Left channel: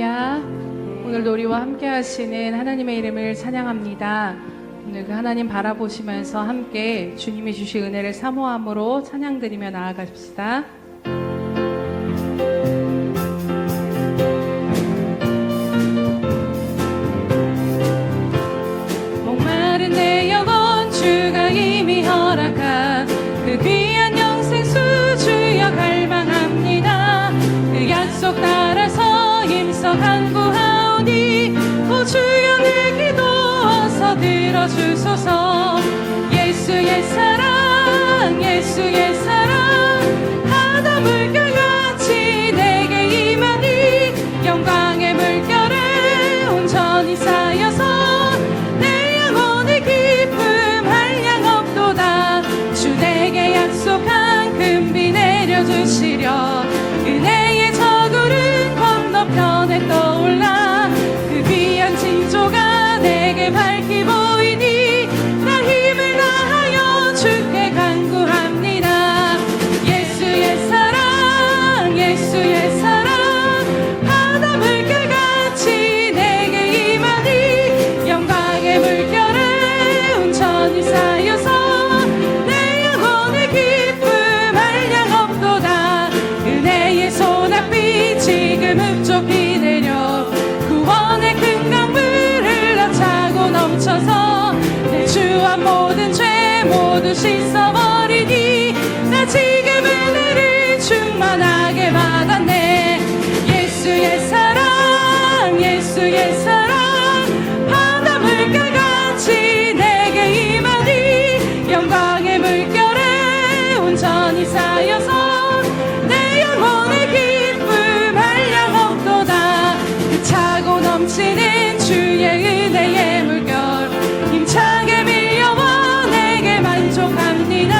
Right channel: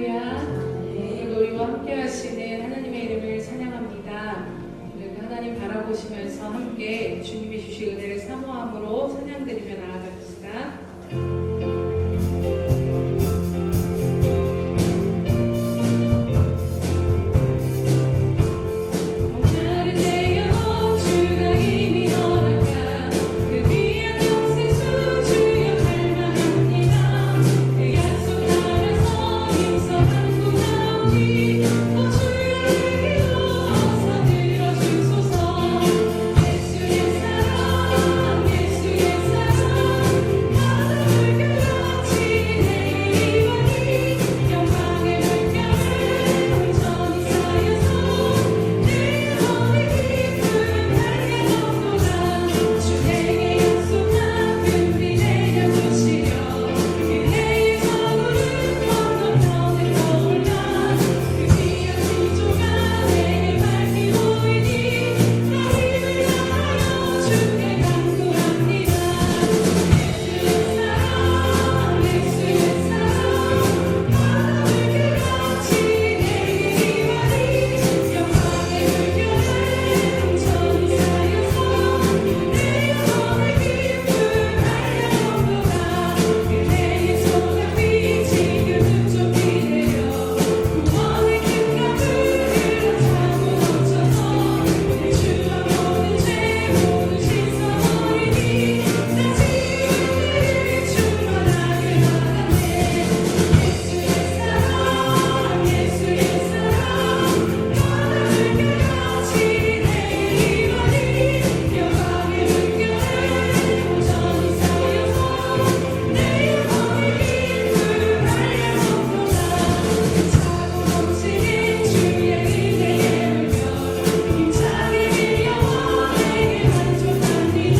할렐루야. 오늘도 우리와 함께 하시는 하나님의 이름을 찬양합니다. 오늘 그 하나님 바라보시면서 함께 주님이 주신 은혜를 사모함으로 찬양드리며 나아가십시다. 목마른 내 영혼 주가 이미 허락한 그 귀한 영생수 주여 갈망합니다. 그 약속 따라서 임석 간구하오니 오 주여 내 기도 어서 들어주소서. 예수의 사랑 예수의 사랑 바다 물결같이 내게 임하니 영광의 물결에 온전히 쌓여서 내 영혼의 기쁨 한량 없도다. 주 내게 약속한 금비 내려주시려 은혜의 저구름 건너편에 떠올라 그 귀한 징조가 내게 밝히 보이니 나 힘을 다하여 주께 간구합니다. 예수의 사랑 예수의 사랑 바다 물결같이 내게 임하니 영광의 물결에 온전히 쌓여서 내 영혼의 기쁨 한량 없도다. 은혜의 소낙비 지금 흡족히 내려 구원의 큰 강물 흘러차고 넘쳐서 내 주와 모든 죄 모두 씻어버리니 나 지금 은혜를 충만하게 받았네. 예수의 사랑 예수의 사랑 바다 물결같이 내게 임하니 영광의 물결에 온전히 쌓여서 내 영혼의 기쁨 한량 없도다. 차고 넘치는 주의 은혜의 물결 힘차게 밀려와 내게 만족합니다.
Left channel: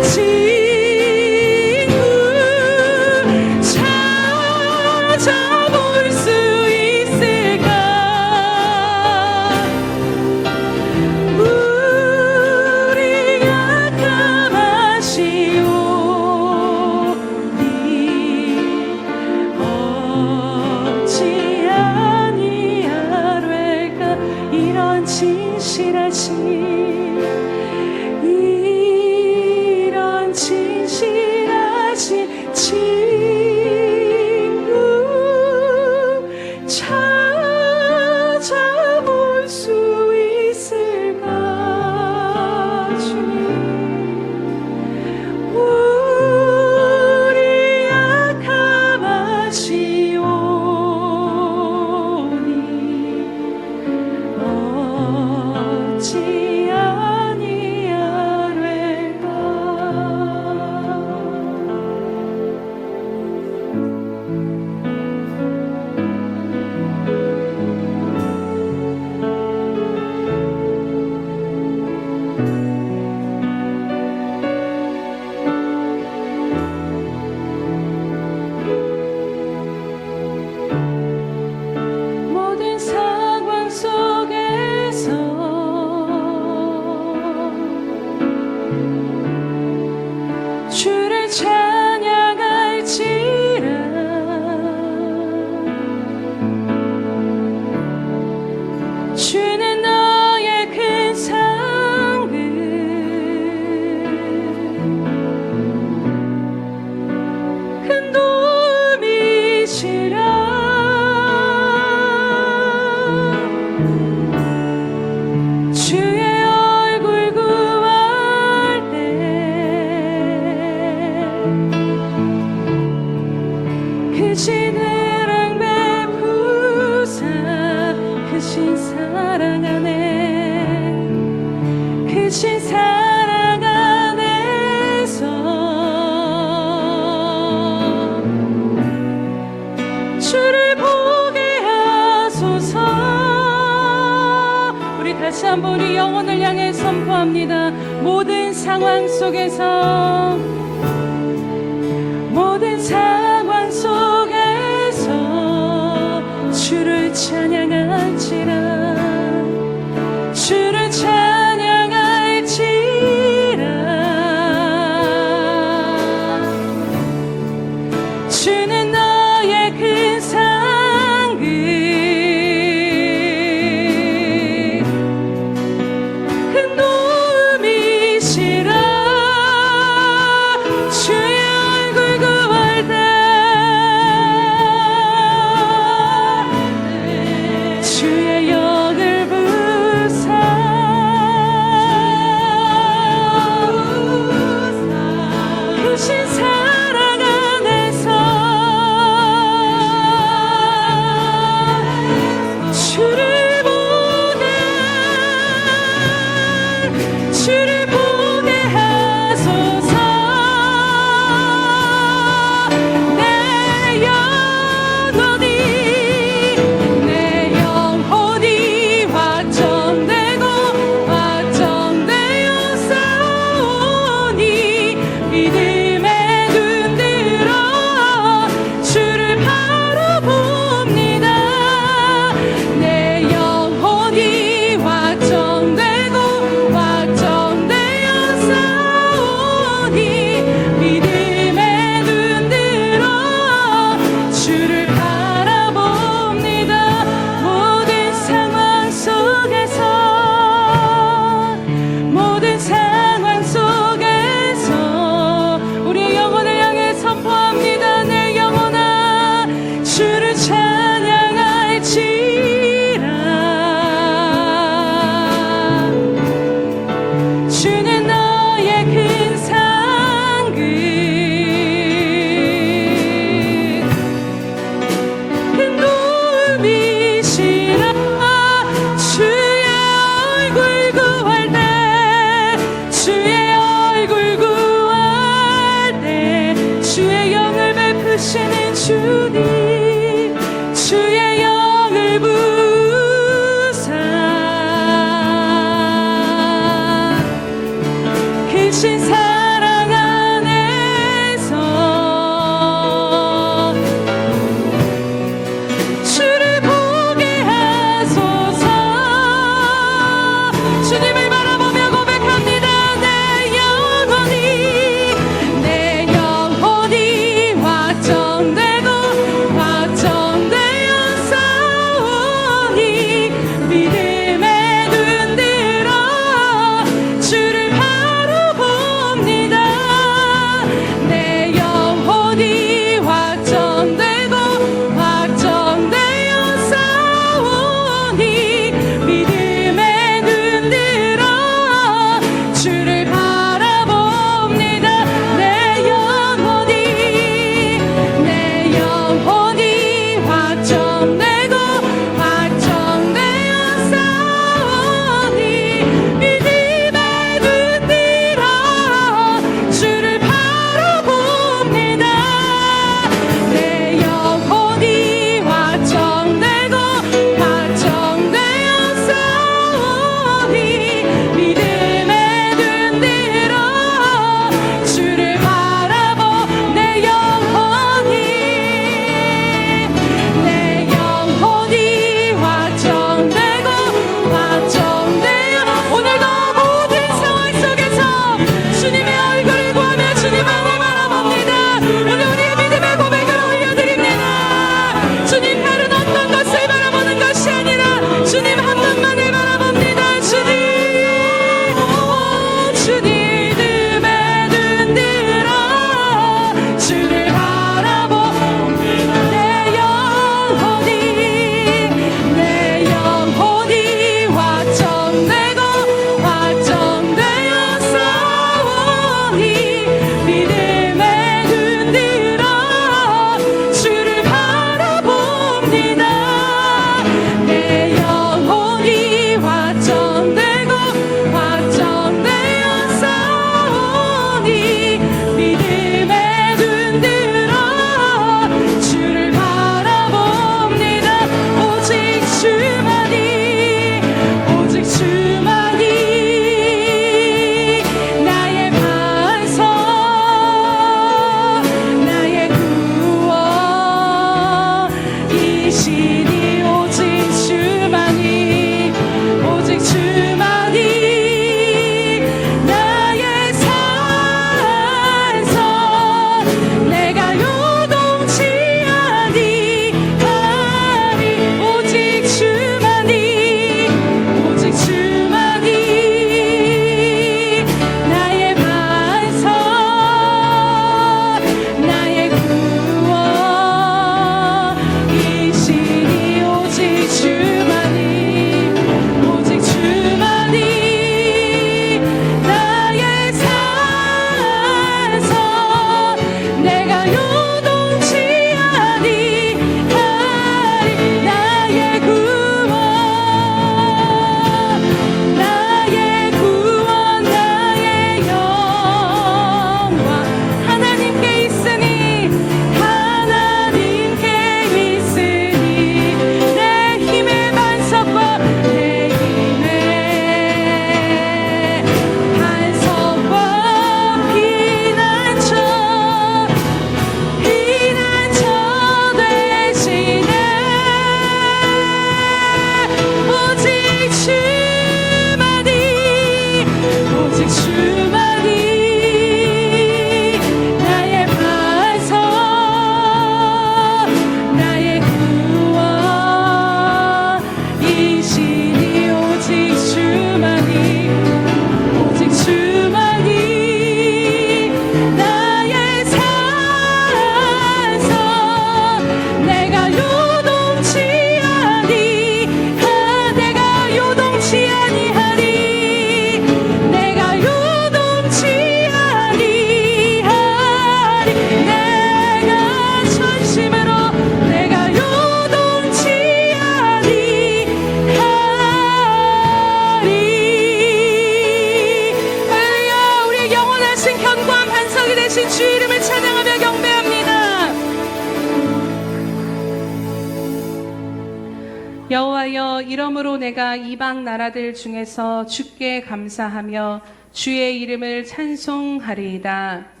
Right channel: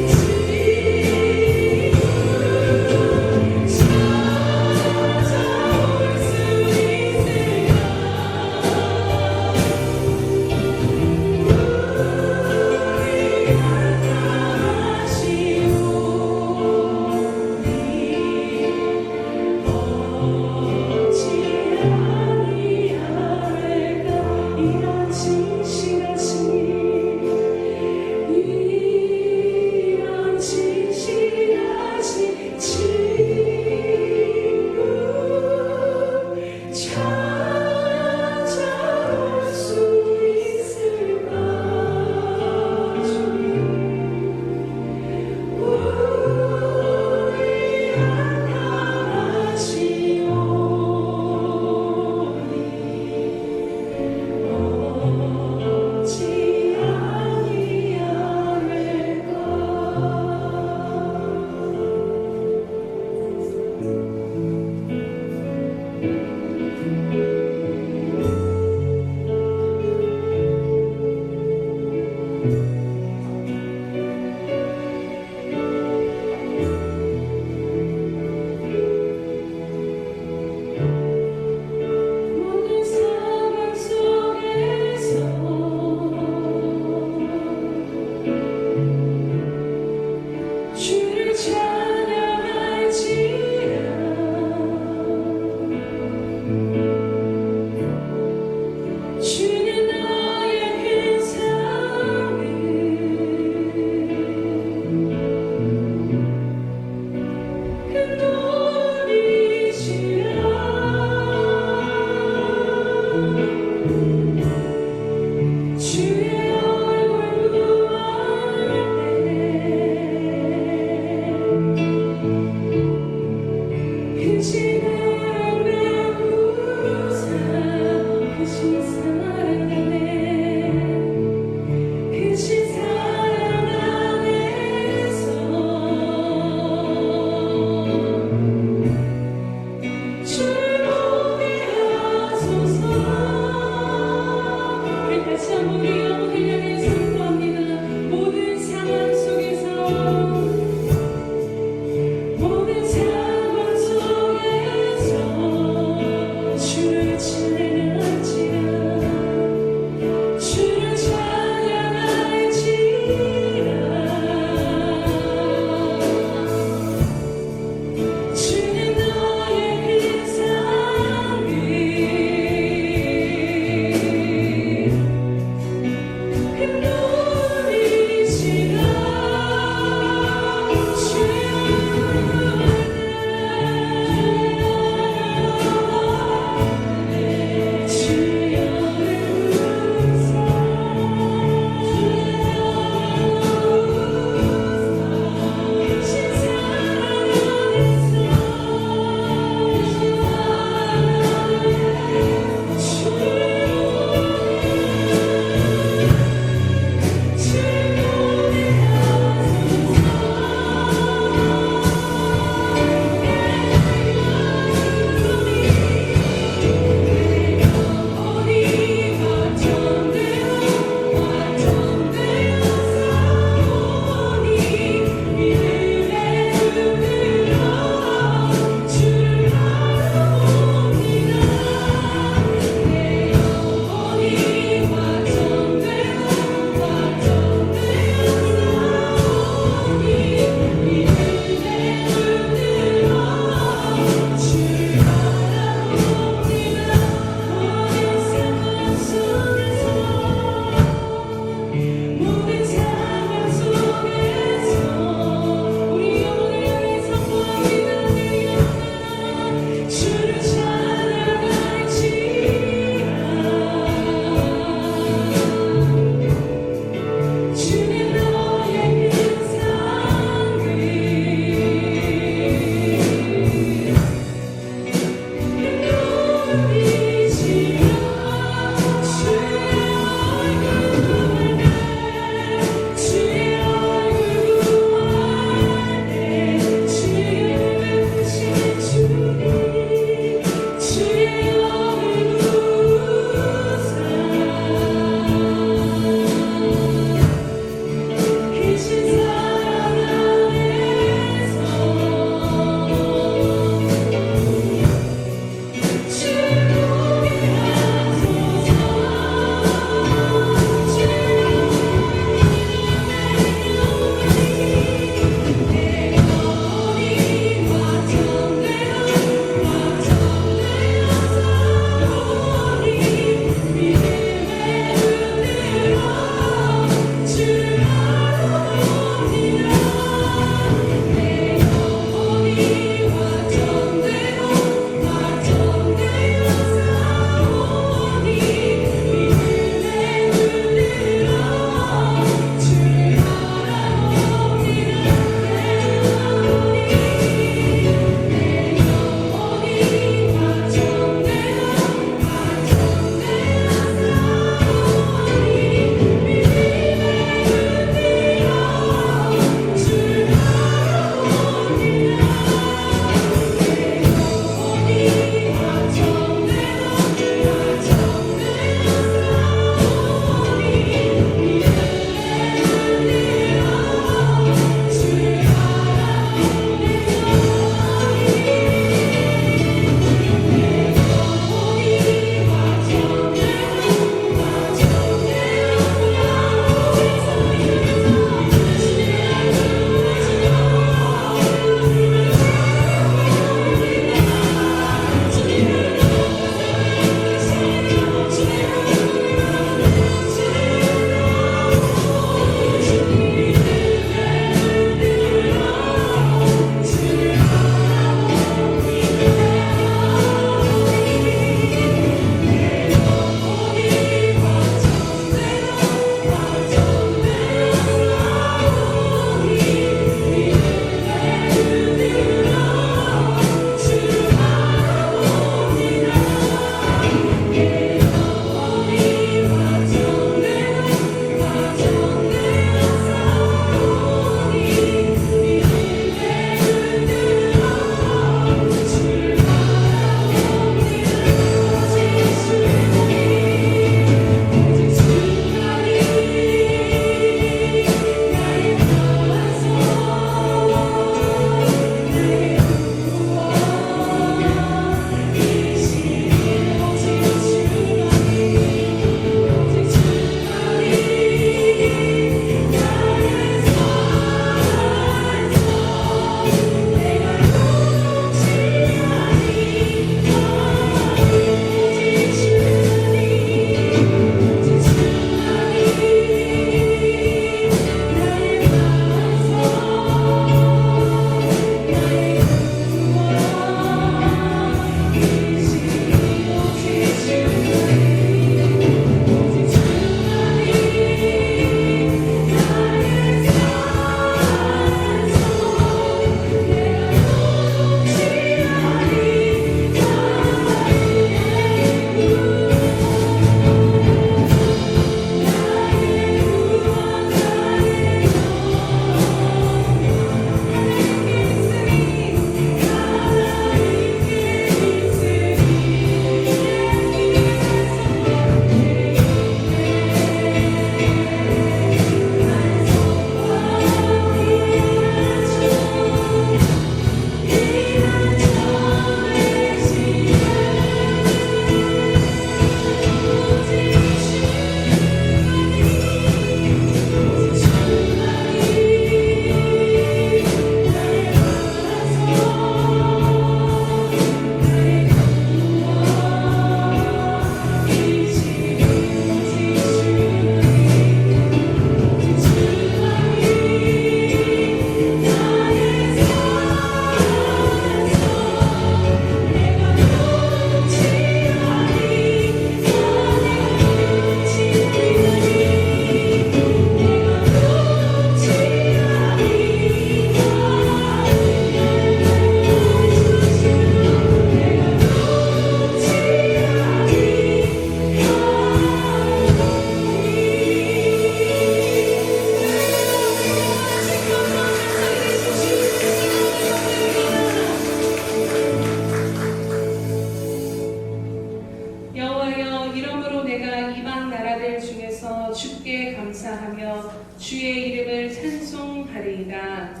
여호와여, 이러므로 내가 이방 나라들 중에서 주께 감사하며 주의 이름을 찬송하리이다.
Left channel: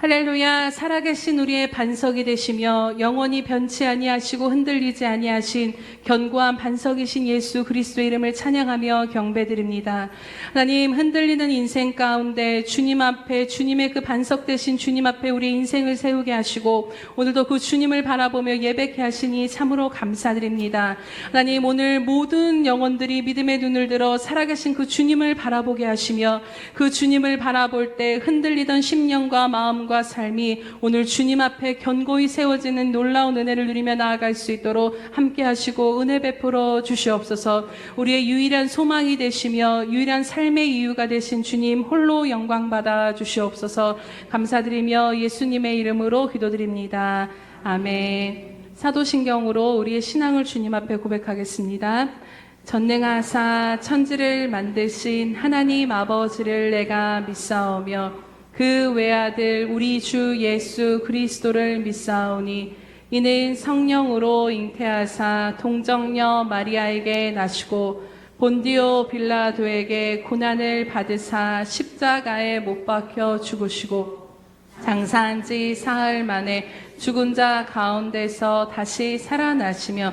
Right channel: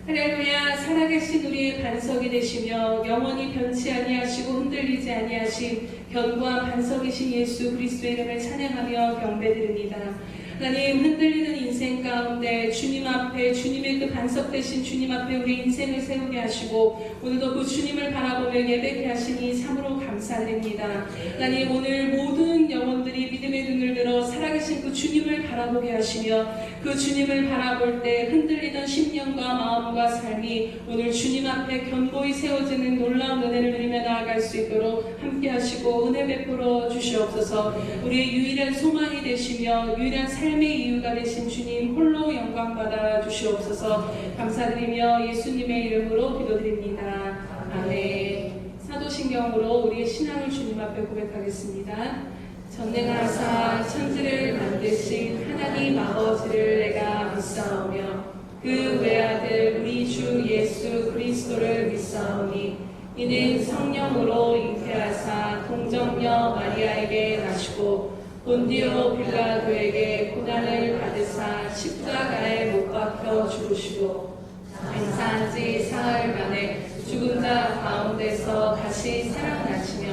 할렐루야. 살아계신 우리의 반석이 되시며 영원히 변치 아니하시고 흔들리지 아니하신 견고한 반석이신 예수 그리스도의 이름을 찬양하며 경배드립니다. 하나님, 흔들리는 인생 가운데 주님 앞에, 주님의 그 반석 되신 주님 앞에 우리 인생을 세우게 하시고 오늘도 그 주님을 바라보며 예배케 하시니 참으로 감사드립니다. 하나님, 오늘 모든 영혼들이 믿음의 눈을 들어 살아계신 그 주님을 바라보게 하시며 그 주님을 바라볼 때 흔들리던 심령과 마음과 삶이 오늘 주님 앞에 견고히 세워지는 놀라운 은혜를 누리며 나아갈 수 있도록 함께 하시고 은혜 베풀어 주시옵소서. 우리의 유일한 소망이 되시며 유일한 삶의 이유가 되신 주님 홀로 영광 받아 주시옵소서. 감사드리며 예수님의 이름으로 기도드립니다. 아멘. 사도신경으로 우리의 신앙을 주님 앞에 고백하겠습니다. 전능하사 천지를 만드신 하나님 아버지를 내가 믿사오며 그 외아들 우리 주 예수 그리스도를 믿사오니 이는 성령으로 잉태하사 동정녀 마리아에게 나시고 본디오 빌라도에게 고난을 받으사 십자가에 못 박혀 죽으시고 장사한 지 사흘 만에 죽은 자 가운데서 다시 살아나시며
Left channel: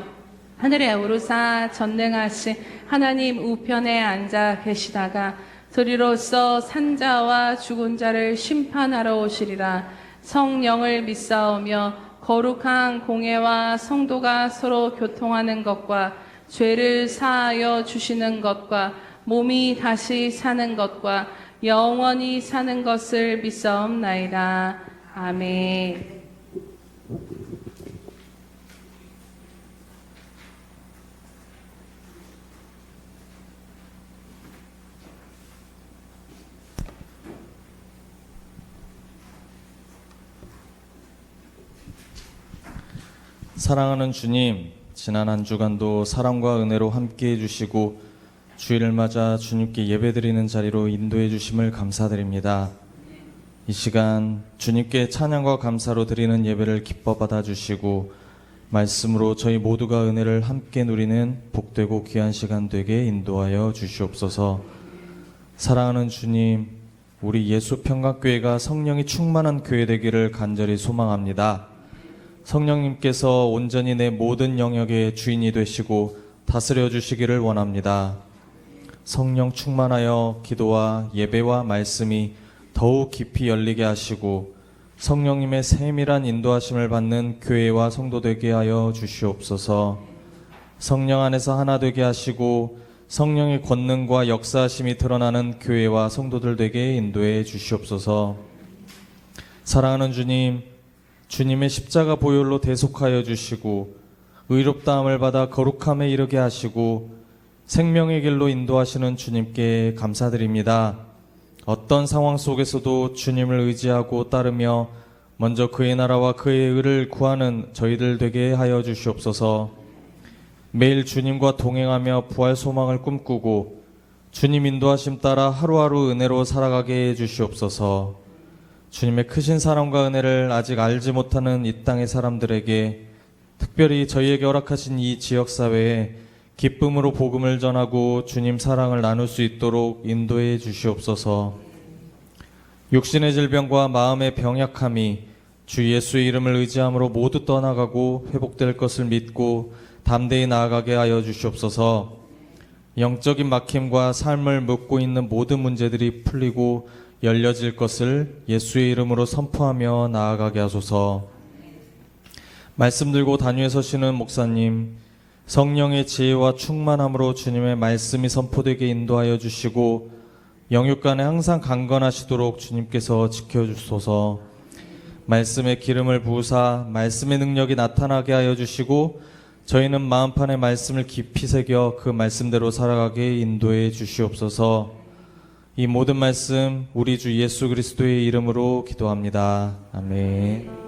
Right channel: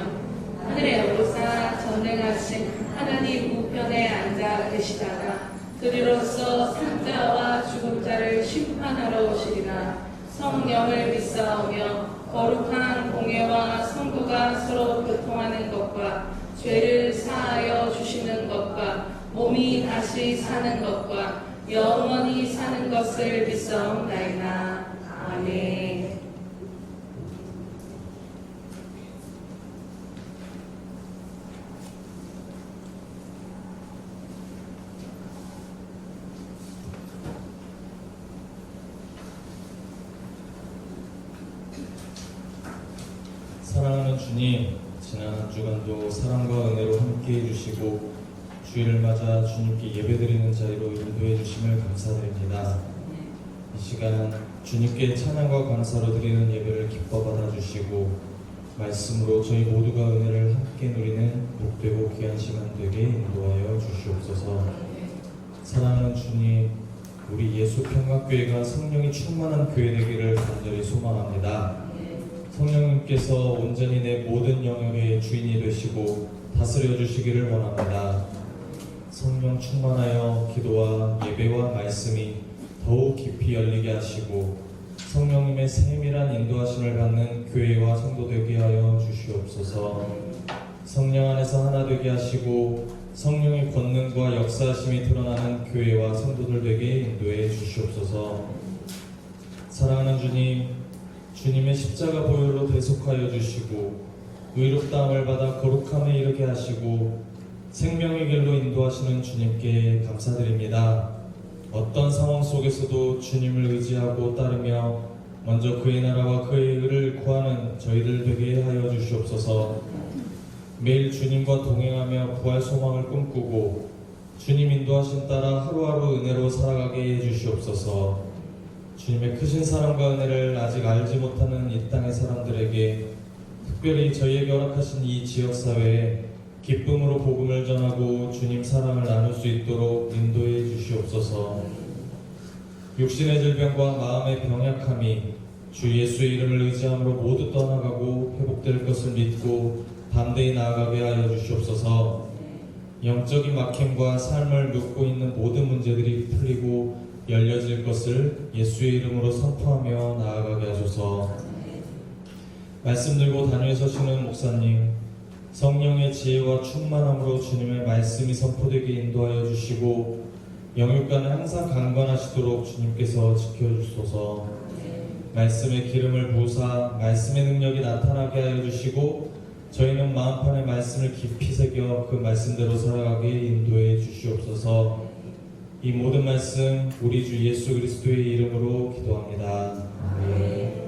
하늘에 오르사 전능하신 하나님 우편에 앉아 계시다가 저리로서 산자와 죽은 자를 심판하러 오시리라. 성령을 믿사오며 거룩한 공예와 성도가 서로 교통하는 것과 죄를 사하여 주시는 것과 몸이 다시 사는 것과 영원히 사는 것을 믿사옵나이다. 아멘. 사랑하는 주님, 지난 한 주간도 사랑과 은혜로 함께 해주시고 주일을 맞아 주님께 예배드리는 자리로 인도해 주심을 감사드립니다. 이 시간 주님께 찬양과 감사로 드리는 예배를 기뻐 받아주시고 말씀으로 저희 모두가 은혜를 함께 누리는 복되고 귀한 시간 되게 인도하여 주시옵소서. 사랑하는 주님, 우리 예수평강교회가 성령이 충만한 교회 되기를 간절히 소망합니다. 성령님께서 온전히 내 모든 영역의 주인이 되시고 다스려 주시기를 원합니다. 성령 충만하여 기도와 예배와 말씀이 더욱 깊이 열리게 하시고 성령님의 세밀한 인도하심을 받는 교회와 성도 되게 하여 주시옵소서. 성령 안에서 하나 되게 하시고 성령의 권능과 역사하심이 드러나는 교회와 성도들 되게 인도해 주시옵소서. 사랑하는 주님, 주님의 십자가 보혈로 대속하여 주시고 의롭다함을 받아 거룩함에 이르게 하시고 생명의 길로 인도하시는 주님께 감사드립니다. 어떤 상황 속에서도 주님을 의지하고 따르며 먼저 그의 나라와 그의 의를 구하는 저희들 되게 하여 주시옵소서. 매일 주님과 동행하며 부활 소망을 꿈꾸고 주님 인도하심 따라 하루하루 은혜로 살아가게 해 주시옵소서. 주님의 크신 사랑과 은혜를 아직 알지 못하는 이 땅의 사람들에게, 특별히 저희에게 허락하신 이 지역사회에 기쁨으로 복음을 전하고 주님 사랑을 나눌 수 있도록 인도해 주시옵소서. 육신의 질병과 마음의 병약함이 주 예수의 이름을 의지함으로 모두 떠나가고 회복될 것을 믿고 담대히 나아가게 하여 주시옵소서. 영적인 막힘과 삶을 묶고 있는 모든 문제들이 풀리고 열려질 것을 예수의 이름으로 선포하며 나아가게 하소서. 말씀 들고 단위에 서시는 목사님, 성령의 지혜와 충만함으로 주님의 말씀이 선포되게 인도하여 주시고 영육간에 항상 강건하시도록 주님께서 지켜주소서. 말씀의 기름을 부으사 말씀의 능력이 나타나게 하여 주시고 저희는 마음판에 말씀을 깊이 새겨 그 말씀대로 살아가게 인도해 주시옵소서. 이 모든 말씀 우리 주 예수 그리스도의 이름으로 기도합니다. 아멘.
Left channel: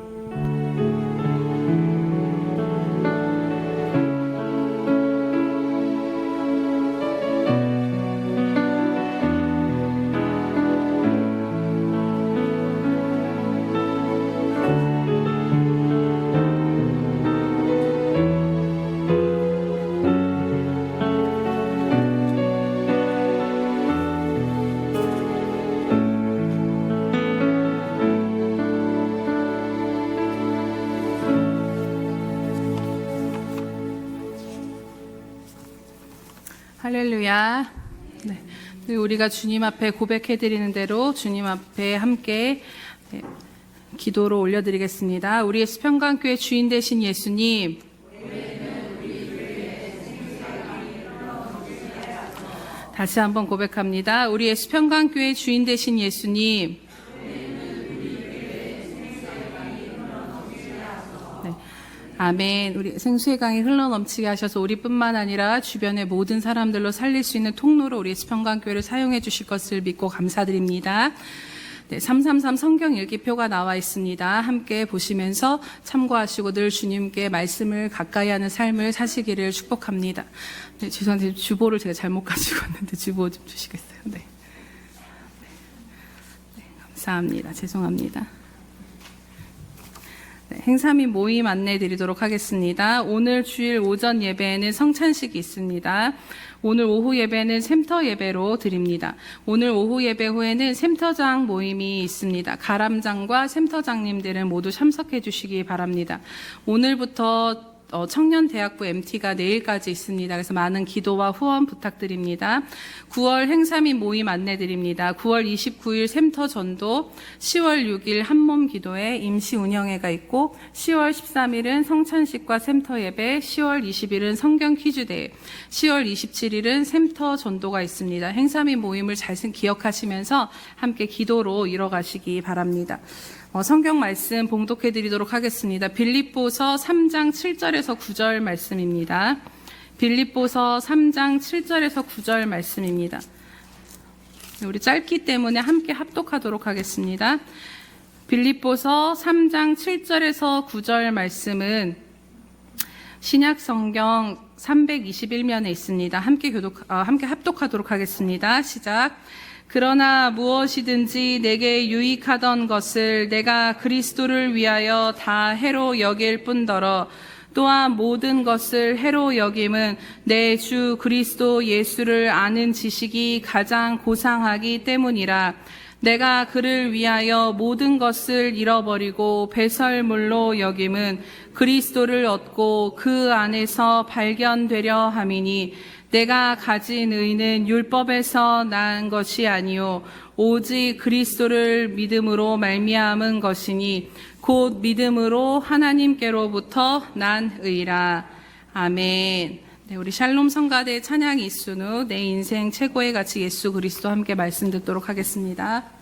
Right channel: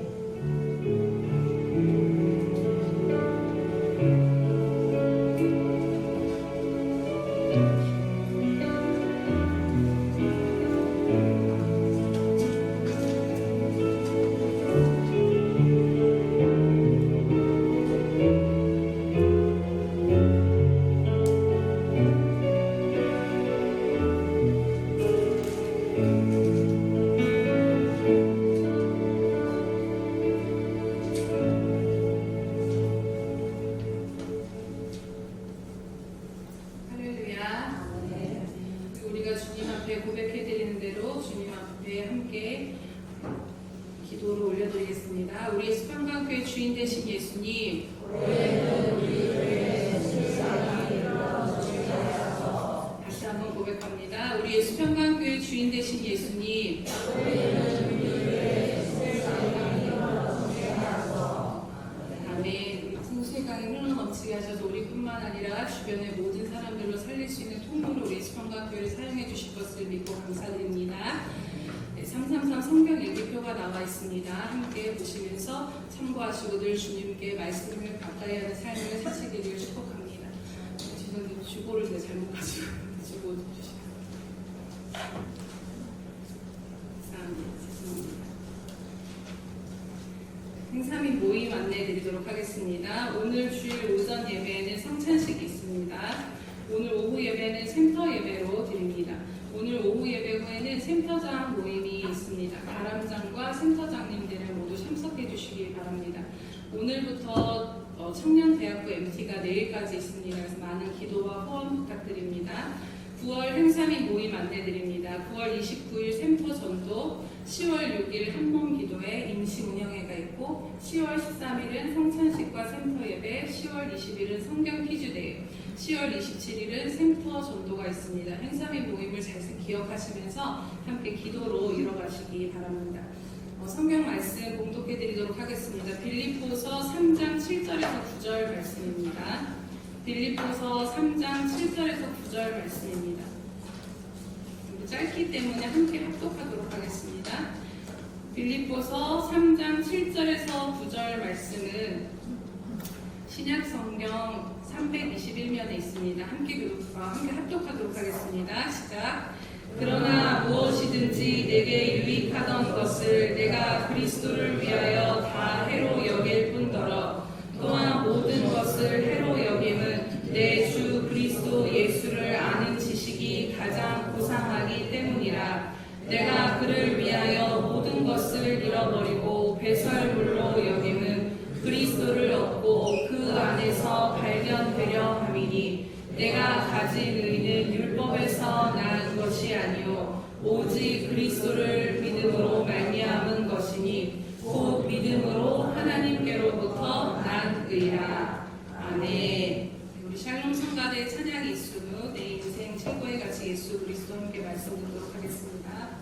할렐루야. 네. 우리가 주님 앞에 고백해드리는 대로 주님 앞에 함께 기도로 올려드리겠습니다. 우리의 시평강교회 주인 되신 예수님, 다시 한번 고백합니다. 우리의 시평강교회 주인 되신 예수님, 아멘. 우리 생수의 강이 흘러넘치게 하셔서 우리뿐만 아니라 주변의 모든 사람들로 살릴 수 있는 통로로 우리 시평강교회를 사용해 주실 것을 믿고 감사드립니다. 네, 333 성경 일기표가 나와 있습니다. 함께 보시면서 참고하시고 늘 주님께 말씀을 가까이 하는 삶을 사시기를 축복합니다. 네, 죄송한데 주보를 제가 잘못 가지고 왔는데 주보 좀 주시겠어요? 네. 네, 감사합니다. 죄송합니다. 행사 및 모임 안내 드리도록 하겠습니다. 오늘 주일 오전 예배에는 성찬식이 있습니다. 오늘 오후 예배는 샘터 예배로 드립니다. 오늘 오후 예배 후에는 샘터장 모임이 있습니다. 가람장과 샘터장님들은 모두 참석해 주시기 바랍니다. 오늘부터 청년대학부 MT가 내일까지 있습니다. 그래서 많은 기도와 후원 부탁드립니다. 9월 행사 및 모임 안내드립니다. 9월 29일 샘터 전도, 10월 6일 한몸 기도회 임시 운영회가 있고 10월 13일은 성찬식과 샘터 예배, 10월 20일은 성경 퀴즈 대회, 10월 27일은 샘터 전도가 있습니다. 행사 및 모임을 잘 기억하시면서 함께 기도로 이뤄가시기 바랍니다. 성경 말씀 봉독해 드리도록 하겠습니다. 빌립보서 3장 7절에서 9절 말씀입니다. 빌립보서 3장 7절에서 9절 말씀입니다. 우리 짧기 때문에 함께 합독하도록 하겠습니다. 빌립보서 3장 7절에서 9절 말씀은 신약 성경 321면에 있습니다. 함께 합독하도록 하겠습니다. 시작. 그러나 무엇이든지 내게 유익하던 것을 내가 그리스도를 위하여 다 해로 여길 뿐더러 또한 모든 것을 해로 여김은 내 주 그리스도 예수를 아는 지식이 가장 고상하기 때문이라. 내가 그를 위하여 모든 것을 잃어버리고 배설물로 여김은 그리스도를 얻고 그 안에서 발견되려 함이니 내가 가진 의는 율법에서 낳은 것이 아니요 오직 그리스도를 믿음으로 말미암은 것이니 곧 믿음으로 하나님께로부터 난 의라. 아멘. 네, 우리 샬롬 성가대 찬양 이순우 내 인생 최고의 가치 예수 그리스도 함께 말씀 듣도록 하겠습니다.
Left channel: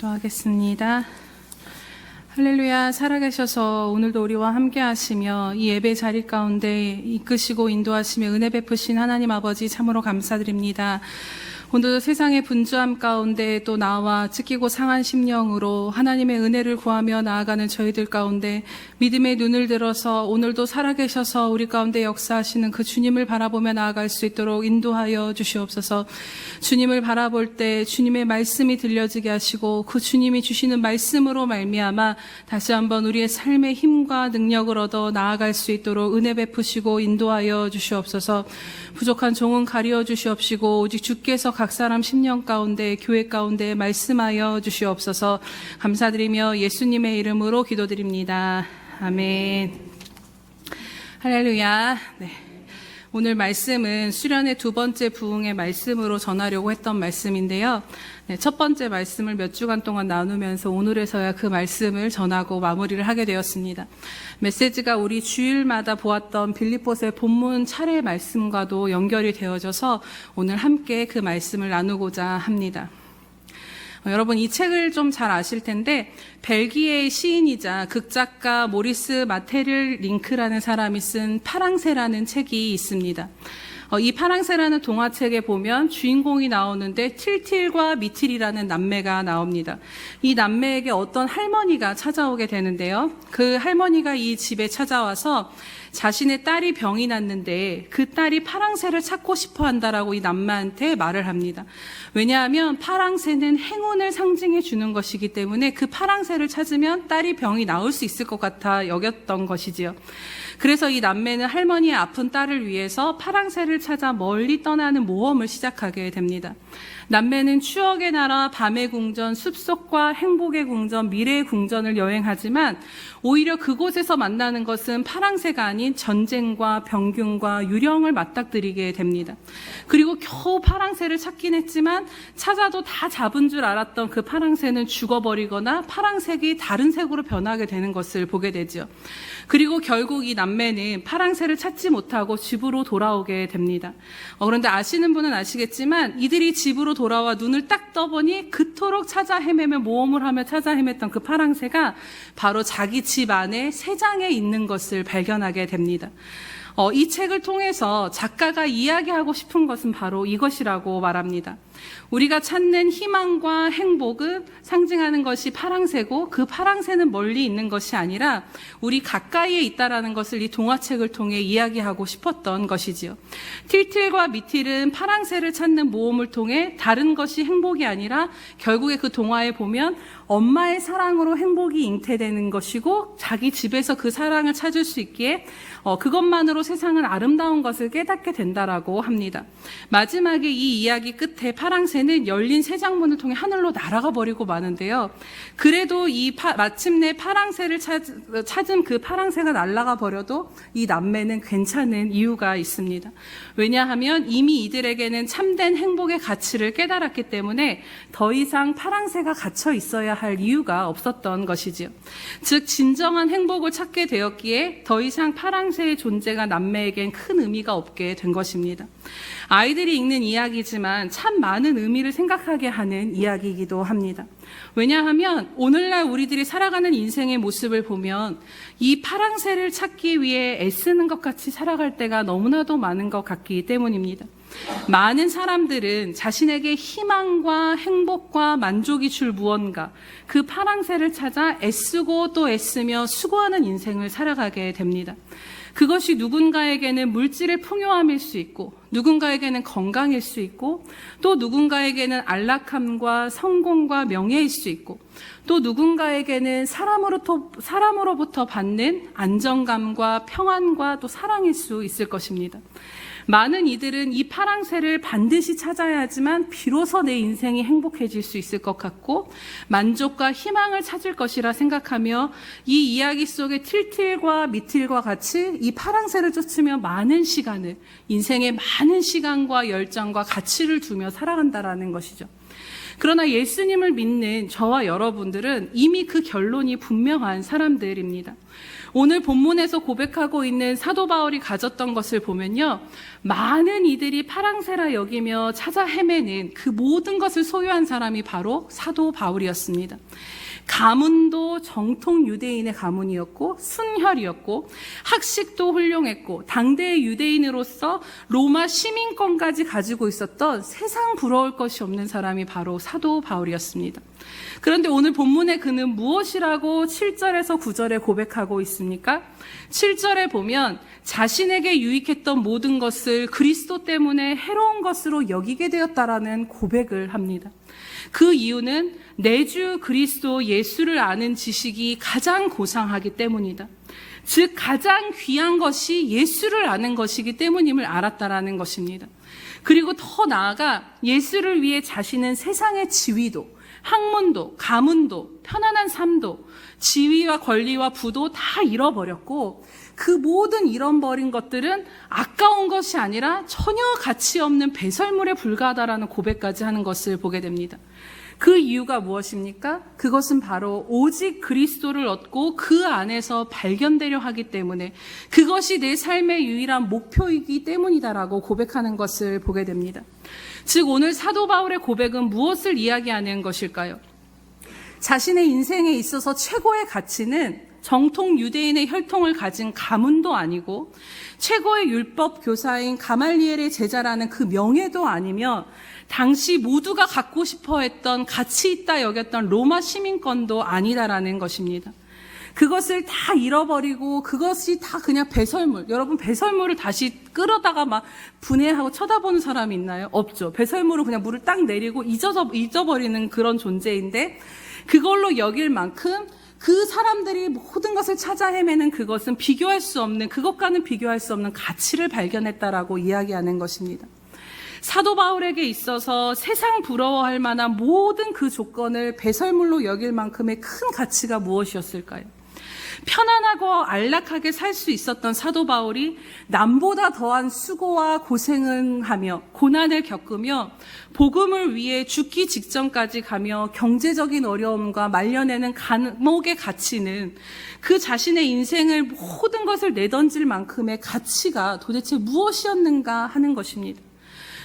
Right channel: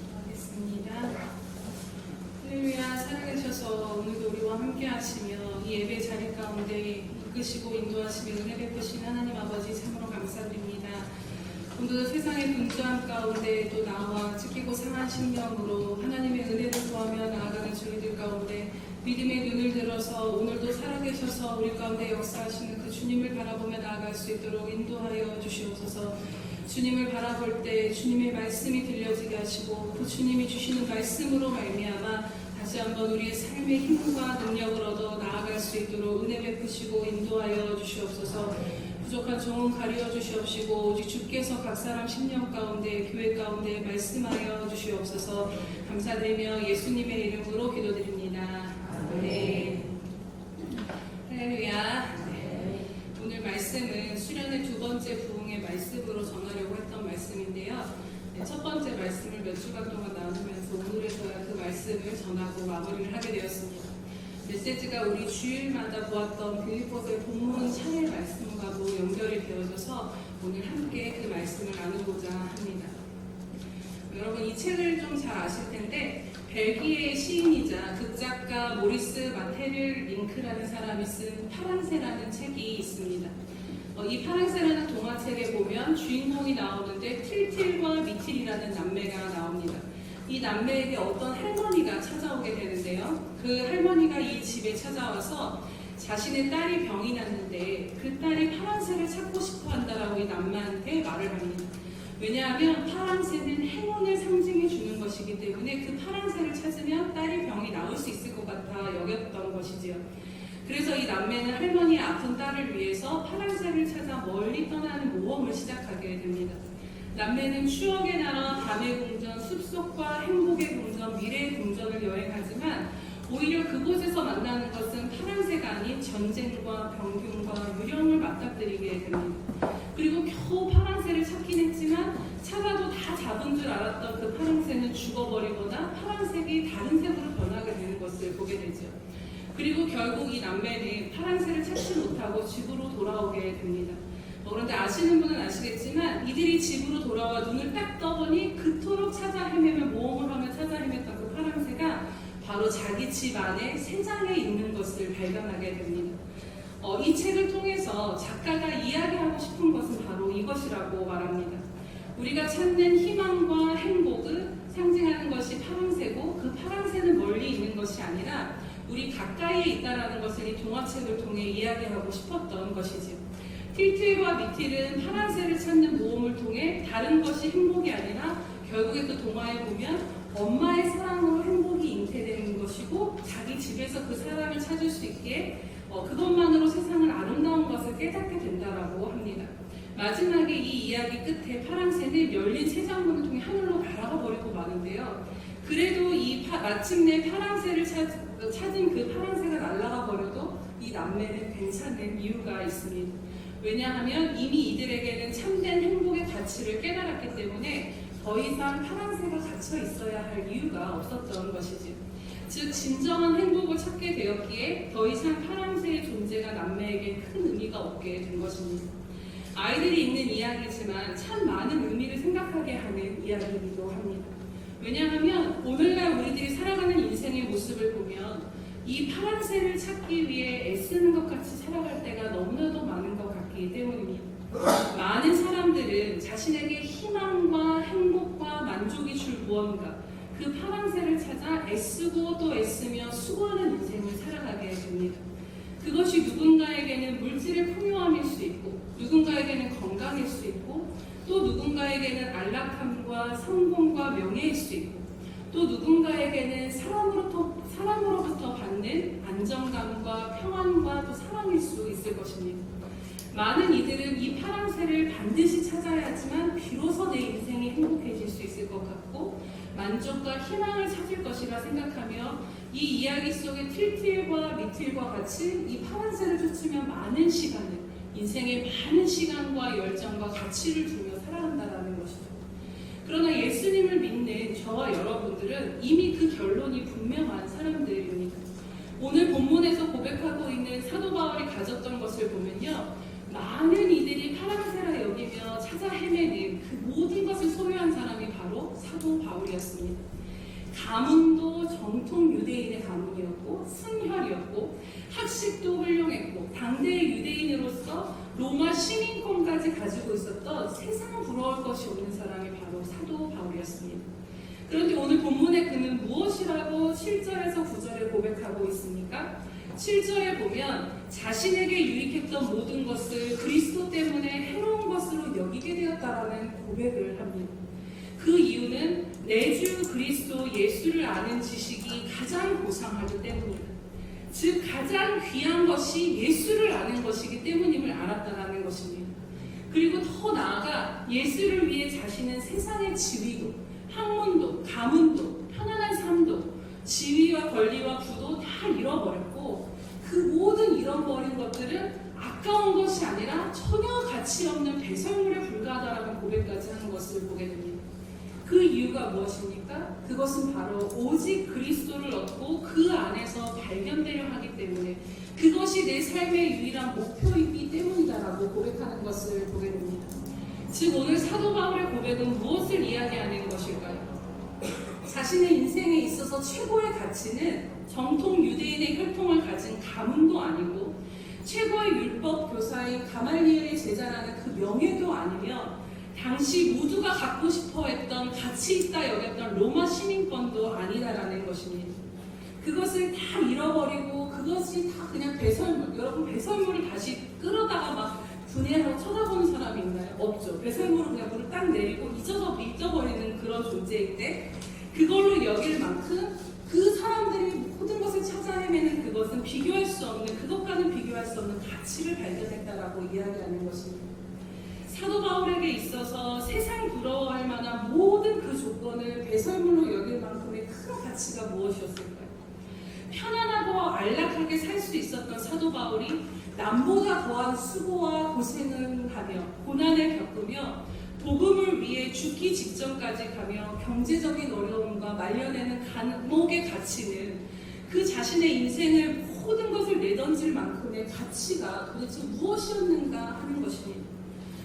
기도하겠습니다. 할렐루야. 살아계셔서 오늘도 우리와 함께 하시며 이 예배 자리 가운데 이끄시고 인도하시며 은혜 베푸신 하나님 아버지 참으로 감사드립니다. 오늘도 세상의 분주함 가운데 또 나와 찢기고 상한 심령으로 하나님의 은혜를 구하며 나아가는 저희들 가운데 믿음의 눈을 들어서 오늘도 살아계셔서 우리 가운데 역사하시는 그 주님을 바라보며 나아갈 수 있도록 인도하여 주시옵소서. 주님을 바라볼 때 주님의 말씀이 들려지게 하시고 그 주님이 주시는 말씀으로 말미암아 다시 한번 우리의 삶의 힘과 능력을 얻어 나아갈 수 있도록 은혜 베푸시고 인도하여 주시옵소서. 부족한 종은 가리어 주시옵시고 오직 주께서 각 사람 신령 가운데 교회 가운데 말씀하여 주시옵소서. 감사드리며 예수님의 이름으로 기도드립니다. 아멘. 할렐루야. 네. 오늘 말씀은 수련의 두 번째 부흥의 말씀으로 전하려고 했던 말씀인데요. 네, 첫 번째 말씀을 몇 주간 동안 나누면서 오늘에서야 그 말씀을 전하고 마무리를 하게 되었습니다. 메시지가 우리 주일마다 보았던 빌립보서의 본문 차례 말씀과도 연결이 되어져서 오늘 함께 그 말씀을 나누고자 합니다. 여러분 이 책을 좀 잘 아실 텐데 벨기에의 시인이자 극작가 모리스 마테를 링크라는 사람이 쓴 파랑새라는 책이 있습니다. 이 파랑새라는 동화책에 보면 주인공이 나오는데 틸틸과 미틸이라는 남매가 나옵니다. 이 남매에게 어떤 할머니가 찾아오게 되는데요. 그 할머니가 이 집에 찾아와서 자신의 딸이 병이 났는데 그 딸이 파랑새를 찾고 싶어 한다라고 이 남매한테 말을 합니다. 왜냐하면 파랑새는 행운을 상징해 주는 것이기 때문에 그 파랑새를 찾으면 딸이 병이 나을 수 있을 것 같아 여겼던 것이지요. 그래서 이 남매는 할머니의 아픈 딸을 위해서 파랑새를 찾아 멀리 떠나는 모험을 시작하게 됩니다. 남매는 추억의 나라, 밤의 궁전, 숲속과 행복의 궁전, 미래의 궁전을 여행하지만 오히려 그곳에서 만나는 것은 파랑새가 아닌 전쟁과 병균과 유령을 맞닥뜨리게 됩니다. 그리고 겨우 파랑새를 찾긴 했지만 찾아도 다 잡은 줄 알았던 그 파랑새는 죽어버리거나 파랑색이 다른 색으로 변하게 되는 것을 보게 되죠. 그리고 결국 이 남매는 파랑새를 찾지 못하고 집으로 돌아오게 됩니다. 그런데 아시는 분은 아시겠지만 이들이 집으로 돌아와 눈을 딱 떠보니 그토록 찾아 헤매며 모험을 하며 찾아 헤맸던 그 파랑새가 바로 자기 집 안에 새장에 있는 것을 발견하게 됩니다. 이 책을 통해서 작가가 이야기하고 싶은 것은 바로 이것이라고 말합니다. 우리가 찾는 희망과 행복을 상징하는 것이 파랑새고 그 파랑새는 멀리 있는 것이 아니라 우리 가까이에 있다라는 것을 이 동화책을 통해 이야기하고 싶었던 것이지요. 틸틸과 미틸은 파랑새를 찾는 모험을 통해 다른 것이 행복이 아니라 결국에 그 동화에 보면 엄마의 사랑으로 행복이 잉태되는 것이고 자기 집에서 그 사랑을 찾을 수 있기에 그것만으로 세상은 아름다운 것을 깨닫게 된다라고 합니다. 마지막에 이 이야기 끝에 파랑새는 열린 새장문을 통해 하늘로 날아가 버리고 마는데요. 그래도 마침내 파랑새를 찾은 그 파랑새가 날아가 버려도 이 남매는 괜찮은 이유가 있습니다. 왜냐하면 이미 이들에게는 참된 행복의 가치를 깨달았기 때문에 더 이상 파랑새가 갇혀 있어야 할 이유가 없었던 것이지요. 즉 진정한 행복을 찾게 되었기에 더 이상 파랑새의 존재가 남매에겐 큰 의미가 없게 된 것입니다. 아이들이 읽는 이야기지만 참 많은 의미를 생각하게 하는 이야기이기도 합니다. 왜냐하면 오늘날 우리들이 살아가는 인생의 모습을 보면 이 파랑새를 찾기 위해 애쓰는 것 같이 살아갈 때가 너무나도 많은 것 같기 때문입니다. 많은 사람들은 자신에게 희망과 행복과 만족이 줄 무언가 그 파랑새를 찾아 애쓰고 또 애쓰며 수고하는 인생을 살아가게 됩니다. 그것이 누군가에게는 물질의 풍요함일 수 있고 누군가에게는 건강일 수 있고 또 누군가에게는 안락함과 성공과 명예일 수 있고 또 누군가에게는 사람으로부터 받는 안정감과 평안과 또 사랑일 수 있을 것입니다. 많은 이들은 이 파랑새를 반드시 찾아야 하지만 비로소 내 인생이 행복해질 수 있을 것 같고 만족과 희망을 찾을 것이라 생각하며 이 이야기 속의 틸틸과 미틸과 같이 이 파랑새를 쫓으며 많은 시간을 인생의 많은 시간과 열정과 가치를 두며 살아간다라는 것이죠. 그러나 예수님을 믿는 저와 여러분들은 이미 그 결론이 분명한 사람들입니다. 오늘 본문에서 고백하고 있는 사도 바울이 가졌던 것을 보면요, 많은 이들이 파랑새라 여기며 찾아 헤매는 그 모든 것을 소유한 사람이 바로 사도 바울이었습니다. 가문도 정통 유대인의 가문이었고 순혈이었고 학식도 훌륭했고 당대의 유대인으로서 로마 시민권까지 가지고 있었던 세상 부러울 것이 없는 사람이 바로 사도 바울이었습니다. 그런데 오늘 본문의 그는 무엇이라고 7절에서 9절에 고백하고 있습니까? 7절에 보면 자신에게 유익했던 모든 것을 그리스도 때문에 해로운 것으로 여기게 되었다라는 고백을 합니다. 그 이유는 내 주 그리스도 예수를 아는 지식이 가장 고상하기 때문이다. 즉 가장 귀한 것이 예수를 아는 것이기 때문임을 알았다라는 것입니다. 그리고 더 나아가 예수를 위해 자신은 세상의 지위도, 학문도, 가문도, 편안한 삶도, 지위와 권리와 부도 다 잃어버렸고 그 모든 잃어버린 것들은 아까운 것이 아니라 전혀 가치 없는 배설물에 불과하다라는 고백까지 하는 것을 보게 됩니다. 그 이유가 무엇입니까? 그것은 바로 오직 그리스도를 얻고 그 안에서 발견되려 하기 때문에 그것이 내 삶의 유일한 목표이기 때문이다라고 고백하는 것을 보게 됩니다. 즉 오늘 사도 바울의 고백은 무엇을 이야기하는 것일까요? 자신의 인생에 있어서 최고의 가치는 정통 유대인의 혈통을 가진 가문도 아니고 최고의 율법 교사인 가말리엘의 제자라는 그 명예도 아니며 당시 모두가 갖고 싶어 했던 가치 있다 여겼던 로마 시민권도 아니다라는 것입니다. 그것을 다 잃어버리고 그것이 다 그냥 배설물. 여러분 배설물을 다시 끌어다가 막 분해하고 쳐다보는 사람이 있나요? 없죠. 배설물을 그냥 물을 딱 내리고 잊어버리는 그런 존재인데 그걸로 여길 만큼 그 사람들이 모든 것을 찾아 헤매는 그것은 비교할 수 없는, 그것과는 비교할 수 없는 가치를 발견했다라고 이야기하는 것입니다. 사도 바울에게 있어서 세상 부러워할 만한 모든 그 조건을 배설물로 여길 만큼의 큰 가치가 무엇이었을까요? 편안하고 안락하게 살 수 있었던 사도 바울이 남보다 더한 수고와 고생을 하며 고난을 겪으며 복음을 위해 죽기 직전까지 가며 경제적인 어려움과 말려내는 감옥의 가치는 그 자신의 인생을 모든 것을 내던질 만큼의 가치가 도대체 무엇이었는가 하는 것입니다.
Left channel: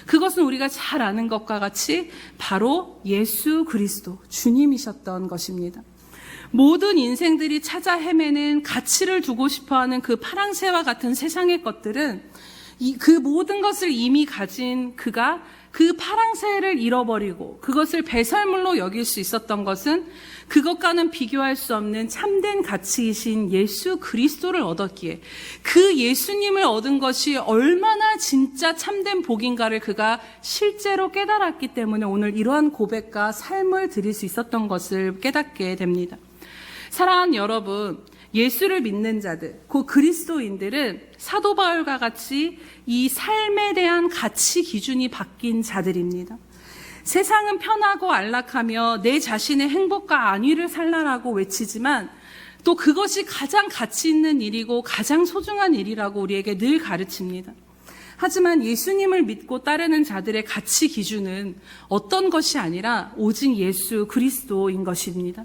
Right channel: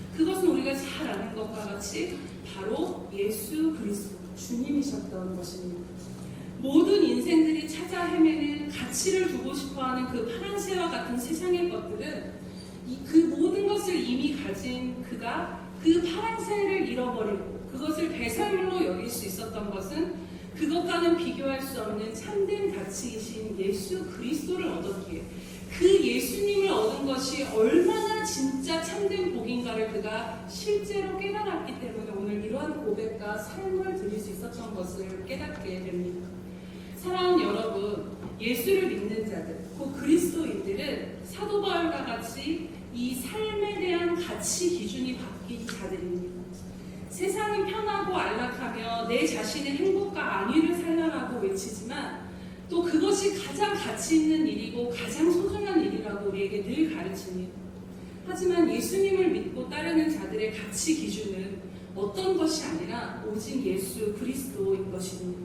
그것은 우리가 잘 아는 것과 같이 바로 예수 그리스도 주님이셨던 것입니다. 모든 인생들이 찾아 헤매는 가치를 두고 싶어하는 그 파랑새와 같은 세상의 것들은 그 모든 것을 이미 가진 그가 그 파랑새를 잃어버리고 그것을 배설물로 여길 수 있었던 것은 그것과는 비교할 수 없는 참된 가치이신 예수 그리스도를 얻었기에 그 예수님을 얻은 것이 얼마나 진짜 참된 복인가를 그가 실제로 깨달았기 때문에 오늘 이러한 고백과 삶을 드릴 수 있었던 것을 깨닫게 됩니다. 사랑하는 여러분, 예수를 믿는 자들, 그 그리스도인들은 사도 바울과 같이 이 삶에 대한 가치 기준이 바뀐 자들입니다. 세상은 편하고 안락하며 내 자신의 행복과 안위를 살라라고 외치지만 또 그것이 가장 가치 있는 일이고 가장 소중한 일이라고 우리에게 늘 가르칩니다. 하지만 예수님을 믿고 따르는 자들의 가치 기준은 어떤 것이 아니라 오직 예수 그리스도인 것입니다.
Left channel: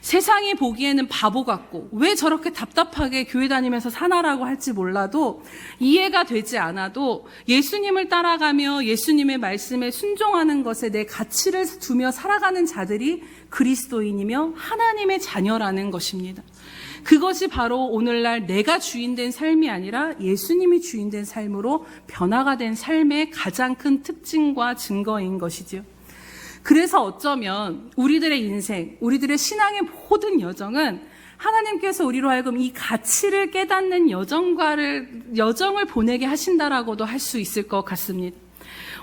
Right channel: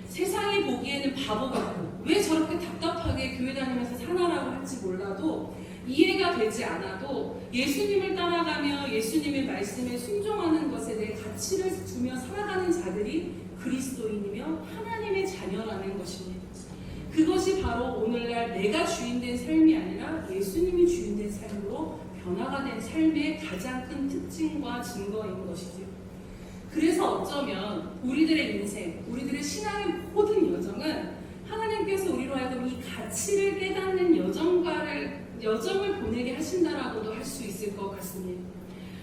세상이 보기에는 바보 같고 왜 저렇게 답답하게 교회 다니면서 사나라고 할지 몰라도 이해가 되지 않아도 예수님을 따라가며 예수님의 말씀에 순종하는 것에 내 가치를 두며 살아가는 자들이 그리스도인이며 하나님의 자녀라는 것입니다. 그것이 바로 오늘날 내가 주인된 삶이 아니라 예수님이 주인된 삶으로 변화가 된 삶의 가장 큰 특징과 증거인 것이죠. 그래서 어쩌면 우리들의 인생, 우리들의 신앙의 모든 여정은 하나님께서 우리로 하여금 이 가치를 깨닫는 여정을 보내게 하신다라고도 할 수 있을 것 같습니다.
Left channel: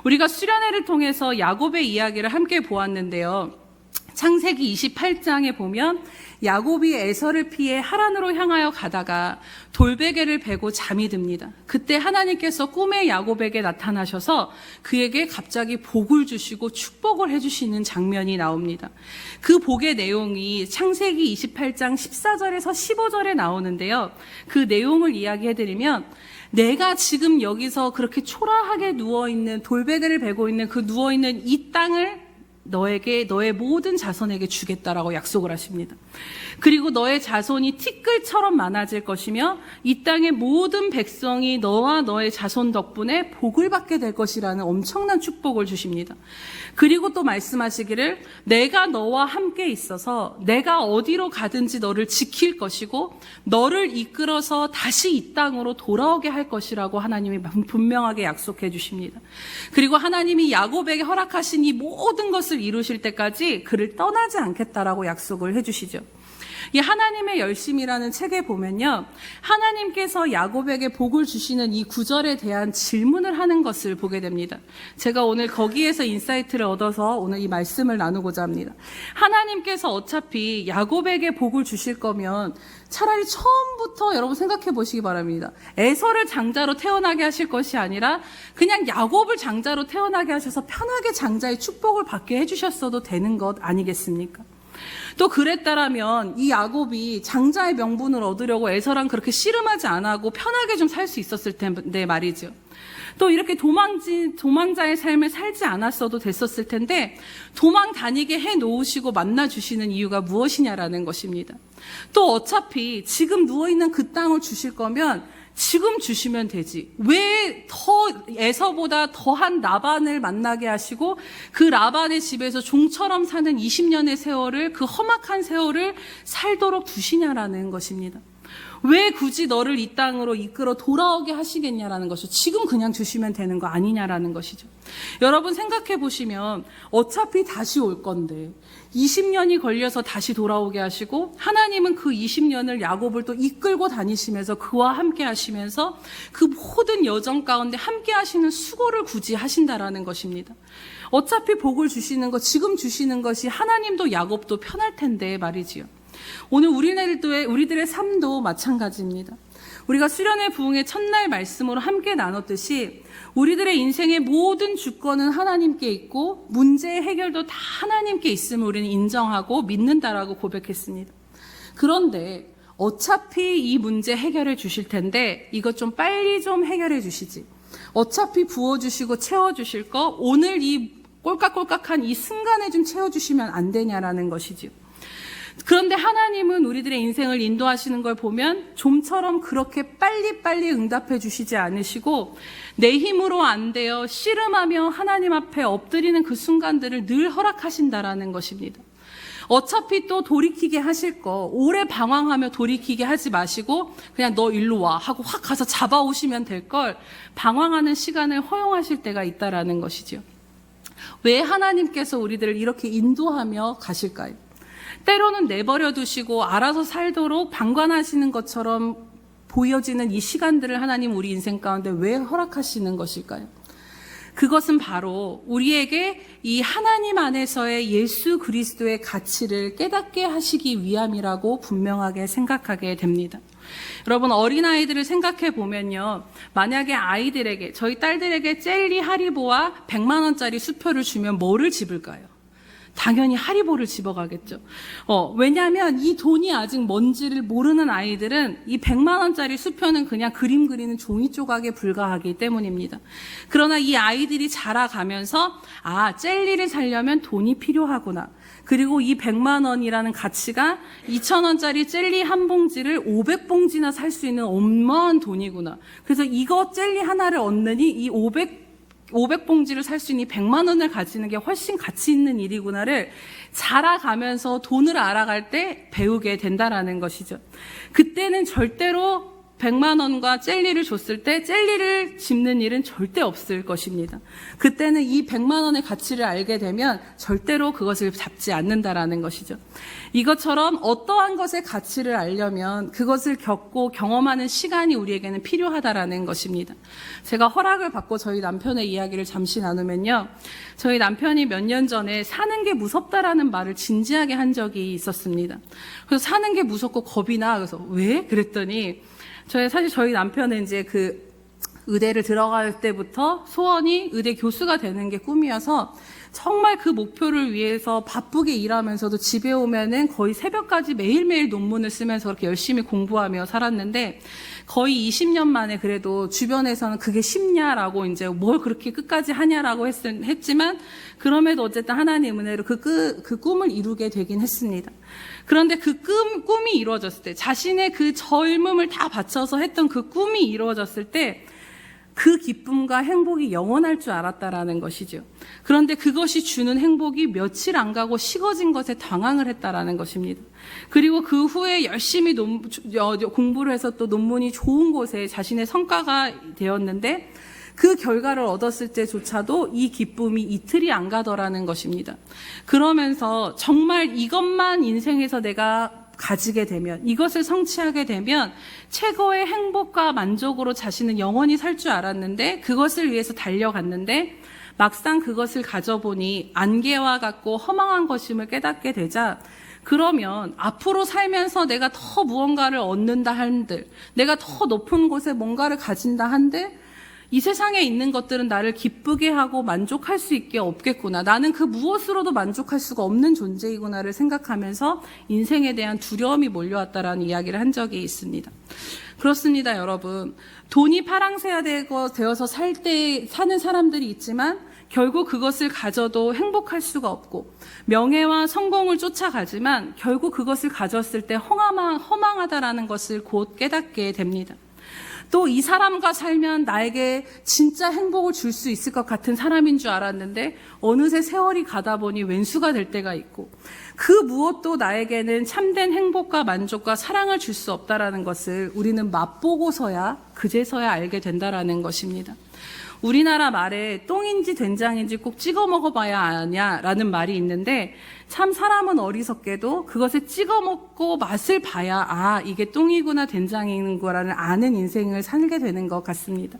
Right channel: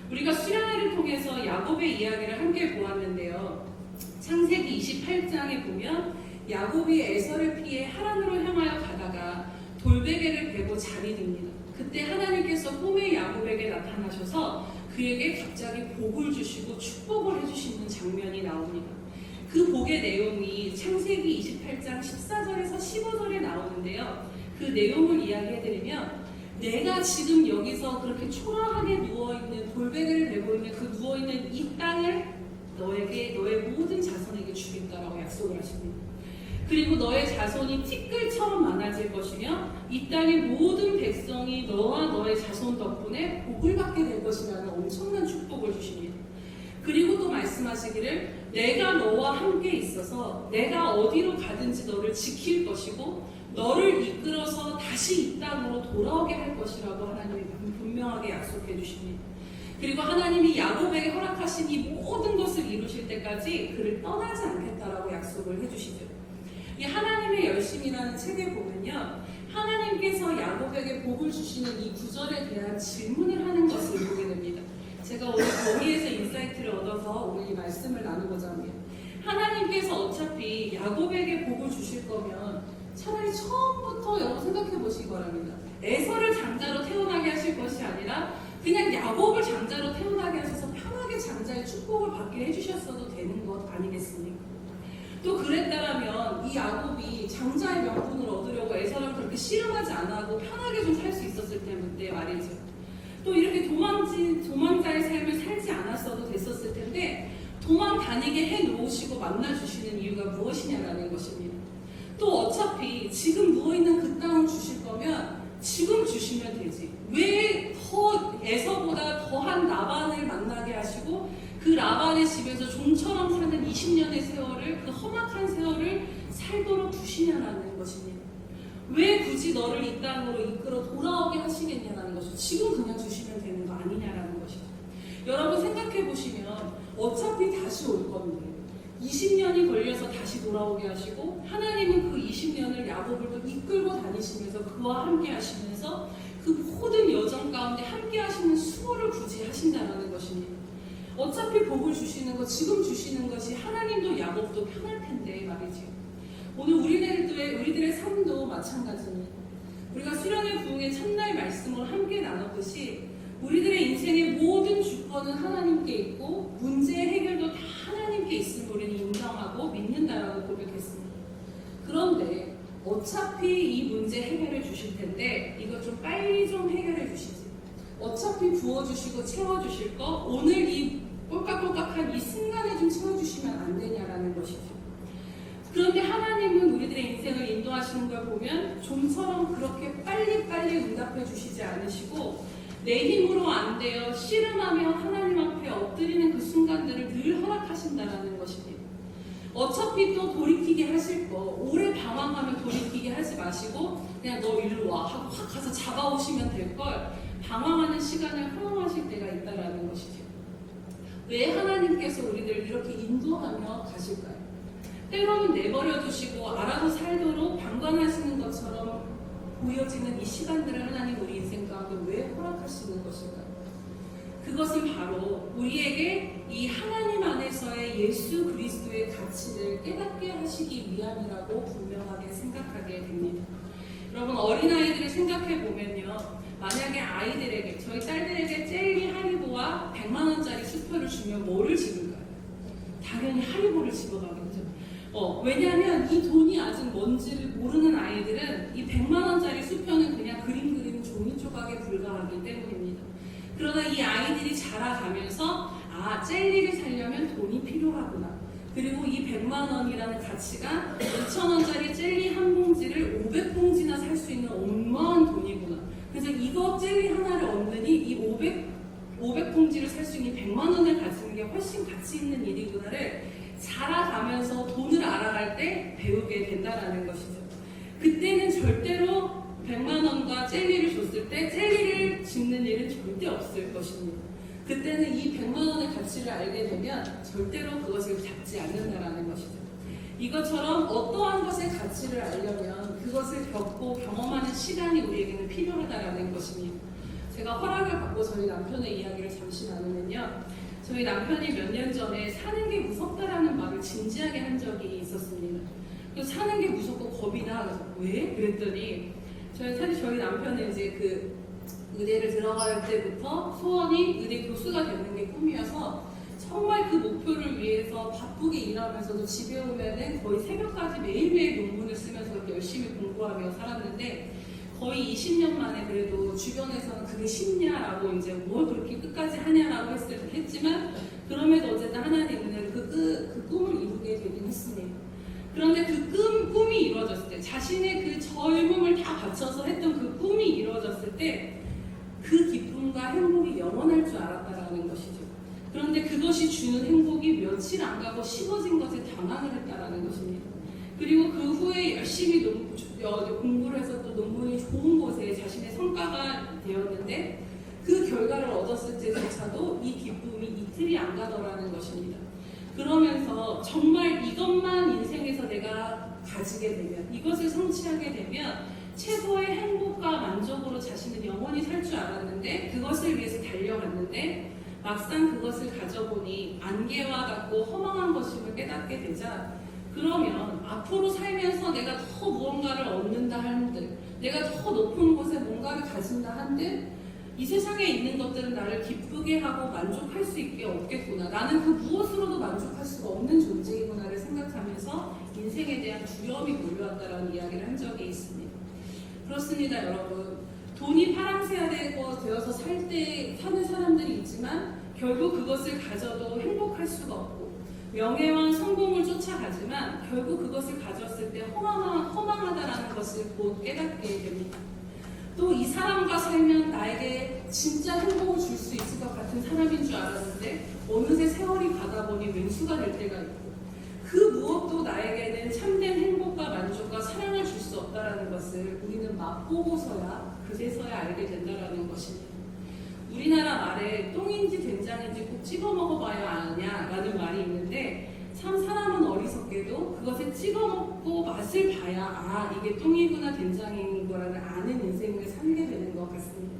우리가 수련회를 통해서 야곱의 이야기를 함께 보았는데요. 창세기 28장에 보면 야곱이 에서를 피해 하란으로 향하여 가다가 돌베개를 베고 잠이 듭니다. 그때 하나님께서 꿈에 야곱에게 나타나셔서 그에게 갑자기 복을 주시고 축복을 해주시는 장면이 나옵니다. 그 복의 내용이 창세기 28장 14절에서 15절에 나오는데요. 그 내용을 이야기해드리면 내가 지금 여기서 그렇게 초라하게 누워있는 돌베개를 베고 있는 그 누워있는 이 땅을 너에게 너의 모든 자손에게 주겠다라고 약속을 하십니다. 그리고 너의 자손이 티끌처럼 많아질 것이며 이 땅의 모든 백성이 너와 너의 자손 덕분에 복을 받게 될 것이라는 엄청난 축복을 주십니다. 그리고 또 말씀하시기를 내가 너와 함께 있어서 내가 어디로 가든지 너를 지킬 것이고 너를 이끌어서 다시 이 땅으로 돌아오게 할 것이라고 하나님이 분명하게 약속해 주십니다. 그리고 하나님이 야곱에게 허락하신 이 모든 것을 이루실 때까지 그를 떠나지 않겠다라고 약속을 해주시죠. 이 하나님의 열심이라는 책에 보면요, 하나님께서 야곱에게 복을 주시는 이 구절에 대한 질문을 하는 것을 보게 됩니다. 제가 오늘 거기에서 인사이트를 얻어서 오늘 이 말씀을 나누고자 합니다. 하나님께서 어차피 야곱에게 복을 주실 거면 차라리 처음부터 여러분 생각해 보시기 바랍니다. 에서를 장자로 태어나게 하실 것이 아니라 그냥 야곱을 장자로 태어나게 하셔서 편하게 장자의 축복을 받게 해주셨어도 되는 것 아니겠습니까? 또 그랬다라면 이 야곱이 장자의 명분을 얻으려고 에서랑 그렇게 씨름하지 않고 편하게 좀 살 수 있었을 텐데 말이죠. 또 이렇게 도망자의 삶을 살지 않았어도 됐었을 텐데 도망 다니게 해놓으시고 만나주시는 이유가 무엇이냐라는 것입니다. 또 어차피 지금 누워있는 그 땅을 주실 거면 지금 주시면 되지. 왜 더 에서보다 더한 라반을 만나게 하시고 그 라반의 집에서 종처럼 사는 20년의 세월을, 그 험악한 세월을 살도록 두시냐라는 것입니다. 왜 굳이 너를 이 땅으로 이끌어 돌아오게 하시겠냐라는 것이죠. 지금 그냥 주시면 되는 거 아니냐라는 것이죠. 여러분 생각해 보시면 어차피 다시 올 건데 20년이 걸려서 다시 돌아오게 하시고 하나님은 그 20년을 야곱을 또 이끌고 다니시면서 그와 함께 하시면서 그 모든 여정 가운데 함께 하시는 수고를 굳이 하신다라는 것입니다. 어차피 복을 주시는 것, 지금 주시는 것이 하나님도 야곱도 편할 텐데 말이지요. 오늘 우리들의 삶도 마찬가지입니다. 우리가 수련회 부흥의 첫날 말씀으로 함께 나눴듯이 우리들의 인생의 모든 주권은 하나님께 있고 문제의 해결도 다 하나님께 있음을 우리는 인정하고 믿는다라고 고백했습니다. 그런데 어차피 이 문제 해결해 주실 텐데 이것 좀 빨리 좀 해결해 주시지. 어차피 부어주시고 채워주실 거 오늘 이 꼴깍꼴깍한 이 순간에 좀 채워주시면 안 되냐라는 것이죠. 그런데 하나님은 우리들의 인생을 인도하시는 걸 보면 좀처럼 그렇게 빨리빨리 응답해 주시지 않으시고 내 힘으로 안 되어 씨름하며 하나님 앞에 엎드리는 그 순간들을 늘 허락하신다라는 것입니다. 어차피 또 돌이키게 하실 거 오래 방황하며 돌이키게 하지 마시고 그냥 너 일로 와 하고 확 가서 잡아오시면 될 걸 방황하는 시간을 허용하실 때가 있다라는 것이죠. 왜 하나님께서 우리들을 이렇게 인도하며 가실까요? 때로는 내버려 두시고 알아서 살도록 방관하시는 것처럼 보여지는 이 시간들을 하나님 우리 인생 가운데 왜 허락하시는 것일까요? 그것은 바로 우리에게 이 하나님 안에서의 예수 그리스도의 가치를 깨닫게 하시기 위함이라고 분명하게 생각하게 됩니다. 여러분 어린아이들을 생각해 보면요, 만약에 아이들에게, 저희 딸들에게 젤리 하리보와 100만 원짜리 수표를 주면 뭐를 집을까요? 당연히 하리보를 집어가겠죠. 왜냐하면 이 돈이 아직 뭔지를 모르는 아이들은 이 100만 원짜리 수표는 그냥 그림 그리는 종이 조각에 불과하기 때문입니다. 그러나 이 아이들이 자라가면서 젤리를 사려면 돈이 필요하구나. 그리고 이 100만 원이라는 가치가 2,000원짜리 젤리 한 봉지를 500봉지나 살 수 있는 어마어마한 돈이구나. 그래서 이거 젤리 하나를 얻느니 이 500봉지를 살 수 있는 100만 원을 가지는 게 훨씬 가치 있는 일이구나를 자라가면서 돈을 알아갈 때 배우게 된다라는 것이죠. 그때는 절대로 100만 원과 젤리를 줬을 때 젤리를 집는 일은 절대 없을 것입니다. 그때는 이 100만 원의 가치를 알게 되면 절대로 그것을 잡지 않는다라는 것이죠. 이것처럼 어떠한 것의 가치를 알려면 그것을 겪고 경험하는 시간이 우리에게는 필요하다라는 것입니다. 제가 허락을 받고 저희 남편의 이야기를 잠시 나누면요, 저희 남편이 몇 년 전에 사는 게 무섭다라는 말을 진지하게 한 적이 있었습니다. 그래서 사는 게 무섭고 겁이 나. 그래서 왜? 그랬더니 사실 저희 남편은 이제 그 의대를 들어갈 때부터 소원이 의대 교수가 되는 게 꿈이어서 정말 그 목표를 위해서 바쁘게 일하면서도 집에 오면은 거의 새벽까지 매일매일 논문을 쓰면서 그렇게 열심히 공부하며 살았는데 거의 20년 만에 그래도 주변에서는 그게 쉽냐라고 이제 뭘 그렇게 끝까지 하냐라고 했지만 그럼에도 어쨌든 하나님 은혜로 그 꿈을 이루게 되긴 했습니다. 그런데 그 꿈이 이루어졌을 때 자신의 그 젊음을 다 바쳐서 했던 그 꿈이 이루어졌을 때 그 기쁨과 행복이 영원할 줄 알았다라는 것이죠. 그런데 그것이 주는 행복이 며칠 안 가고 식어진 것에 당황을 했다라는 것입니다. 그리고 그 후에 열심히 공부를 해서 또 논문이 좋은 곳에 자신의 성과가 되었는데 그 결과를 얻었을 때조차도 이 기쁨이 이틀이 안 가더라는 것입니다. 그러면서 정말 이것만 인생에서 내가 가지게 되면, 이것을 성취하게 되면 최고의 행복과 만족으로 자신은 영원히 살 줄 알았는데 그것을 위해서 달려갔는데 막상 그것을 가져보니 안개와 같고 허망한 것임을 깨닫게 되자 그러면 앞으로 살면서 내가 더 무언가를 얻는다 한들, 내가 더 높은 곳에 뭔가를 가진다 한들 이 세상에 있는 것들은 나를 기쁘게 하고 만족할 수 있게 없겠구나. 나는 그 무엇으로도 만족할 수가 없는 존재이구나를 생각하면서 인생에 대한 두려움이 몰려왔다라는 이야기를 한 적이 있습니다. 그렇습니다, 여러분. 돈이 파랑새가 되어서 사는 사람들이 있지만 결국 그것을 가져도 행복할 수가 없고 명예와 성공을 쫓아가지만 결국 그것을 가졌을 때 허망하다라는 것을 곧 깨닫게 됩니다. 또 이 사람과 살면 나에게 진짜 행복을 줄 수 있을 것 같은 사람인 줄 알았는데 어느새 세월이 가다 보니 왼수가 될 때가 있고 그 무엇도 나에게는 참된 행복과 만족과 사랑을 줄 수 없다라는 것을 우리는 맛보고서야 그제서야 알게 된다라는 것입니다. 우리나라 말에 똥인지 된장인지 꼭 찍어 먹어봐야 아냐라는 말이 있는데 참 사람은 어리석게도 그것을 찍어 먹고 맛을 봐야 이게 똥이구나 된장인 거라는 아는 인생을 살게 되는 것 같습니다.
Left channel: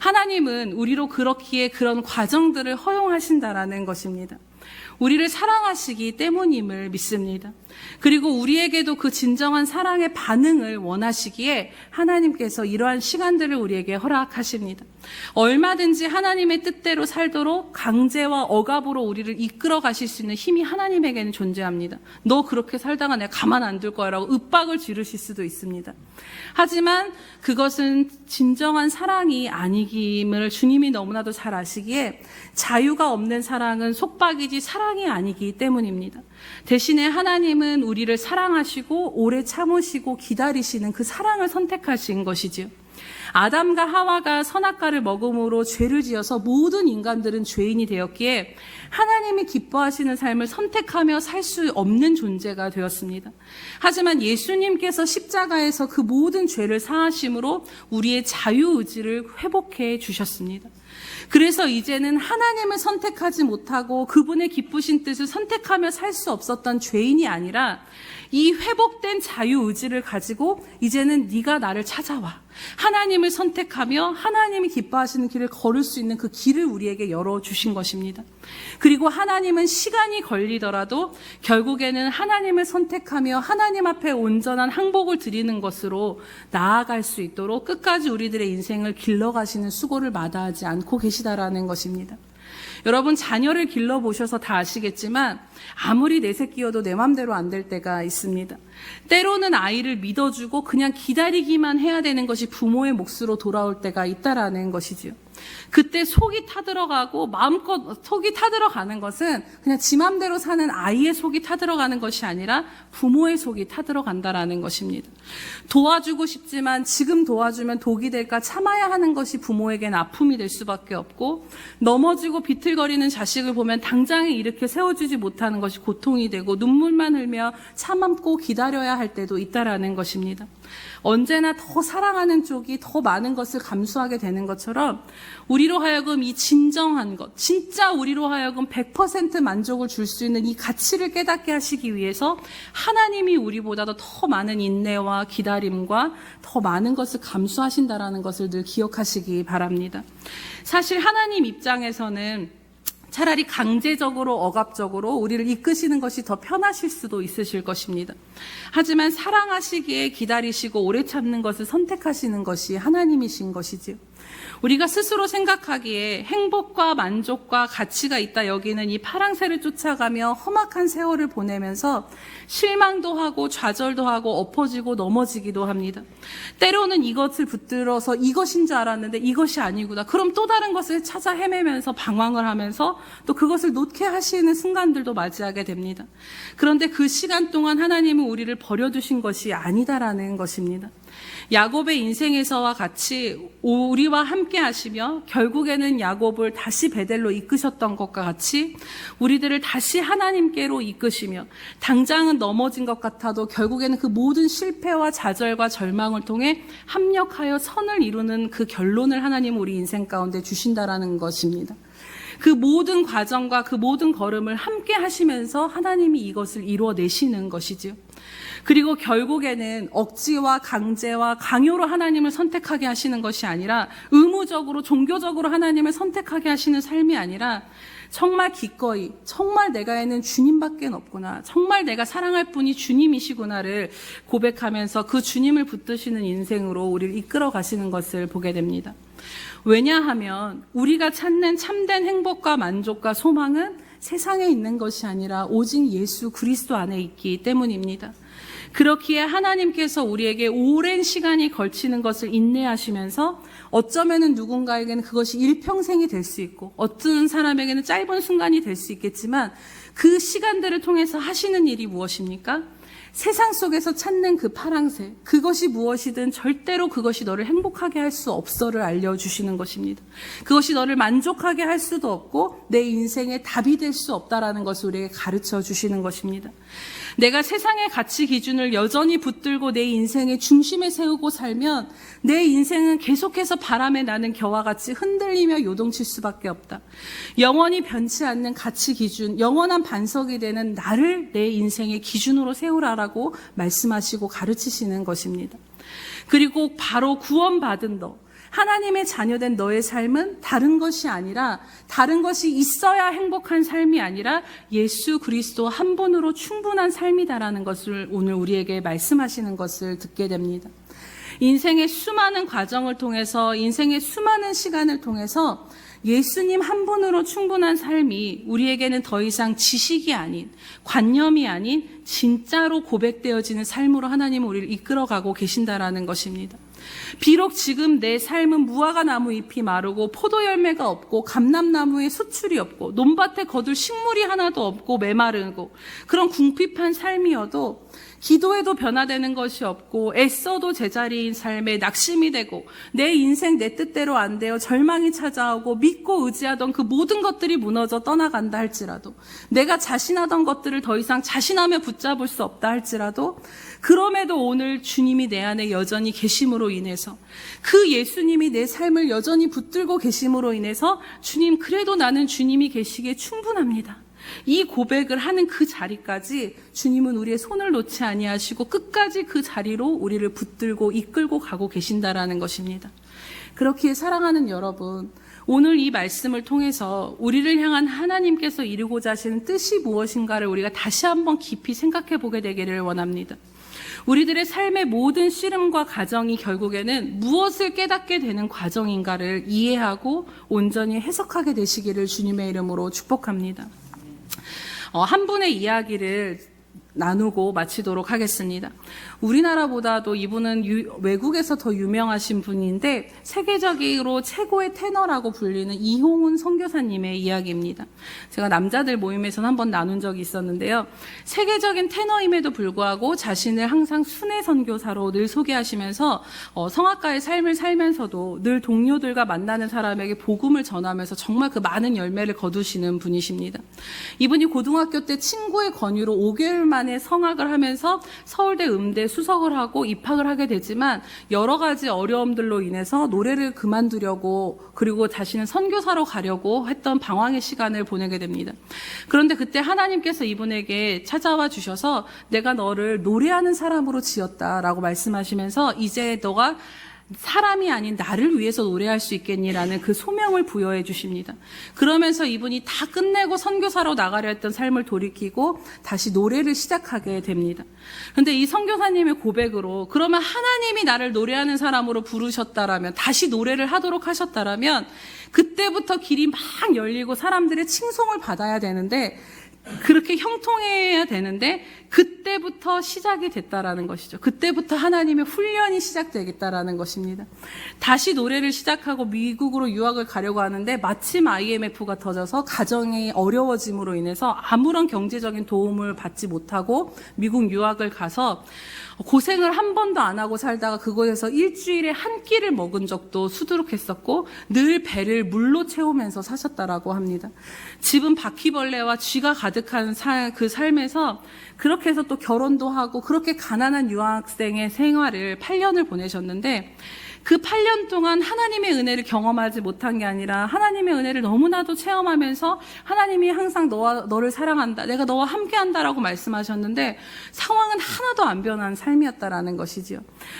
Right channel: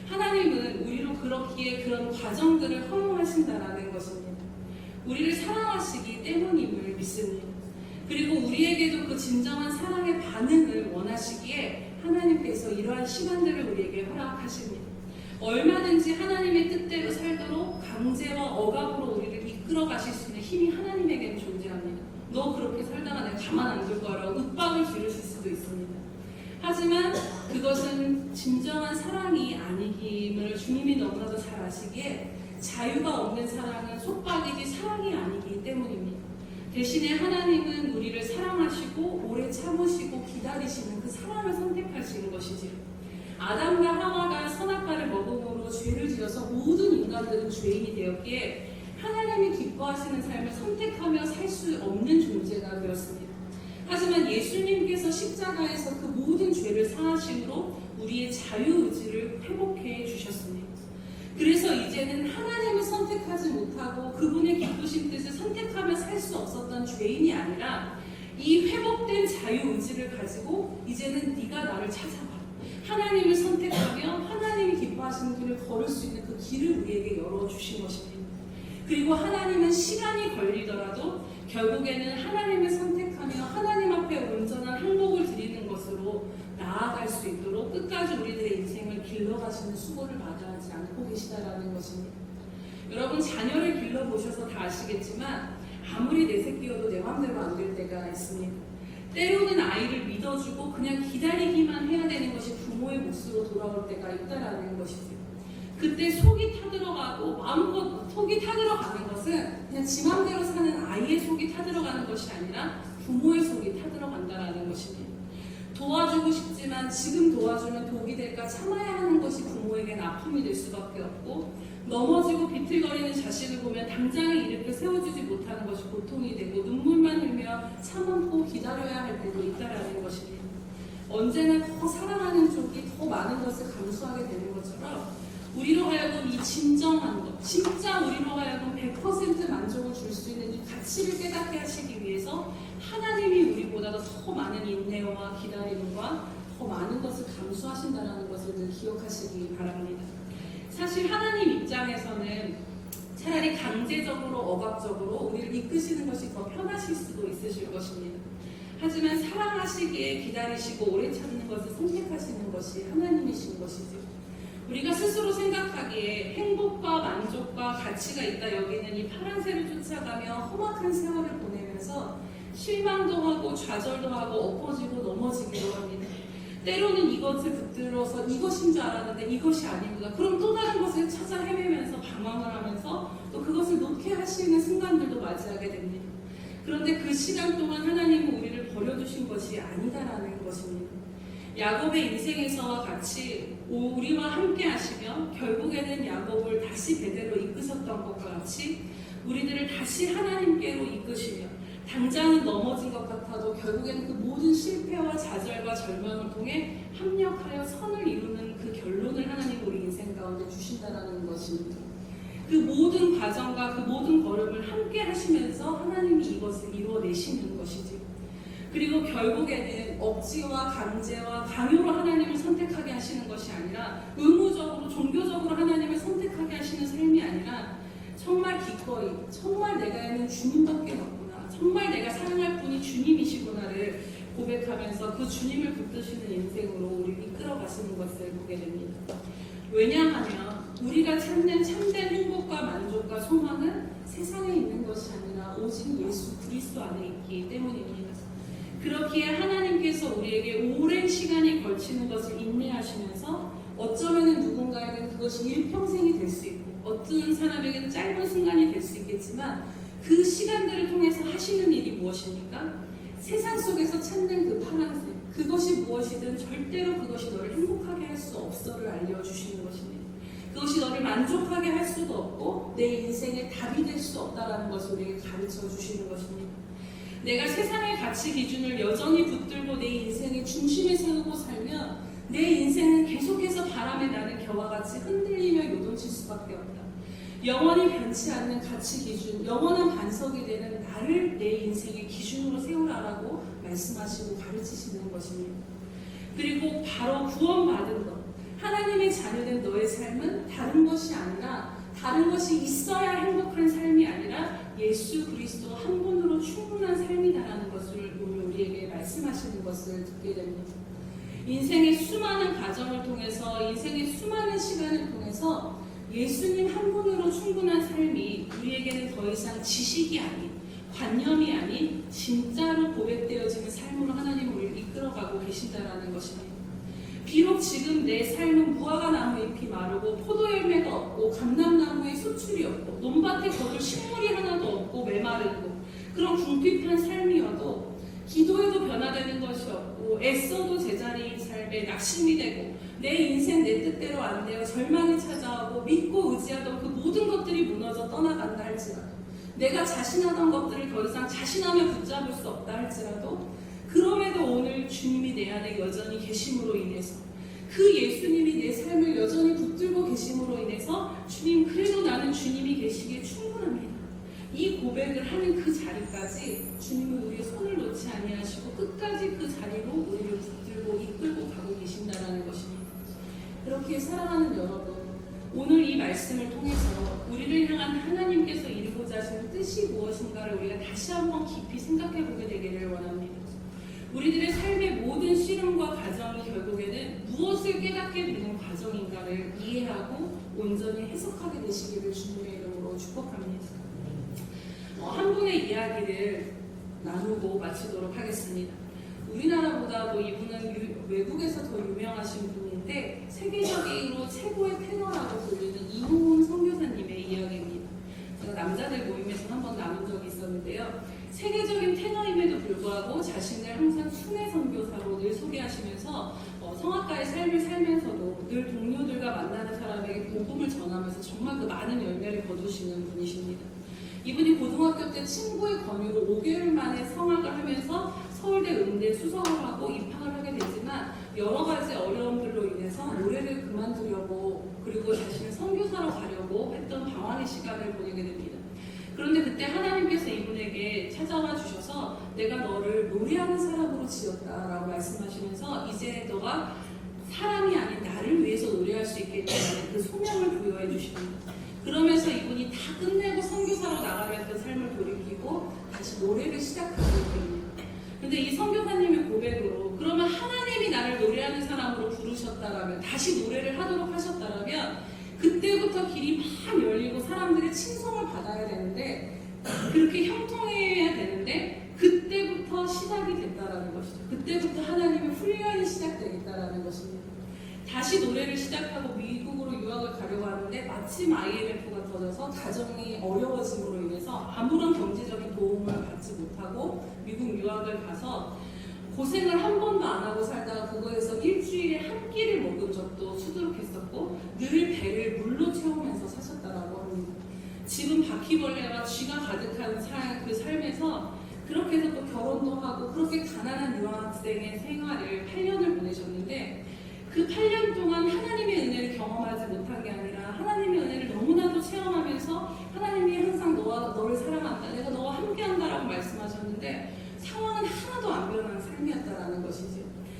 하나님은 우리로 그렇기에 그런 과정들을 허용하신다라는 것입니다. 우리를 사랑하시기 때문임을 믿습니다. 그리고 우리에게도 그 진정한 사랑의 반응을 원하시기에 하나님께서 이러한 시간들을 우리에게 허락하십니다. 얼마든지 하나님의 뜻대로 살도록 강제와 억압으로 우리를 이끌어 가실 수 있는 힘이 하나님에게는 존재합니다. 너 그렇게 살다가 내가 가만 안 둘 거야 라고 윽박을 지르실 수도 있습니다. 하지만 그것은 진정한 사랑이 아니김을 주님이 너무나도 잘 아시기에 자유가 없는 사랑은 속박이지 사랑이 아니기 때문입니다. 대신에 하나님은 우리를 사랑하시고 오래 참으시고 기다리시는 그 사랑을 선택하신 것이지요. 아담과 하와가 선악과를 먹음으로 죄를 지어서 모든 인간들은 죄인이 되었기에 하나님이 기뻐하시는 삶을 선택하며 살 수 없는 존재가 되었습니다. 하지만 예수님께서 십자가에서 그 모든 죄를 사하심으로 우리의 자유의지를 회복해 주셨습니다. 그래서 이제는 하나님을 선택하지 못하고 그분의 기쁘신 뜻을 선택하며 살 수 없었던 죄인이 아니라 이 회복된 자유의지를 가지고 이제는 네가 나를 찾아와 하나님을 선택하며 하나님이 기뻐하시는 길을 걸을 수 있는 그 길을 우리에게 열어주신 것입니다. 그리고 하나님은 시간이 걸리더라도 결국에는 하나님을 선택하며 하나님 앞에 온전한 항복을 드리는 것으로 나아갈 수 있도록 끝까지 우리들의 인생을 길러가시는 수고를 마다하지 않고 계시다라는 것입니다. 여러분 자녀를 길러보셔서 다 아시겠지만 아무리 내 새끼여도 내 맘대로 안 될 때가 있습니다. 때로는 아이를 믿어주고 그냥 기다리기만 해야 되는 것이 부모의 몫으로 돌아올 때가 있다라는 것이지요. 그때 속이 타들어가고 마음껏 속이 타들어가는 것은 그냥 지 맘대로 사는 아이의 속이 타들어가는 것이 아니라 부모의 속이 타들어간다라는 것입니다. 도와주고 싶지만 지금 도와주면 독이 될까 참아야 하는 것이 부모에겐 아픔이 될 수밖에 없고 넘어지고 비틀거리는 자식을 보면 당장에 일으켜 세워주지 못하는 것이 고통이 되고 눈물만 흘며 참고 기다려야 할 때도 있다라는 것입니다. 언제나 더 사랑하는 쪽이 더 많은 것을 감수하게 되는 것처럼 우리로 하여금 이 진정한 것, 진짜 우리로 하여금 100% 만족을 줄 수 있는 이 가치를 깨닫게 하시기 위해서 하나님이 우리보다도 더 많은 인내와 기다림과 더 많은 것을 감수하신다라는 것을 늘 기억하시기 바랍니다. 사실 하나님 입장에서는 차라리 강제적으로 억압적으로 우리를 이끄시는 것이 더 편하실 수도 있으실 것입니다. 하지만 사랑하시기에 기다리시고 오래 참는 것을 선택하시는 것이 하나님이신 것이지요. 우리가 스스로 생각하기에 행복과 만족과 가치가 있다 여기는 이 파랑새를 쫓아가며 험악한 세월을 보내면서 실망도 하고 좌절도 하고 엎어지고 넘어지기도 합니다. 때로는 이것을 붙들어서 이것인 줄 알았는데 이것이 아니구나. 그럼 또 다른 것을 찾아 헤매면서 방황을 하면서 또 그것을 놓게 하시는 순간들도 맞이하게 됩니다. 그런데 그 시간 동안 하나님은 우리를 버려두신 것이 아니다라는 것입니다. 야곱의 인생에서와 같이 우리와 함께 하시며 결국에는 야곱을 다시 베델로 이끄셨던 것과 같이 우리들을 다시 하나님께로 이끄시며 당장은 넘어진 것 같아도 결국에는 그 모든 실패와 좌절과 절망을 통해 합력하여 선을 이루는 그 결론을 하나님은 우리 인생 가운데 주신다라는 것입니다. 그 모든 과정과 그 모든 걸음을 함께 하시면서 하나님이 이것을 이루어내시는 것이죠. 그리고 결국에는 억지와 강제와 강요로 하나님을 선택하게 하시는 것이 아니라 의무적으로 종교적으로 하나님을 선택하게 하시는 삶이 아니라 정말 기꺼이 정말 내가에는 주님밖에 없구나, 정말 내가 사랑할 분이 주님이시구나를 고백하면서 그 주님을 붙드시는 인생으로 우리를 이끌어 가시는 것을 보게 됩니다. 왜냐하면 우리가 찾는 참된 행복과 만족과 소망은 세상에 있는 것이 아니라 오직 예수 그리스도 안에 있기 때문입니다. 그렇기에 하나님께서 우리에게 오랜 시간이 걸치는 것을 인내하시면서 어쩌면 누군가에게는 그것이 일평생이 될 수 있고 어떤 사람에게는 짧은 순간이 될 수 있겠지만 그 시간들을 통해서 하시는 일이 무엇입니까? 세상 속에서 찾는 그 파랑새, 그것이 무엇이든 절대로 그것이 너를 행복하게 할 수 없어를 알려주시는 것입니다. 그것이 너를 만족하게 할 수도 없고 내 인생의 답이 될 수 없다라는 것을 우리에게 가르쳐 주시는 것입니다. 내가 세상의 가치 기준을 여전히 붙들고 내 인생의 중심에 세우고 살면 내 인생은 계속해서 바람에 나는 겨와 같이 흔들리며 요동칠 수밖에 없다. 영원히 변치 않는 가치 기준, 영원한 반석이 되는 나를 내 인생의 기준으로 세우라라고 말씀하시고 가르치시는 것입니다. 그리고 바로 구원받은 너, 하나님의 자녀된 너의 삶은 다른 것이 아니라 다른 것이 있어야 행복한 삶이 아니라 예수 그리스도 한 분으로 충분한 삶이다라는 것을 오늘 우리에게 말씀하시는 것을 듣게 됩니다. 인생의 수많은 과정을 통해서 인생의 수많은 시간을 통해서 예수님 한 분으로 충분한 삶이 우리에게는 더 이상 지식이 아닌 관념이 아닌 진짜로 고백되어지는 삶으로 하나님은 우리를 이끌어가고 계신다라는 것입니다. 비록 지금 내 삶은 무화과 나무 잎이 마르고 포도 열매가 없고 감람나무에 수출이 없고 논밭에 거둘 식물이 하나도 없고 메마르고 그런 궁핍한 삶이어도 기도해도 변화되는 것이 없고 애써도 제자리인 삶에 낙심이 되고 내 인생 내 뜻대로 안 되어 절망이 찾아오고 믿고 의지하던 그 모든 것들이 무너져 떠나간다 할지라도 내가 자신하던 것들을 더 이상 자신하며 붙잡을 수 없다 할지라도 그럼에도 오늘 주님이 내 안에 여전히 계심으로 인해서 그 예수님이 내 삶을 여전히 붙들고 계심으로 인해서 주님 그래도 나는 주님이 계시기에 충분합니다. 이 고백을 하는 그 자리까지 주님은 우리의 손을 놓지 아니하시고 끝까지 그 자리로 우리를 붙들고 이끌고 가고 계신다라는 것입니다. 그렇기에 사랑하는 여러분, 오늘 이 말씀을 통해서 우리를 향한 하나님께서 이루고자 하시는 뜻이 무엇인가를 우리가 다시 한번 깊이 생각해 보게 되기를 원합니다. 우리들의 삶의 모든 씨름과 과정이 결국에는 무엇을 깨닫게 되는 과정인가를 이해하고 온전히 해석하게 되시기를 주님의 이름으로 축복합니다. 한 분의 이야기를 나누고 마치도록 하겠습니다. 우리나라보다도 이분은 외국에서 더 유명하신 분인데 세계적으로 최고의 테너라고 불리는 이홍훈 선교사님의 이야기입니다. 제가 남자들 모임에서 한번 나눈 적이 있었는데요. 세계적인 테너임에도 불구하고 자신을 항상 순회 선교사로 늘 소개하시면서 성악가의 삶을 살면서도 늘 동료들과 만나는 사람에게 복음을 전하면서 정말 그 많은 열매를 거두시는 분이십니다. 이분이 고등학교 때 친구의 권유로 5개월 만에 성악을 하면서 서울대 음대 수석을 하고 입학을 하게 되지만 여러 가지 어려움들로 인해서 노래를 그만두려고 그리고 자신은 선교사로 가려고 했던 방황의 시간을 보내게 됩니다. 그런데 그때 하나님께서 이분에게 찾아와 주셔서 내가 너를 노래하는 사람으로 지었다라고 말씀하시면서 이제 너가 사람이 아닌 나를 위해서 노래할 수 있겠니라는 그 소명을 부여해 주십니다. 그러면서 이분이 다 끝내고 선교사로 나가려 했던 삶을 돌이키고 다시 노래를 시작하게 됩니다. 근데 이 선교사님의 고백으로 그러면 하나님이 나를 노래하는 사람으로 부르셨다라면, 다시 노래를 하도록 하셨다라면 그때부터 길이 막 열리고 사람들의 칭송을 받아야 되는데, 그렇게 형통해야 되는데 그때부터 시작이 됐다라는 것이죠. 그때부터 하나님의 훈련이 시작되겠다라는 것입니다. 다시 노래를 시작하고 미국으로 유학을 가려고 하는데 마침 IMF가 터져서 가정이 어려워짐으로 인해서 아무런 경제적인 도움을 받지 못하고 미국 유학을 가서 고생을 한 번도 안 하고 살다가 그곳에서 일주일에 한 끼를 먹은 적도 수두룩했었고 늘 배를 물로 채우면서 사셨다라고 합니다. 집은 바퀴벌레와 쥐가 가득한 그 삶에서 그렇게 해서 또 결혼도 하고 그렇게 가난한 유학생의 생활을 8년을 보내셨는데, 그 8년 동안 하나님의 은혜를 경험하지 못한 게 아니라 하나님의 은혜를 너무나도 체험하면서 하나님이 항상 너를 사랑한다, 내가 너와 함께한다라고 말씀하셨는데 상황은 하나도 안 변한 삶이었다라는 것이지요.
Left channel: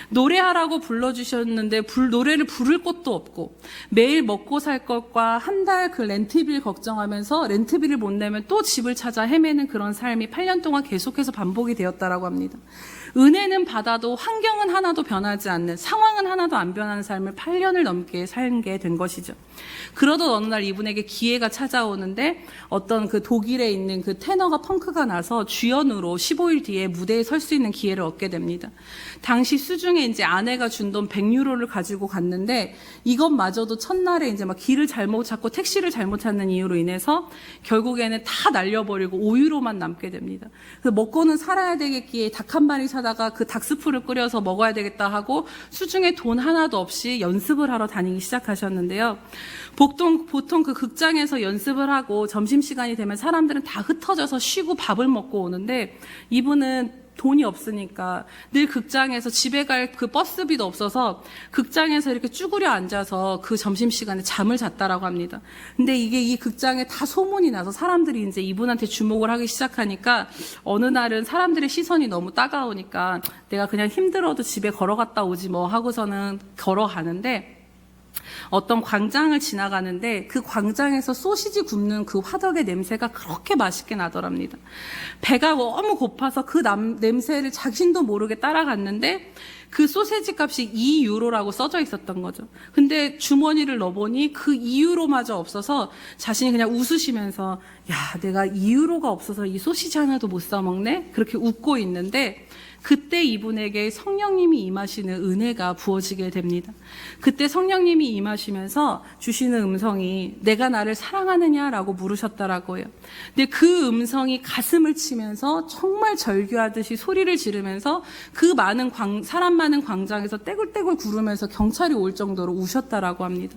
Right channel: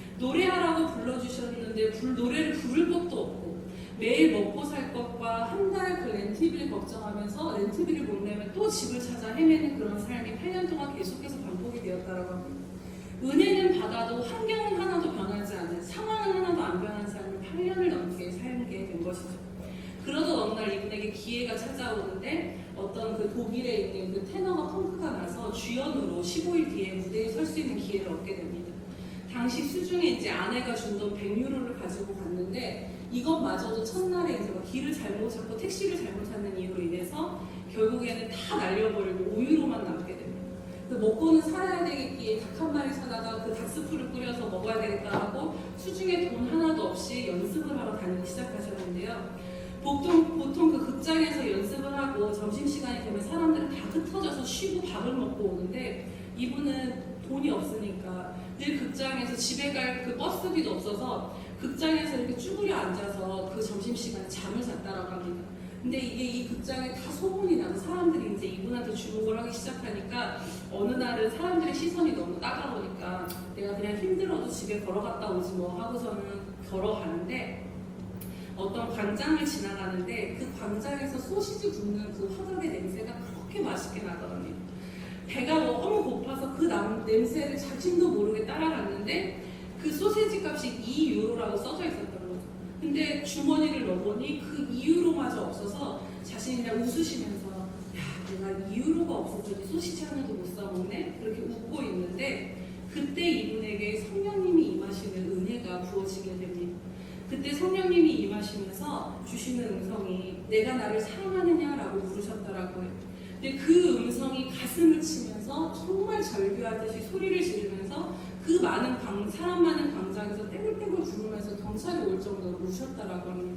노래하라고 불러주셨는데 노래를 부를 곳도 없고 매일 먹고 살 것과 한 달 그 렌트비를 걱정하면서 렌트비를 못 내면 또 집을 찾아 헤매는 그런 삶이 8년 동안 계속해서 반복이 되었다라고 합니다. 은혜는 받아도 환경은 하나도 변하지 않는, 상황은 하나도 안 변하는 삶을 8년을 넘게 살게 된 것이죠. 그러던 어느 날 이분에게 기회가 찾아오는데 어떤 그 독일에 있는 그 테너가 펑크가 나서 주연으로 15일 뒤에 무대에 설 수 있는 기회를 얻게 됩니다. 당시 수중에 이제 아내가 준 돈 100유로를 가지고 갔는데 이것마저도 첫날에 이제 막 길을 잘못 찾고 택시를 잘못 찾는 이유로 인해서 결국에는 다 날려버리고 5유로만 남게 됩니다. 먹고는 살아야 되겠기에 닭 한 마리 사다가 그 닭스프를 끓여서 먹어야 되겠다 하고 수중에 돈 하나도 없이 연습을 하러 다니기 시작하셨는데요. 보통 그 극장에서 연습을 하고 점심시간이 되면 사람들은 다 흩어져서 쉬고 밥을 먹고 오는데 이분은 돈이 없으니까 늘 극장에서 집에 갈 그 버스비도 없어서 극장에서 이렇게 쭈그려 앉아서 그 점심시간에 잠을 잤다라고 합니다. 근데 이게 이 극장에 다 소문이 나서 사람들이 이제 이분한테 주목을 하기 시작하니까 어느 날은 사람들의 시선이 너무 따가우니까 내가 그냥 힘들어도 집에 걸어갔다 오지 뭐 하고서는 걸어가는데 어떤 광장을 지나가는데 그 광장에서 소시지 굽는 그 화덕의 냄새가 그렇게 맛있게 나더랍니다. 배가 너무 고파서 그 냄새를 자신도 모르게 따라갔는데 그 소세지 값이 2유로라고 써져 있었던 거죠. 근데 주머니를 넣어보니 그 2유로마저 없어서 자신이 그냥 웃으시면서 야, 내가 2유로가 없어서 이 소시지 하나도 못 사 먹네? 그렇게 웃고 있는데 그때 이분에게 성령님이 임하시는 은혜가 부어지게 됩니다. 그때 성령님이 임하시면서 주시는 음성이 내가 나를 사랑하느냐라고 물으셨다라고 해요. 근데 그 음성이 가슴을 치면서 정말 절규하듯이 소리를 지르면서 그 많은 사람 많은 광장에서 떼굴떼굴 구르면서 경찰이 올 정도로 우셨다라고 합니다.